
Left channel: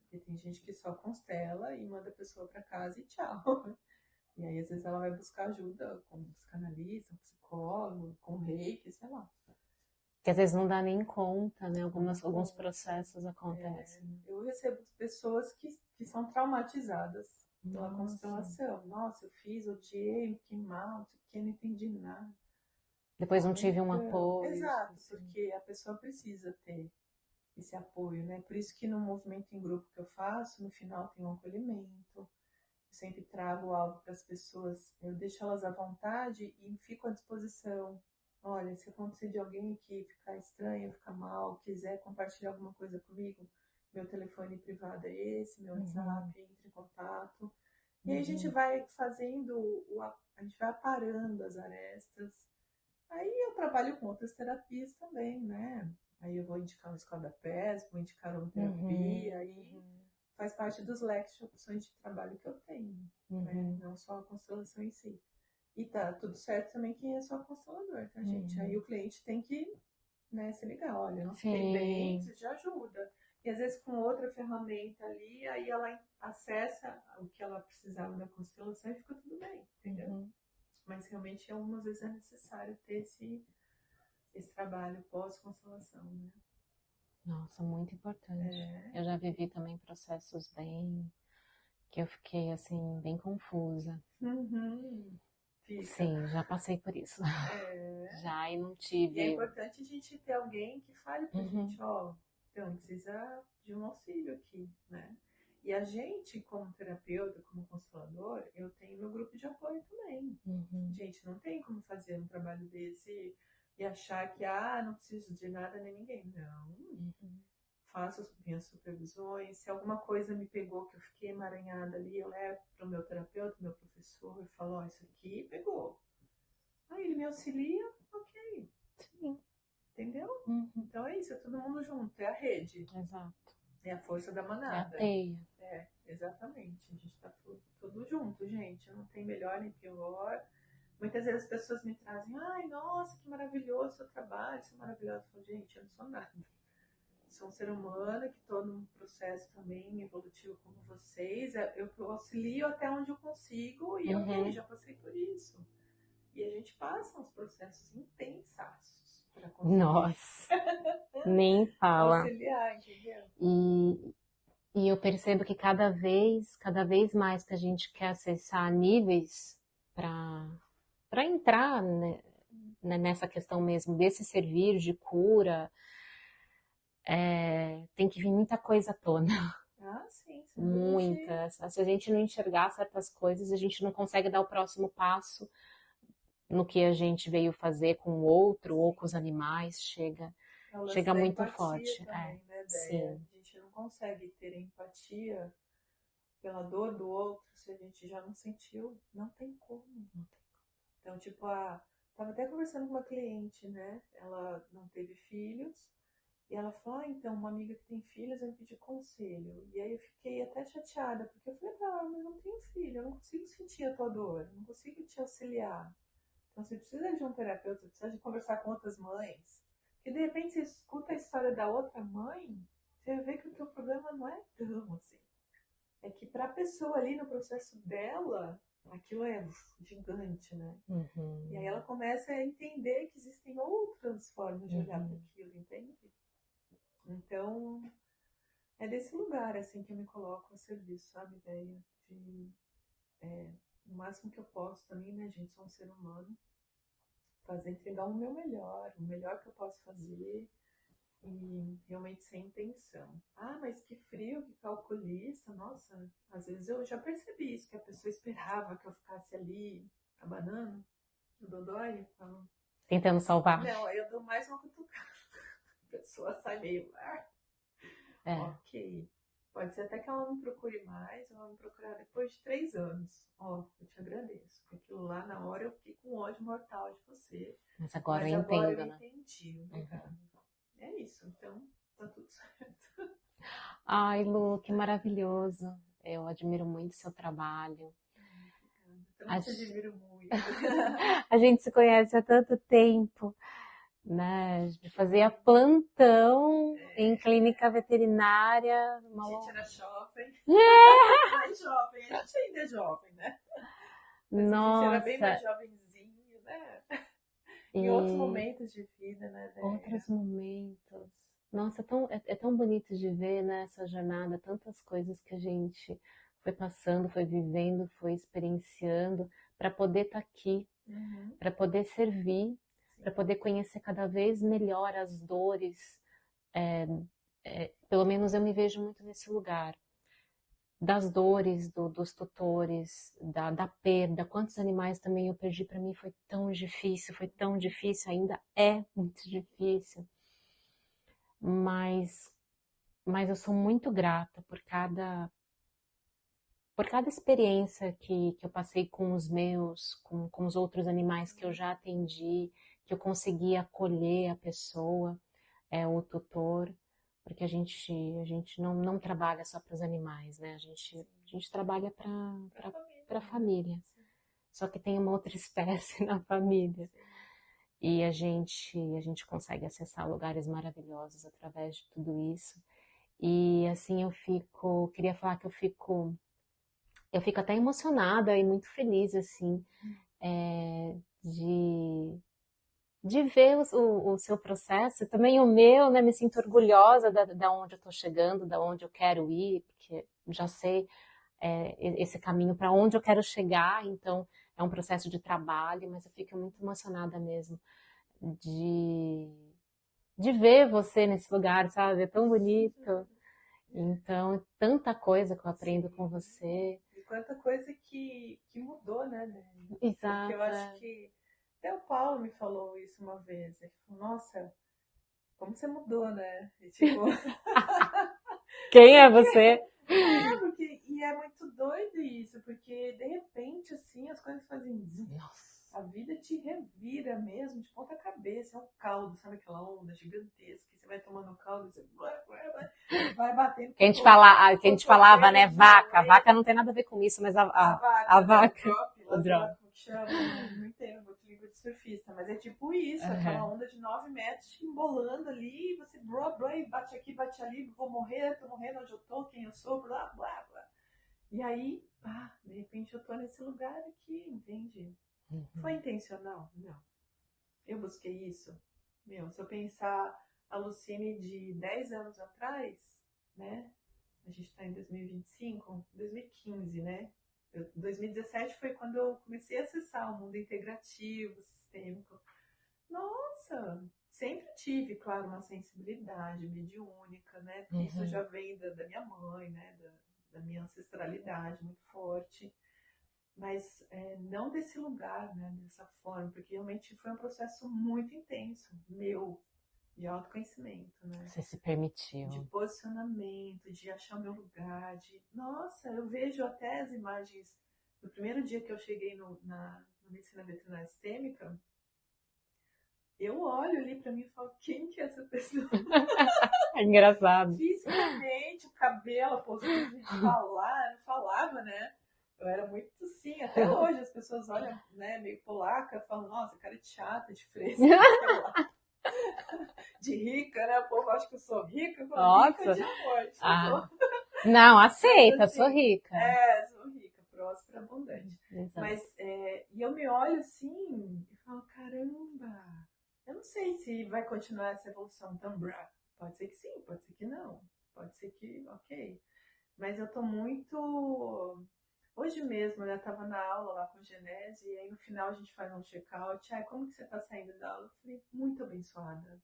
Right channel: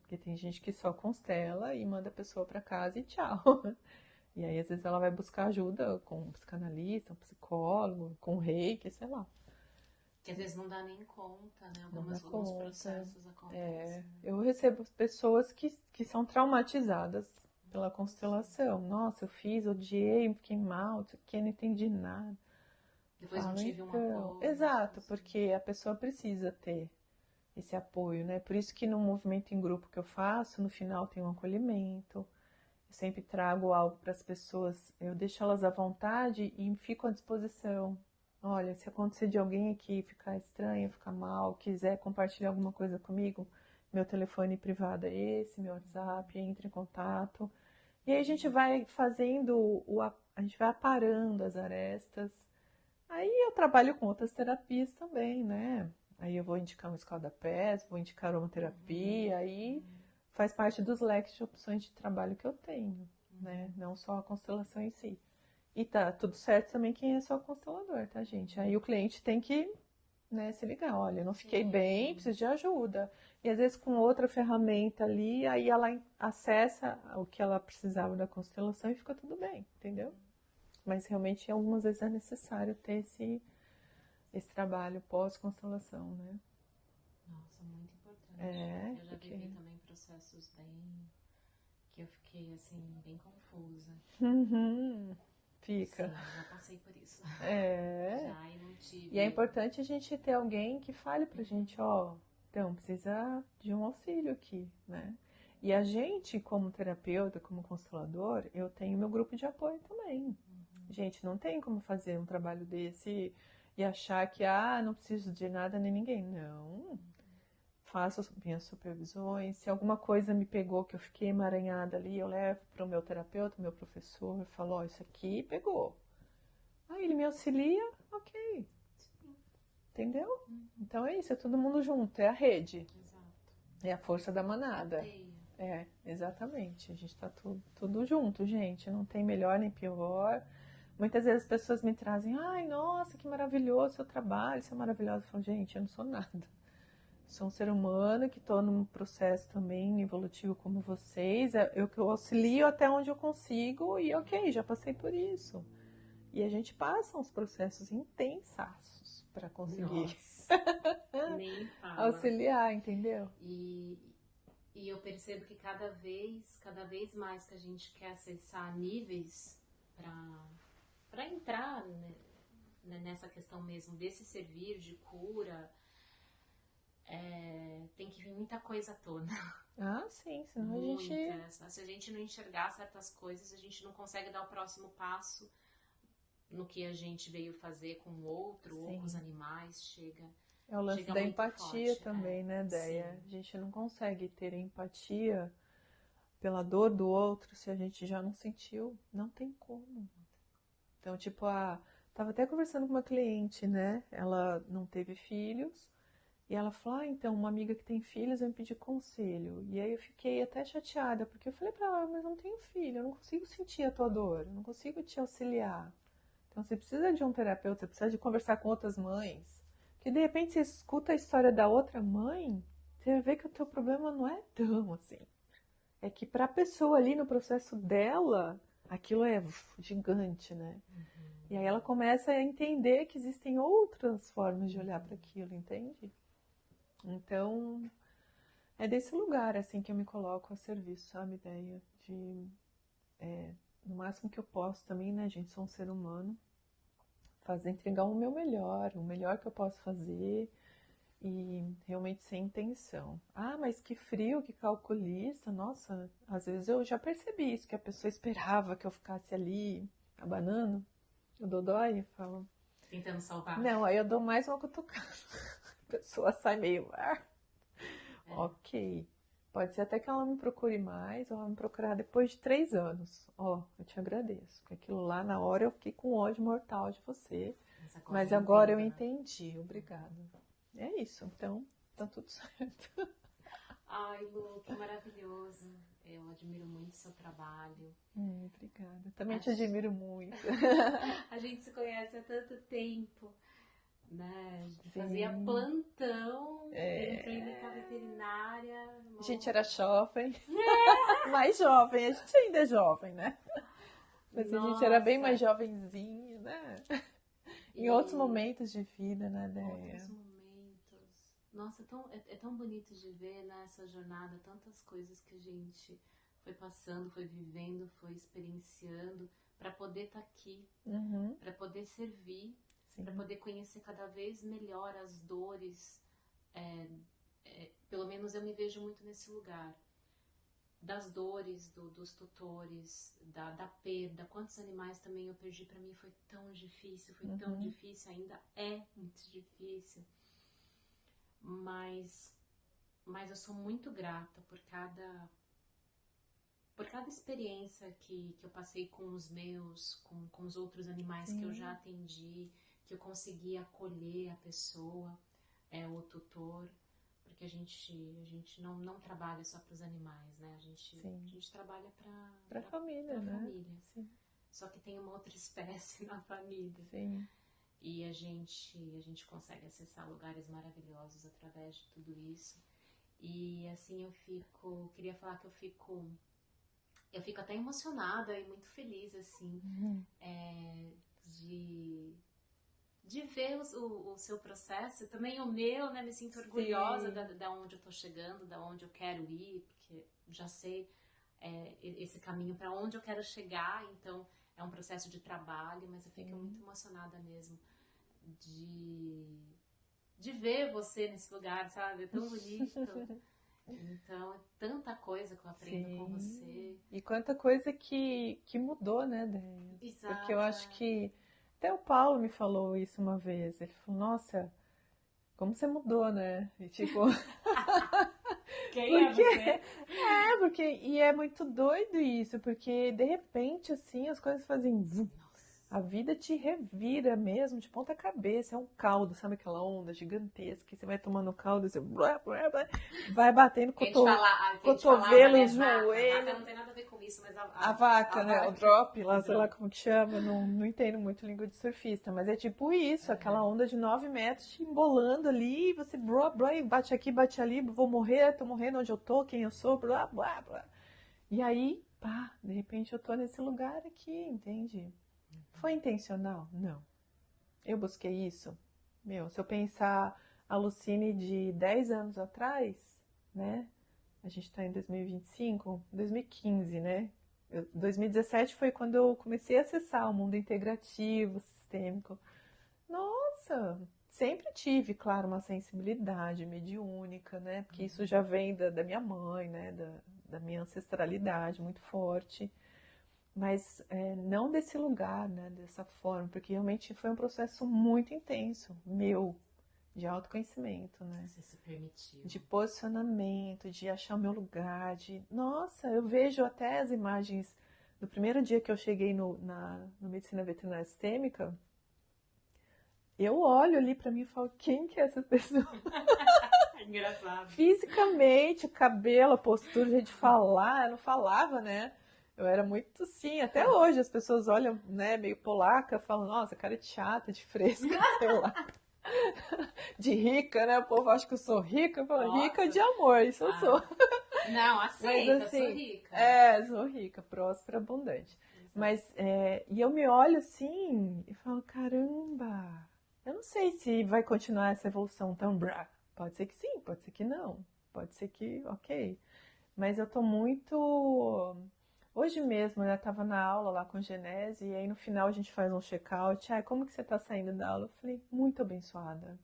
Porque tem gente que só constela e manda a pessoa para casa e tchau. E aí às vezes ela vai buscar ajuda com um psicanalista, um psicólogo, com um reiki, sei lá. Que às vezes não dá nem conta, né? Não dá Alguns conta. processos acontecem. Eu recebo pessoas que são traumatizadas pela Nossa. constelação. Nossa, eu fiz, odiei, fiquei mal, isso aqui, não entendi nada. Depois não Falo, tive um então, apoio, tipo exato, assim. porque a pessoa precisa ter esse apoio, né? Por isso que no movimento em grupo que eu faço, no final tem um acolhimento. Eu sempre trago algo para as pessoas, eu deixo elas à vontade e fico à disposição. Olha, se acontecer de alguém aqui ficar estranho, ficar mal, quiser compartilhar alguma coisa comigo, meu telefone privado é esse, meu Uhum. WhatsApp, entre em contato. E aí a gente Uhum. vai fazendo, a gente vai aparando as arestas. Aí eu trabalho com outras terapias também, né? Aí eu vou indicar uma escola da pés, vou indicar uma Uhum. terapia, aí faz parte dos leques de opções de trabalho que eu tenho, né? Uhum. Não só a constelação em si. E tá tudo certo também quem é só constelador, tá, gente? Aí Uhum. o cliente tem que, né, se ligar, olha, eu não fiquei bem, Sim. preciso de ajuda. E às vezes com outra ferramenta ali, aí ela acessa o que ela precisava da constelação e fica tudo bem, entendeu? Uhum. Mas realmente algumas vezes é necessário ter esse trabalho pós-constelação, né? Nossa, muito importante. É, Eu já porque. vivi também processos bem que eu fiquei assim bem confusa. Uhum, fica. Sim, já passei por isso. É. Já e não E é tive. importante a gente ter alguém que fale pra Uhum. gente, ó, então precisa de um auxílio aqui, né? E a gente, como terapeuta, como constelador, eu tenho meu grupo de apoio também. Uhum. Gente, não tem como fazer um trabalho desse e achar que, não preciso de nada nem ninguém. Não. Uhum. Faço as minhas supervisões. Se alguma coisa me pegou, que eu fiquei emaranhada ali, eu levo para o meu terapeuta, meu professor, e falo, ó, isso aqui pegou. Aí ele me auxilia, ok, Sim. entendeu? Uhum. Então é isso, é todo mundo junto, é a rede, Exato. é a força da É a manada. teia. É, exatamente. A gente tá tudo junto, gente. Não tem melhor nem pior. Muitas vezes as pessoas me trazem, ai, nossa, que maravilhoso o seu trabalho, isso é maravilhoso. Eu falo, gente, eu não sou nada. Sou um ser humano que estou num processo também evolutivo como vocês. Eu auxilio até onde eu consigo e ok, Uhum. já passei por isso. E a gente passa uns processos intensaços para conseguir Nossa, nem fala. auxiliar, entendeu? E, e eu percebo que cada vez mais que a gente quer acessar níveis para entrar, né, né, nessa questão mesmo desse servir de cura, tem que vir muita coisa à tona. Ah, sim, senão a gente... Muitas. Se a gente não enxergar certas coisas, a gente não consegue dar o próximo passo no que a gente veio fazer com o outro ou Sim. com os animais, chega É o lance da muito empatia forte. também, né, Déia? Sim. A gente não consegue ter empatia pela dor do outro se a gente já não sentiu. Não tem como. Então, tipo, tava até conversando com uma cliente, né? Ela não teve filhos. E ela falou, então, uma amiga que tem filhos vai me pedir conselho. E aí eu fiquei até chateada, porque eu falei pra ela, mas eu não tenho filho, eu não consigo sentir a tua dor, eu não consigo te auxiliar. Então você precisa de um terapeuta, você precisa de conversar com outras mães. Porque de repente você escuta a história da outra mãe, você vai ver que o teu problema não é tão assim. É que pra pessoa ali no processo dela, aquilo é gigante, né? Uhum. E aí ela começa a entender que existem outras formas de olhar para aquilo, entende? Então, é desse lugar, assim, que eu me coloco a serviço, sabe, ideia de, no máximo que eu posso também, né, gente, sou um ser humano, entregar o meu melhor, o melhor que eu posso fazer e realmente sem intenção. Ah, mas que frio, que calculista, nossa, às vezes eu já percebi isso, que a pessoa esperava que eu ficasse ali abanando o dodói, falo, Tentando salvar. não, aí eu dou mais uma cutucada. A pessoa sai meio, ok. Pode ser até que ela me procure mais, ou ela me procurar depois de 3 anos. Eu te agradeço. Porque aquilo lá, na hora, eu fiquei com ódio mortal de você. Mas agora eu né? entendi. Obrigada. É isso. Então, tá tudo certo. Ai, Lu, que maravilhoso. Eu admiro muito o seu trabalho. Obrigada. Também te admiro muito. A gente se conhece há tanto tempo, né? De fazer plantão em clínica veterinária. A gente era jovem. Mais jovem. A gente ainda é jovem, né? Mas a gente era bem mais jovenzinho, né? Em outros momentos de vida, né, Déia? Outros momentos. Nossa, é tão bonito de ver nessa jornada tantas coisas que a gente foi passando, foi vivendo, foi experienciando para poder estar aqui, para poder servir, para poder conhecer cada vez melhor as dores. Pelo menos eu me vejo muito nesse lugar. Das dores dos tutores, da perda, quantos animais também eu perdi, para mim foi tão difícil, ainda é muito difícil, mas eu sou muito grata por cada experiência que eu passei com os meus, com os outros animais que eu já atendi, que eu consegui acolher a pessoa, o tutor, porque a gente não trabalha só para os animais, né? A gente trabalha para a família. Sim. Só que tem uma outra espécie na família. Sim. E a gente consegue acessar lugares maravilhosos através de tudo isso. E assim queria falar que eu fico até emocionada e muito feliz, assim, de ver o seu processo, também o meu, né? Me sinto orgulhosa da onde eu estou chegando, da onde eu quero ir, porque já sei esse caminho para onde eu quero chegar, então é um processo de trabalho, mas eu fico muito emocionada mesmo de ver você nesse lugar, sabe? É tão bonito. Então, tanta coisa que eu aprendo com você. E quanta coisa que mudou, né, Déia? Exato. Porque eu acho que até o Paulo me falou isso uma vez. Ele falou, nossa, como você mudou, né? E tipo... Quem é você? E é muito doido isso, porque de repente, assim, as coisas fazem... Nossa. A vida te revira mesmo, de ponta cabeça, é um caldo, sabe aquela onda gigantesca, que você vai tomando caldo e você vai batendo com que a gente falava, né, vaca. A vaca não tem nada a ver com isso, mas a vaca, vaca, o drop, lá como que chama, não entendo muito língua de surfista, mas é tipo isso, aquela onda de 9 metros te embolando ali, você bate aqui, bate ali, vou morrer, tô morrendo onde eu tô, quem eu sou, blá, blá, blá. E aí, pá, de repente eu tô nesse lugar aqui, entende? Foi intencional? Não. Eu busquei isso? Se eu pensar a Lucine de 10 anos atrás, né? A gente tá em 2025, 2015, né? 2017 foi quando eu comecei a acessar o mundo integrativo, sistêmico. nossa, sempre tive, claro, uma sensibilidade mediúnica, né? Porque isso já vem da minha mãe, né? Da minha ancestralidade muito forte. Mas não desse lugar, né? Dessa forma, porque realmente foi um processo muito intenso, meu, de autoconhecimento, né? Você se permitiu. De posicionamento, de achar o meu lugar, Nossa, eu vejo até as imagens do primeiro dia que eu cheguei no Medicina Veterinária Sistêmica, eu olho ali pra mim e falo, quem que é essa pessoa? É engraçado. Fisicamente, o cabelo, a postura, a gente falar, eu não falava, né? Eu era muito assim, até hoje as pessoas olham, né, meio polaca, falam, nossa, cara de chata, de fresca, sei lá. De rica, né? O povo acha que eu sou rica, eu falo, Nossa. rica de amor, isso eu sou. Não, aceita, Mas, assim, sou rica. Sou rica, próspera, abundante. Exato. Mas, e eu me olho assim e falo, caramba, eu não sei se vai continuar essa evolução tão brá. Pode ser que sim, pode ser que não. Pode ser que, ok. Mas eu tô muito... Hoje mesmo, eu tava na aula lá com Genese, e aí no final a gente faz um check-out. Como que você tá saindo da aula? Eu falei, muito abençoada.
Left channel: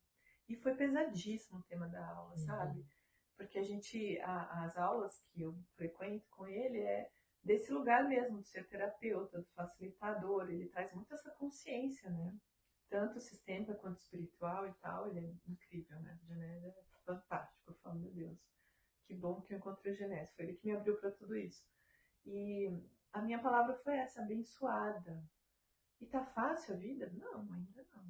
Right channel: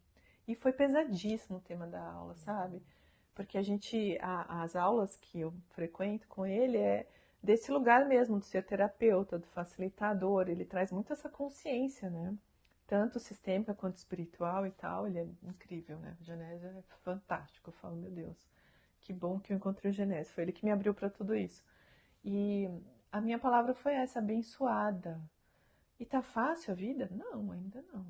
E foi pesadíssimo o tema da aula, sabe? Porque as aulas que eu frequento com ele é desse lugar mesmo, do ser terapeuta, do facilitador. Ele traz muito essa consciência, né? Tanto sistêmica quanto espiritual e tal. Ele é incrível, né? O Genese é fantástico. Eu falo, meu Deus, que bom que eu encontrei o Genese. Foi ele que me abriu para tudo isso. E a minha palavra foi essa, abençoada. E tá fácil a vida? Não, ainda não.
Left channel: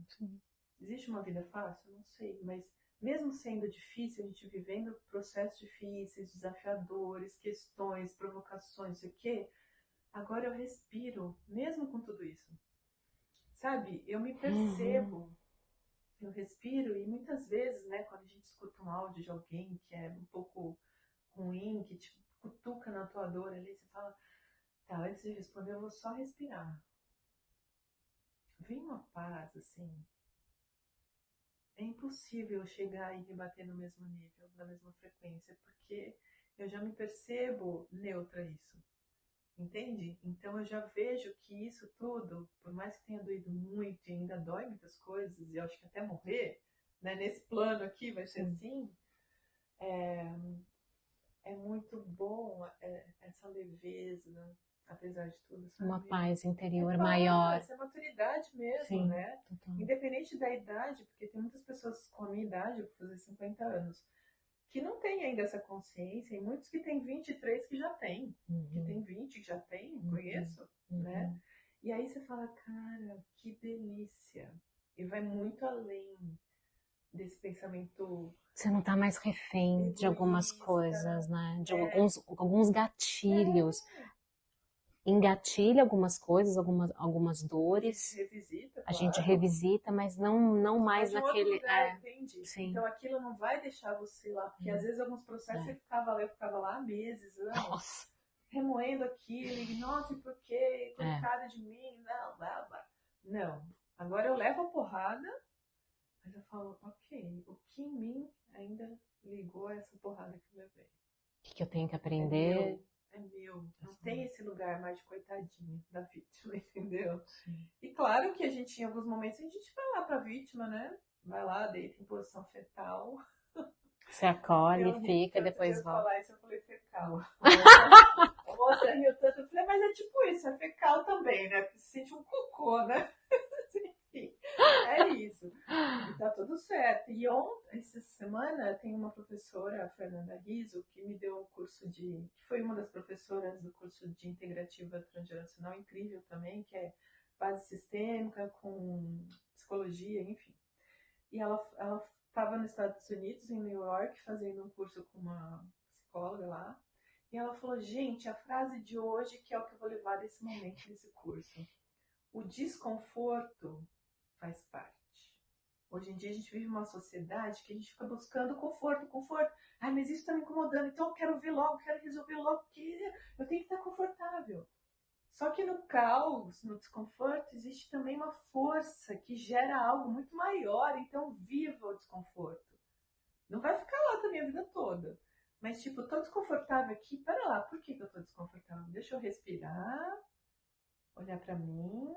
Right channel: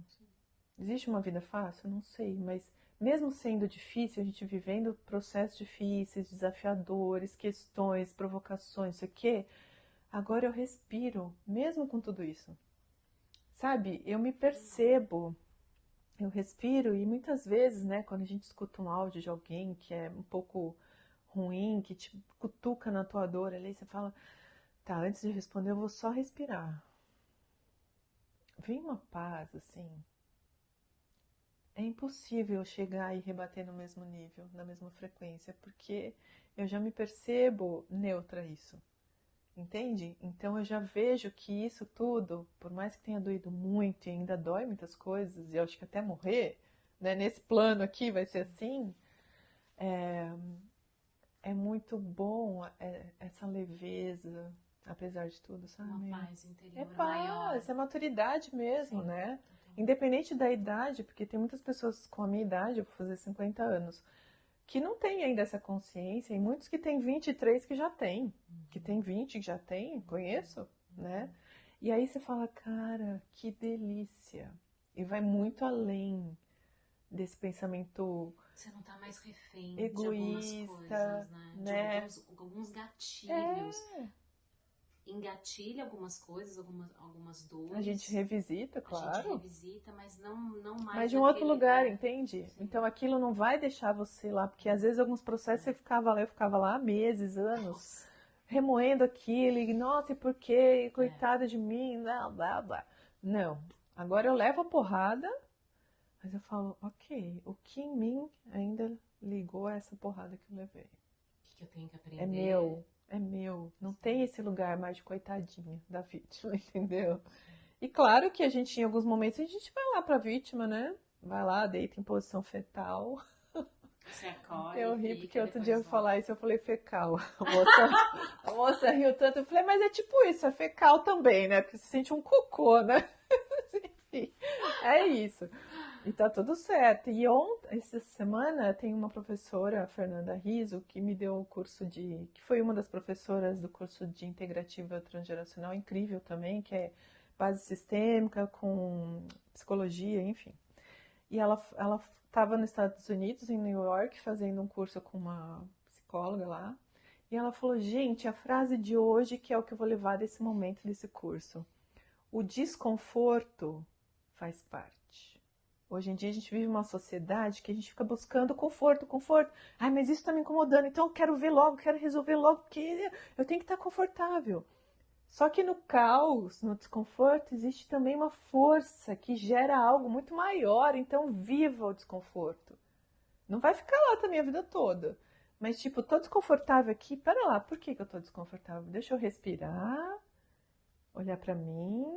Existe uma vida fácil? Não sei, mas mesmo sendo difícil, a gente vivendo processos difíceis, desafiadores, questões, provocações, isso aqui, agora eu respiro, mesmo com tudo isso. Sabe, eu me percebo, eu respiro e muitas vezes, né, quando a gente escuta um áudio de alguém que é um pouco ruim, que te cutuca na tua dor ali, você fala, tá, antes de responder eu vou só respirar. Vem uma paz, assim. É impossível chegar e rebater no mesmo nível, na mesma frequência, porque eu já me percebo neutra a isso. Entende? Então eu já vejo que isso tudo, por mais que tenha doído muito e ainda dói muitas coisas, e eu acho que até morrer, né, nesse plano aqui vai ser assim, é muito bom essa leveza, apesar de tudo, sabe? Uma paz interior paz, maior. É maturidade mesmo, Sim, né? totalmente. Independente da idade, porque tem muitas pessoas com a minha idade, eu vou fazer 50 anos, que não tem ainda essa consciência, e muitos que têm 23 que já têm, que tem 20 que já tem, conheço, né? E aí você fala, cara, que delícia. E vai muito além desse pensamento Você não tá mais refém egoísta, de algumas coisas, né? De né? alguns gatilhos. Engatilha algumas coisas, algumas A dores. gente revisita, A claro. gente revisita, mas não mais Mas de um naquele... outro lugar, entende? Sim. Então aquilo não vai deixar você lá, porque às vezes alguns processos eu ficava lá meses, anos, Nossa. remoendo aquilo, e nossa, e por quê? Coitada de mim, não, blá, blá. Não, agora eu levo a porrada, mas eu falo, ok, o que em mim ainda ligou a essa porrada que eu levei? O que eu tenho que aprender? É meu. Não tem esse lugar mais de coitadinha da vítima, entendeu? Sim. E claro que a gente, em alguns momentos, a gente vai lá pra vítima, né? Vai lá, deita em posição fetal. Você acolhe, fica e depois volta. falar isso, eu falei fecal. A moça riu tanto, eu falei, mas é tipo isso, é fecal também, né? Porque você sente um cocô, né? Enfim, é isso. E tá tudo certo. E essa semana, tem uma professora, a Fernanda Riso, que me deu um curso que foi uma das professoras do curso de integrativa transgeracional, incrível também, que é base sistêmica com psicologia, enfim. E ela estava nos Estados Unidos, em New York, fazendo um curso com uma psicóloga lá. E ela falou, gente, a frase de hoje, que é o que eu vou levar desse momento, desse curso. O desconforto faz parte. Hoje em dia a gente vive uma sociedade que a gente fica buscando conforto. Ai, mas isso está me incomodando, então eu quero ver logo, quero resolver logo, porque eu tenho que estar confortável. Só que no caos, no desconforto, existe também uma força que gera algo muito maior, então viva o desconforto. Não vai ficar lá também a vida toda. Mas tipo, tô desconfortável aqui, pera lá, por que eu tô desconfortável? Deixa eu respirar, olhar pra mim,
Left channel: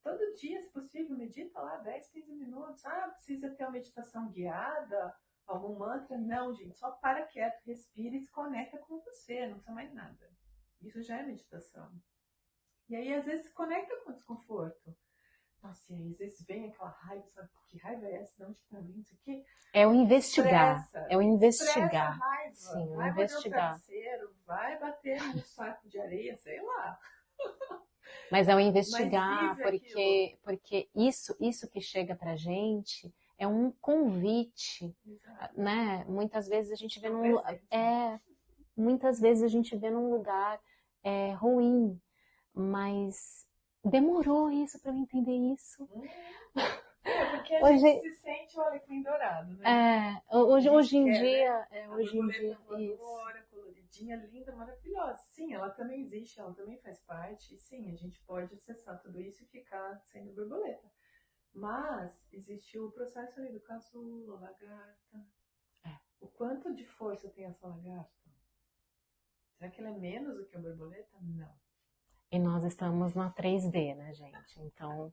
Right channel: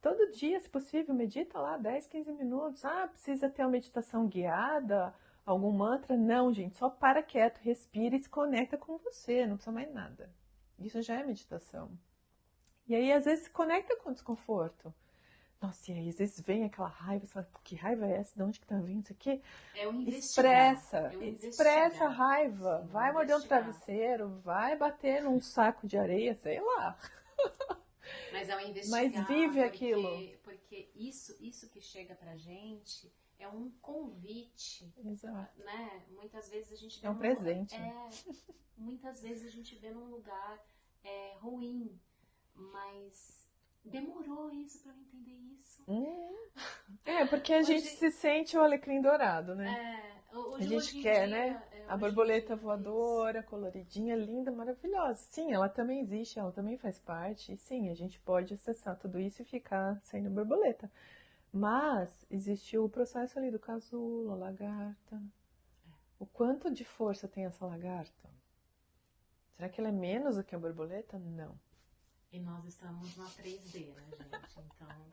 Todo dia, se possível, medita lá 10, 15 minutos. Ah, precisa ter uma meditação guiada, algum mantra? Não, gente, só para quieto, respira e se conecta com você, não precisa mais nada. Isso já é meditação. E aí, às vezes, se conecta com o desconforto. Nossa, e aí, às vezes vem aquela raiva, você fala, que raiva é essa? De onde que tá vindo isso aqui? É o investigar. Expressa, É o expressa a investigar. raiva. Sim, Vai morder um investigar. travesseiro, vai bater num saco de areia, sei lá. Mas é o Mas investigar, vive aquilo. porque isso que chega pra gente é um convite, Exato. né? Muitas vezes a gente vê É um presente, né? muitas vezes a gente vê num lugar ruim, mas demorou isso para eu entender isso. Porque a Hoje, gente se sente o alecrim dourado, né? hoje em quer, dia, né? A hoje em borboleta dia, voadora, coloridinha, linda, maravilhosa. Sim, ela também existe, ela também faz parte. E sim, a gente pode acessar tudo isso e ficar sendo borboleta. Mas existe o processo ali do casulo, a lagarta. O quanto de força tem essa lagarta? Será que ela é menos do que a borboleta? Não. E nós estamos na 3D, né, gente? Então,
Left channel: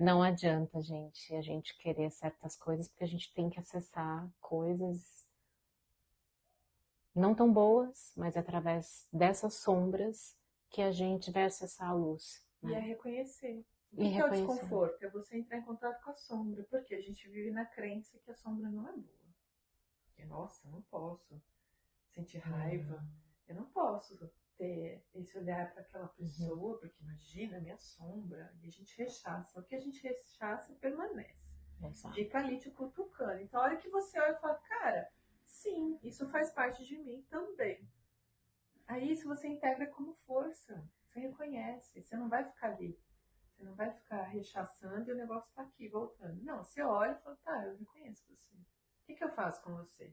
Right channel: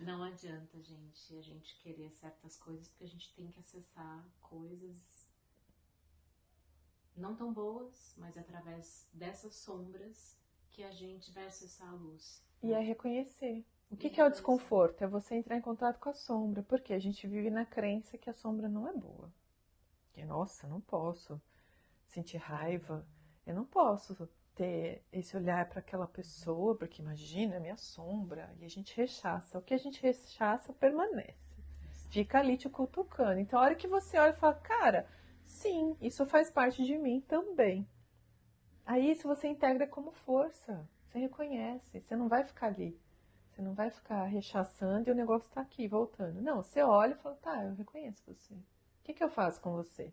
não adianta, gente, a gente querer certas coisas, porque a gente tem que acessar coisas não tão boas, mas através dessas sombras que a gente vai acessar a luz. E é reconhecer. O E que é o reconhecer. desconforto? É você entrar em contato com a sombra. Porque a gente vive na crença que a sombra não é boa. Que, nossa, não posso sentir raiva. Eu não posso ter esse olhar para aquela pessoa, porque imagina, é minha sombra. E a gente rechaça. O que a gente rechaça permanece. Exato. Fica ali te cutucando. Então, a hora que você olha e fala, cara, sim, isso faz parte de mim também. Aí, se você integra como força, você reconhece. Você não vai ficar ali. Você não vai ficar rechaçando e o negócio tá aqui, voltando. Não, você olha e fala, tá, eu reconheço você. O que eu faço com você?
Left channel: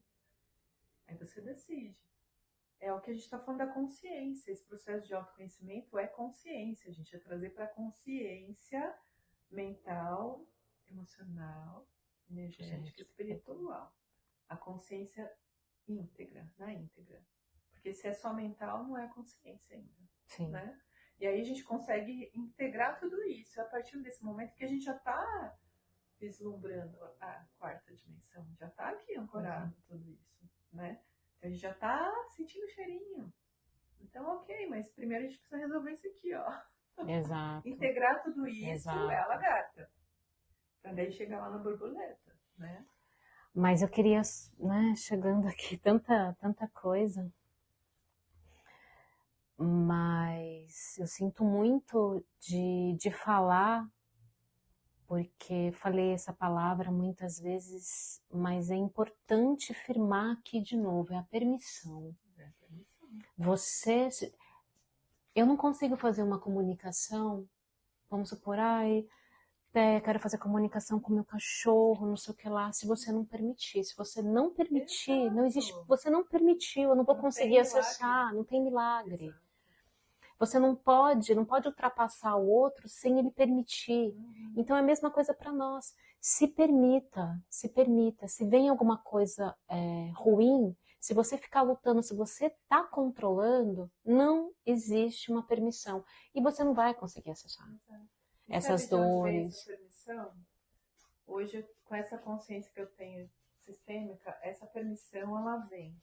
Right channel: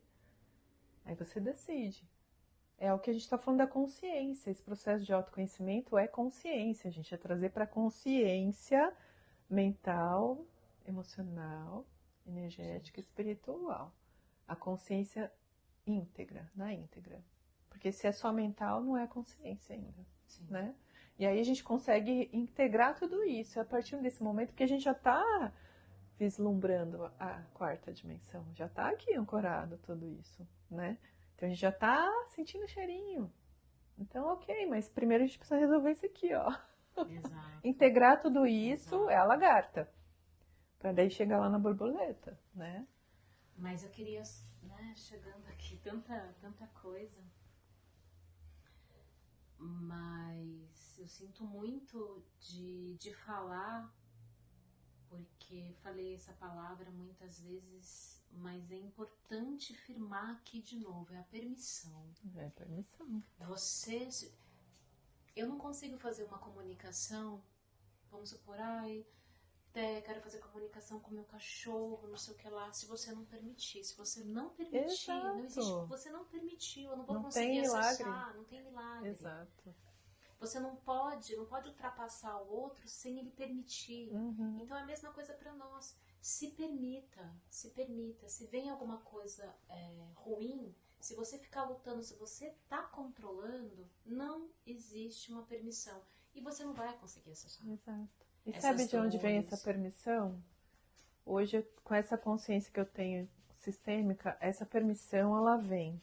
Aí você decide. É o que a gente está falando da consciência. Esse processo de autoconhecimento é consciência. A gente é trazer para consciência mental, emocional, energética, espiritual. A consciência íntegra, na íntegra. Porque se é só mental, não é consciência ainda. Sim. Né? E aí a gente consegue integrar tudo isso. É a partir desse momento que a gente já está vislumbrando a quarta dimensão. Já está aqui ancorado tudo isso, né? Então a gente já está sentindo o cheirinho. Então, ok, mas primeiro a gente precisa resolver isso aqui, ó. Exato. Integrar tudo isso Exato. é a lagarta. Para daí chegar lá na borboleta, né? Mas eu queria, né, chegando aqui, tanta coisa. Mas eu sinto muito de falar, porque falei essa palavra muitas vezes, mas é importante firmar aqui de novo, é a permissão. É permissão. Eu não consigo fazer uma comunicação, vamos supor, quero fazer comunicação com meu cachorro, não sei o que lá, se você não permitir. Se você não permitir, Exato. não existe, você não permitiu, eu não vou conseguir acessar, não tem milagre. Exato. Você não pode ultrapassar o outro sem ele permitir. Então é a mesma coisa para nós. Se permita, se permita. Se vem alguma coisa ruim, se você ficar lutando, se você está controlando, não existe uma permissão. E você não vai conseguir acessar. Exato. E Essas sabe de onde vem dores. essa permissão? Hoje, com essa consciência que eu tenho sistêmica, essa permissão ela vem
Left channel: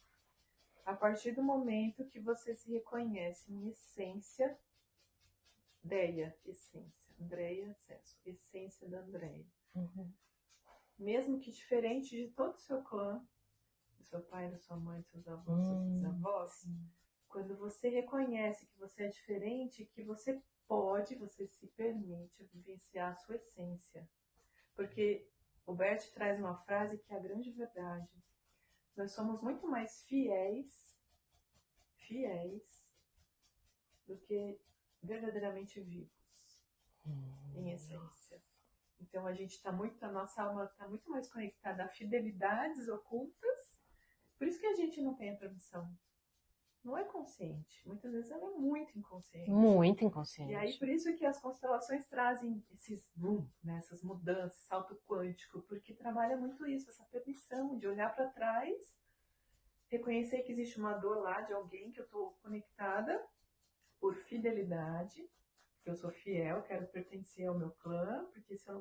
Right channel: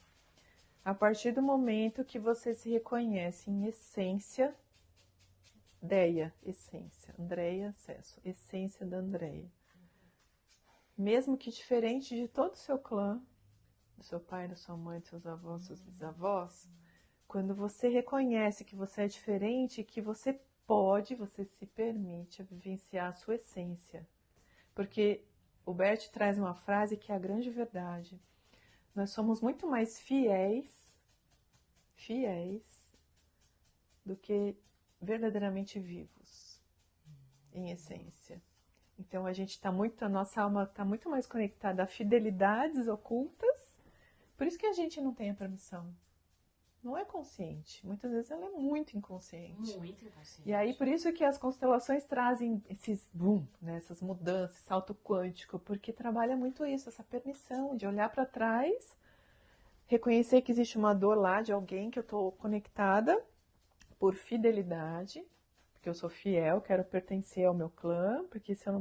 a partir do momento que você se reconhece em essência, Deia, essência, Andreia, acesso, essência da Andreia. Mesmo que diferente de todo o seu clã, do seu pai, da sua mãe, dos seus avós, dos seus bisavós, quando você reconhece que você é diferente, que você se permite vivenciar a sua essência. Porque o Bert traz uma frase que é a grande verdade. Nós somos muito mais fiéis do que verdadeiramente vivos, em essência. Então a nossa alma está muito mais conectada a fidelidades ocultas, por isso que a gente não tem a permissão. Não é consciente, muitas vezes ela é muito inconsciente. Muito inconsciente. E aí por isso que as constelações trazem esses boom, né, essas mudanças, salto quântico, porque trabalha muito isso, essa permissão de olhar para trás, reconhecer que existe uma dor lá de alguém que eu estou conectada por fidelidade, porque eu sou fiel, quero pertencer ao meu clã, porque se eu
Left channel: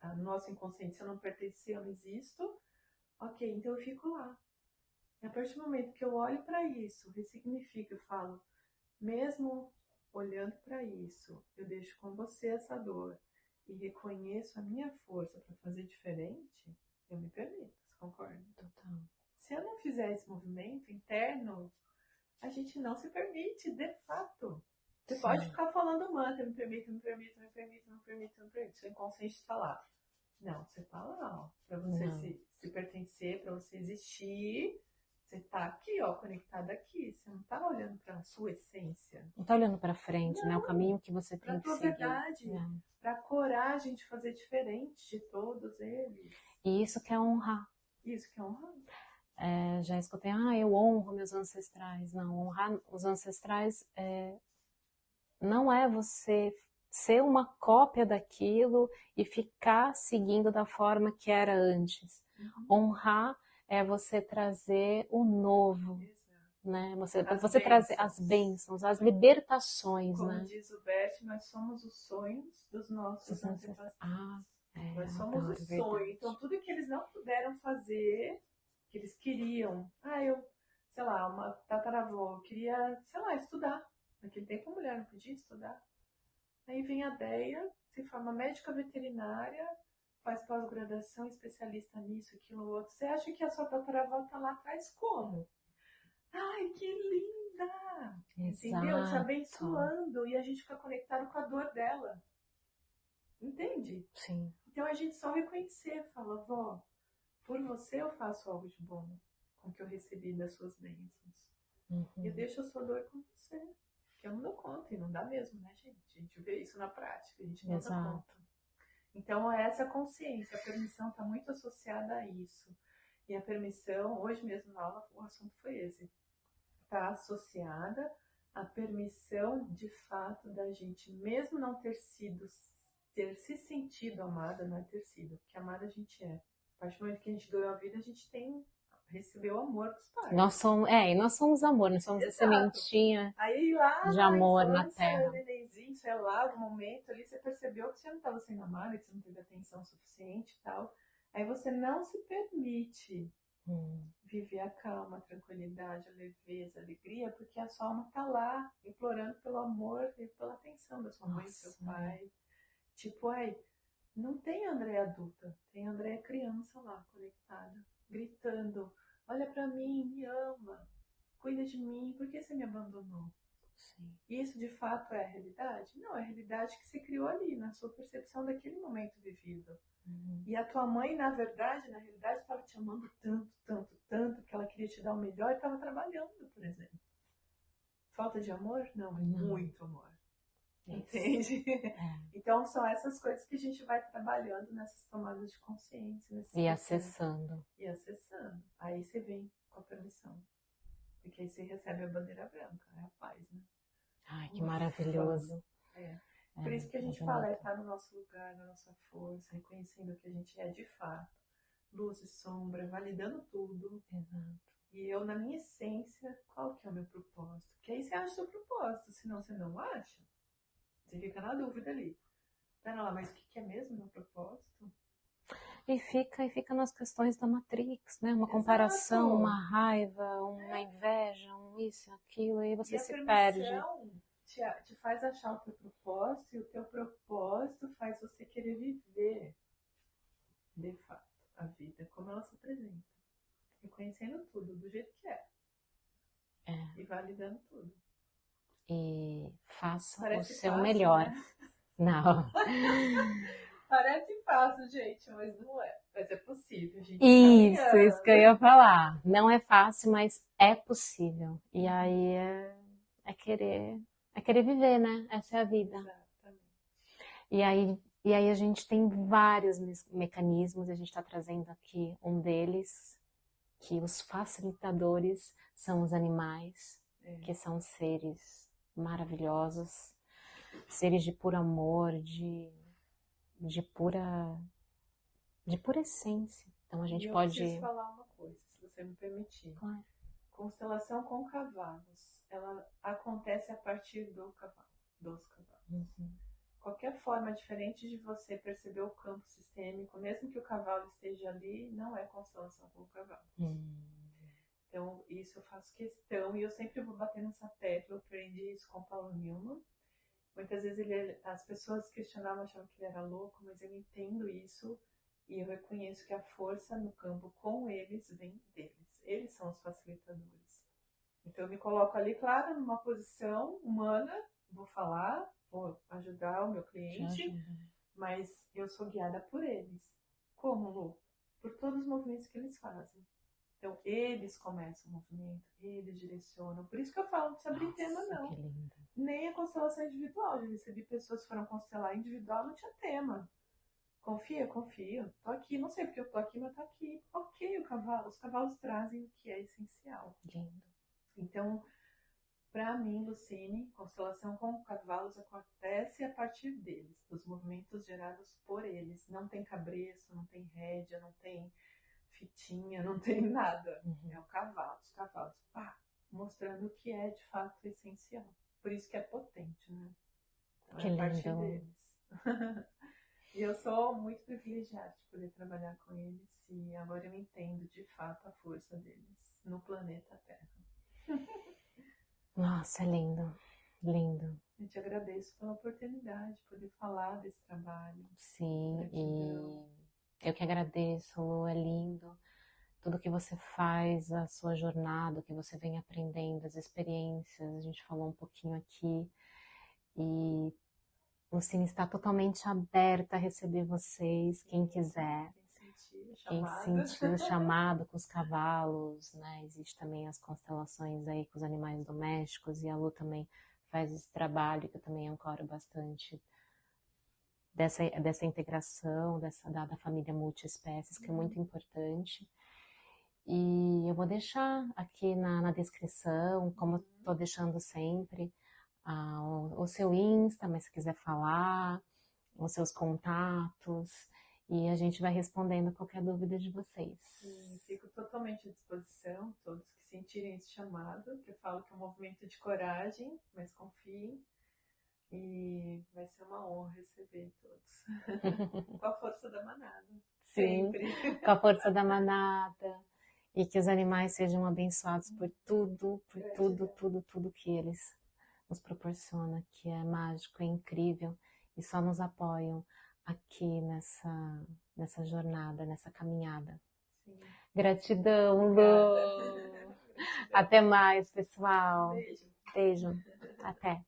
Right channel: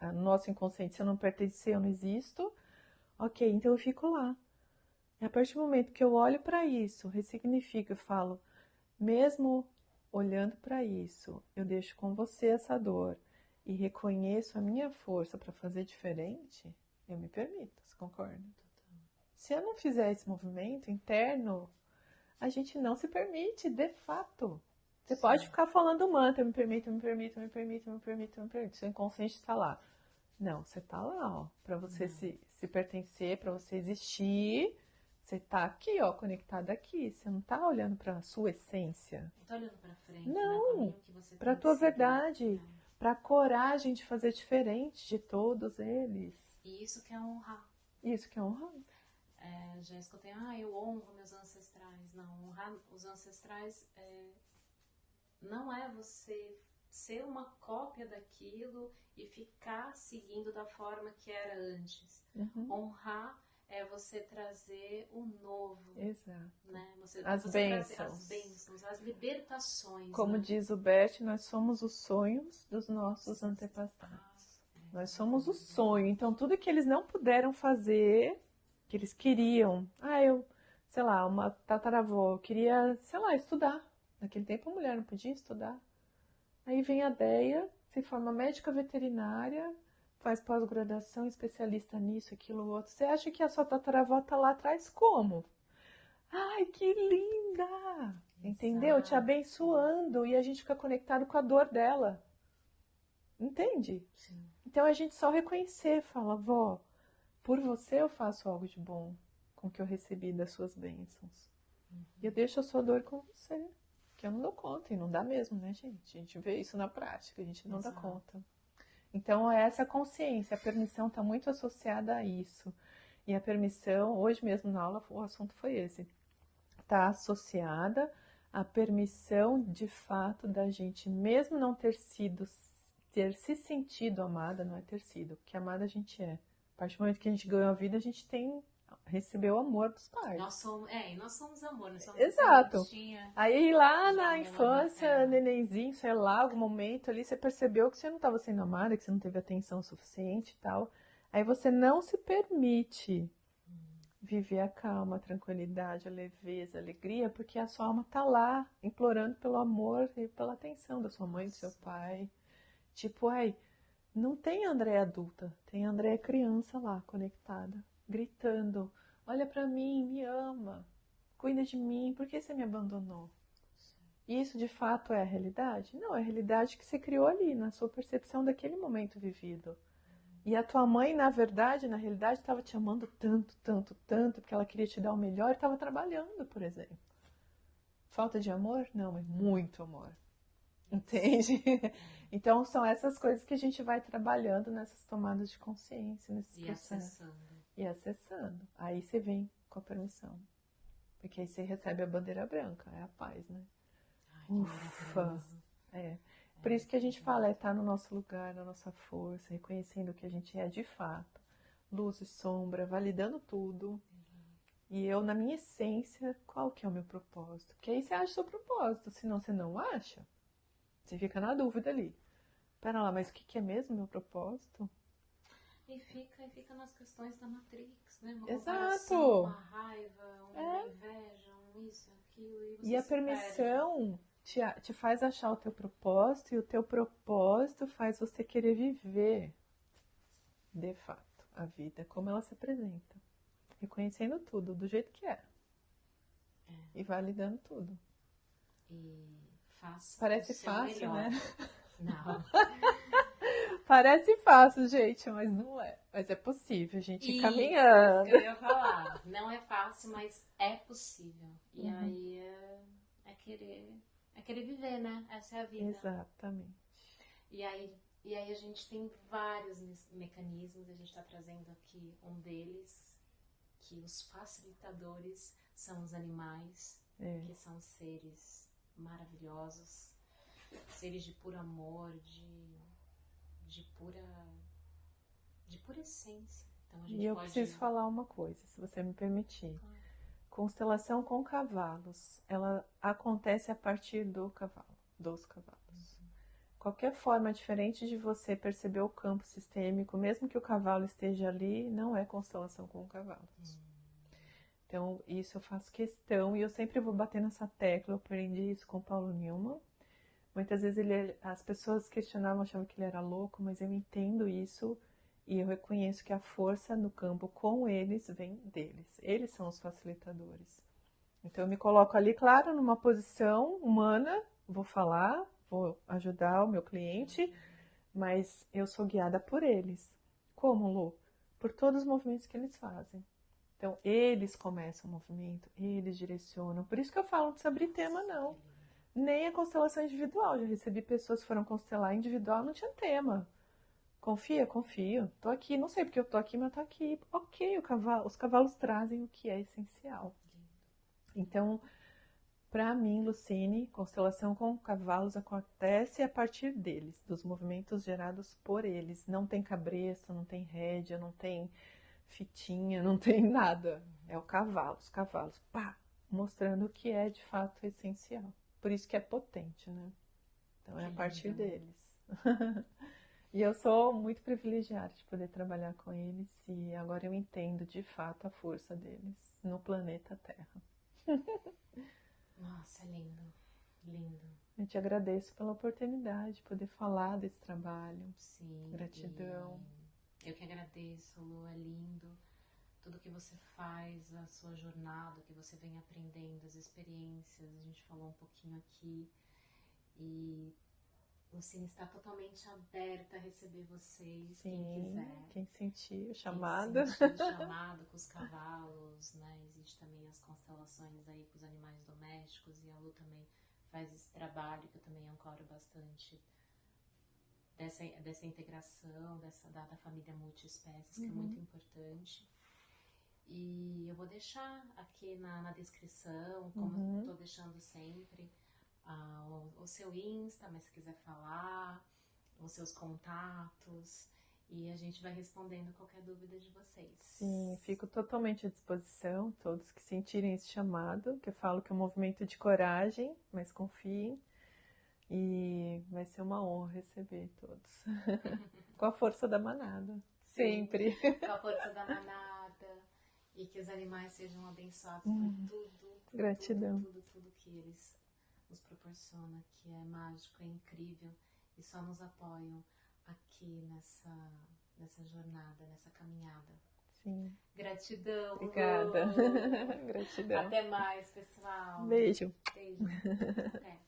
não, no nosso inconsciente, se eu não pertencer, eu não existo. Ok, então eu fico lá. E a partir do momento que eu olho para isso, ressignifico e falo, mesmo olhando para isso, eu deixo com você essa dor e reconheço a minha força para fazer diferente, eu me permito, você concorda? Total. Se eu não fizer esse movimento interno, a gente não se permite, de fato. Você Sim. pode ficar falando mantra, me permito, me permito, me permito, me permito, me permito. Seu inconsciente está lá. Não, você está lá, ó, para você se pertencer, para você existir. Você está aqui, ó, conectada aqui. Você não está olhando para a sua essência. Não tá olhando para frente, né? O caminho que você Para tem a que tua seguir. verdade, para a coragem de fazer diferente de todos eles. E isso que é honrar. Isso que é honrar. Já escutei, eu honro meus ancestrais. Não, honrar os ancestrais não é você ser uma cópia daquilo e ficar seguindo da forma que era antes. Honrar é você trazer o novo. Exato. Né? Você trazer as bênçãos, as libertações. Como né? diz o Bert, nós somos os sonhos dos nossos antepassados. Nós somos o sonho. Então, tudo que eles não puderam fazer, que eles queriam. Sei lá, uma tataravó, eu queria, sei lá, estudar. Naquele tempo a mulher não podia estudar. Aí vem a Deia, se forma médica veterinária, faz pós-graduação, especialista nisso, aquilo, outro. Você acha que a sua tataravó tá lá atrás como? Ai, que linda! Entendeu? Te abençoando. E a gente fica conectado com a dor dela. Entende? Sim. Então a gente só reconhecer, fala, vó, por você eu faço algo de bom com o que eu recebi das suas bênçãos. E eu deixo a sua dor com você. Que eu não dou conta. E não dá mesmo, né, gente? A gente vê isso na prática, a gente não dá conta. Então é essa consciência. A permissão está muito associada a isso. E a permissão, hoje mesmo na aula, o assunto foi esse. Está associada à permissão, de fato, da gente, mesmo não ter se sentido amada, não é ter sido, porque amada a gente é. A partir do momento que a gente ganhou a vida, a gente recebeu o amor dos pais. Nós somos amor, nós somos Exato. A sementinha. Aí lá de na amor infância, nenenzinho, sei lá, algum momento ali, você percebeu que você não estava sendo amada, que você não teve atenção suficiente e tal. Aí você não se permite viver a calma, a tranquilidade, a leveza, a alegria, porque a sua alma tá lá, implorando pelo amor e pela atenção da sua mãe, do seu pai. Tipo, não tem Andréia adulta, tem Andréia criança lá, conectada, gritando, olha pra mim, me ama, cuida de mim, por que você me abandonou? Sim. Isso de fato é a realidade? Não, é a realidade que você criou ali, na sua percepção daquele momento vivido. E a tua mãe, na verdade, na realidade, estava te amando tanto, tanto, tanto, porque ela queria te dar o melhor e estava trabalhando, por exemplo. Falta de amor? Não, é muito amor. Entende? Então, são essas coisas que a gente vai trabalhando nessas tomadas de consciência. E acessando. Aí você vem com a permissão. Porque aí você recebe a bandeira branca, é a paz, né? Ai, que maravilhoso. Por isso que a gente fala, estar no nosso lugar, na nossa força, reconhecendo o que a gente é de fato. Luz e sombra, validando tudo. E eu, na minha essência, qual que é o meu propósito? Porque aí você acha o seu propósito, senão você não acha. Você fica na dúvida ali. Pera lá, mas o que é mesmo o meu propósito? E fica nas questões da Matrix, né? Uma comparação, uma raiva, uma inveja, isso, aquilo, e você se perde. E a permissão te faz achar o teu propósito, e o teu propósito faz você querer viver, de fato, a vida como ela se apresenta. Reconhecendo tudo do jeito que é. E validando tudo. E faça Parece o seu fácil, melhor. Né? Não. Parece fácil, gente, mas não é. Mas é possível, gente. Isso que eu ia falar. Não é fácil, mas é possível. E aí é querer viver, né? Essa é a vida. Exatamente. E aí a gente tem vários mecanismos, a gente está trazendo aqui um deles, que os facilitadores são os animais, que são seres maravilhosos, seres de puro amor, de pura essência. Então a gente pode... Eu preciso falar uma coisa, se você me permitir. Claro. Constelação com cavalos, ela acontece a partir dos cavalos. qualquer forma diferente de você perceber o campo sistêmico, mesmo que o cavalo esteja ali, não é constelação com o cavalo. Então, isso eu faço questão, e eu sempre vou bater nessa tecla. Eu aprendi isso com o Paulo Newman. Muitas vezes as pessoas questionavam, achavam que ele era louco, mas eu entendo isso e eu reconheço que a força no campo com eles vem deles. Eles são os facilitadores. Então, eu me coloco ali, claro, numa posição humana, vou falar, vou ajudar o meu cliente, mas eu sou guiada por eles. Como, Lu? Por todos os movimentos que eles fazem. Então, eles começam o movimento, eles direcionam. Por isso que eu falo, não precisa abrir tema, não. Nem a constelação individual. Já recebi pessoas que foram constelar individual, não tinha tema. Confia, confio. Tô aqui, não sei porque eu tô aqui, mas tô aqui. Ok, os cavalos trazem o que é essencial. Então, para mim, Lucine, constelação com cavalos acontece a partir deles, dos movimentos gerados por eles. Não tem cabresto, não tem rédea, não tem fitinha, não tem nada. É o cavalo, os cavalos, pá, mostrando o que é de fato essencial. Por isso que é potente, né? Então é a partir deles. E eu sou muito privilegiada de poder trabalhar com eles e agora eu entendo de fato a força deles no planeta Terra. Nossa, é lindo, lindo. Eu te agradeço pela oportunidade de poder falar desse trabalho. Sim, gratidão. E eu que agradeço, Lu, é lindo. Tudo que você faz, a sua jornada, o que você vem aprendendo, as experiências, a gente falou um pouquinho aqui. E o Cine está totalmente aberta a receber vocês, Sim, quem quiser. Quem sentir o chamado. Quem sentir o chamado com os cavalos, né? Existe também as constelações aí com os animais domésticos, e a Lu também faz esse trabalho, que eu também ancoro bastante, dessa integração, da família multiespécies, que é muito importante. E eu vou deixar aqui na descrição, como eu estou deixando sempre, o seu Insta, mas se quiser falar, os seus contatos, e a gente vai respondendo qualquer dúvida de vocês. Sim, fico totalmente à disposição, todos que sentirem esse chamado, que eu falo que é um movimento de coragem, mas confiem, e vai ser uma honra receber todos. Com a força da manada. Sim, sempre. Com a força da manada. E que os animais sejam abençoados por tudo que eles nos proporcionam, que é mágico, é incrível, e só nos apoiam aqui nessa jornada, nessa caminhada. Sim. Gratidão, Obrigada. Lu. Gratidão. Até mais, pessoal. Beijo. Beijo. Até.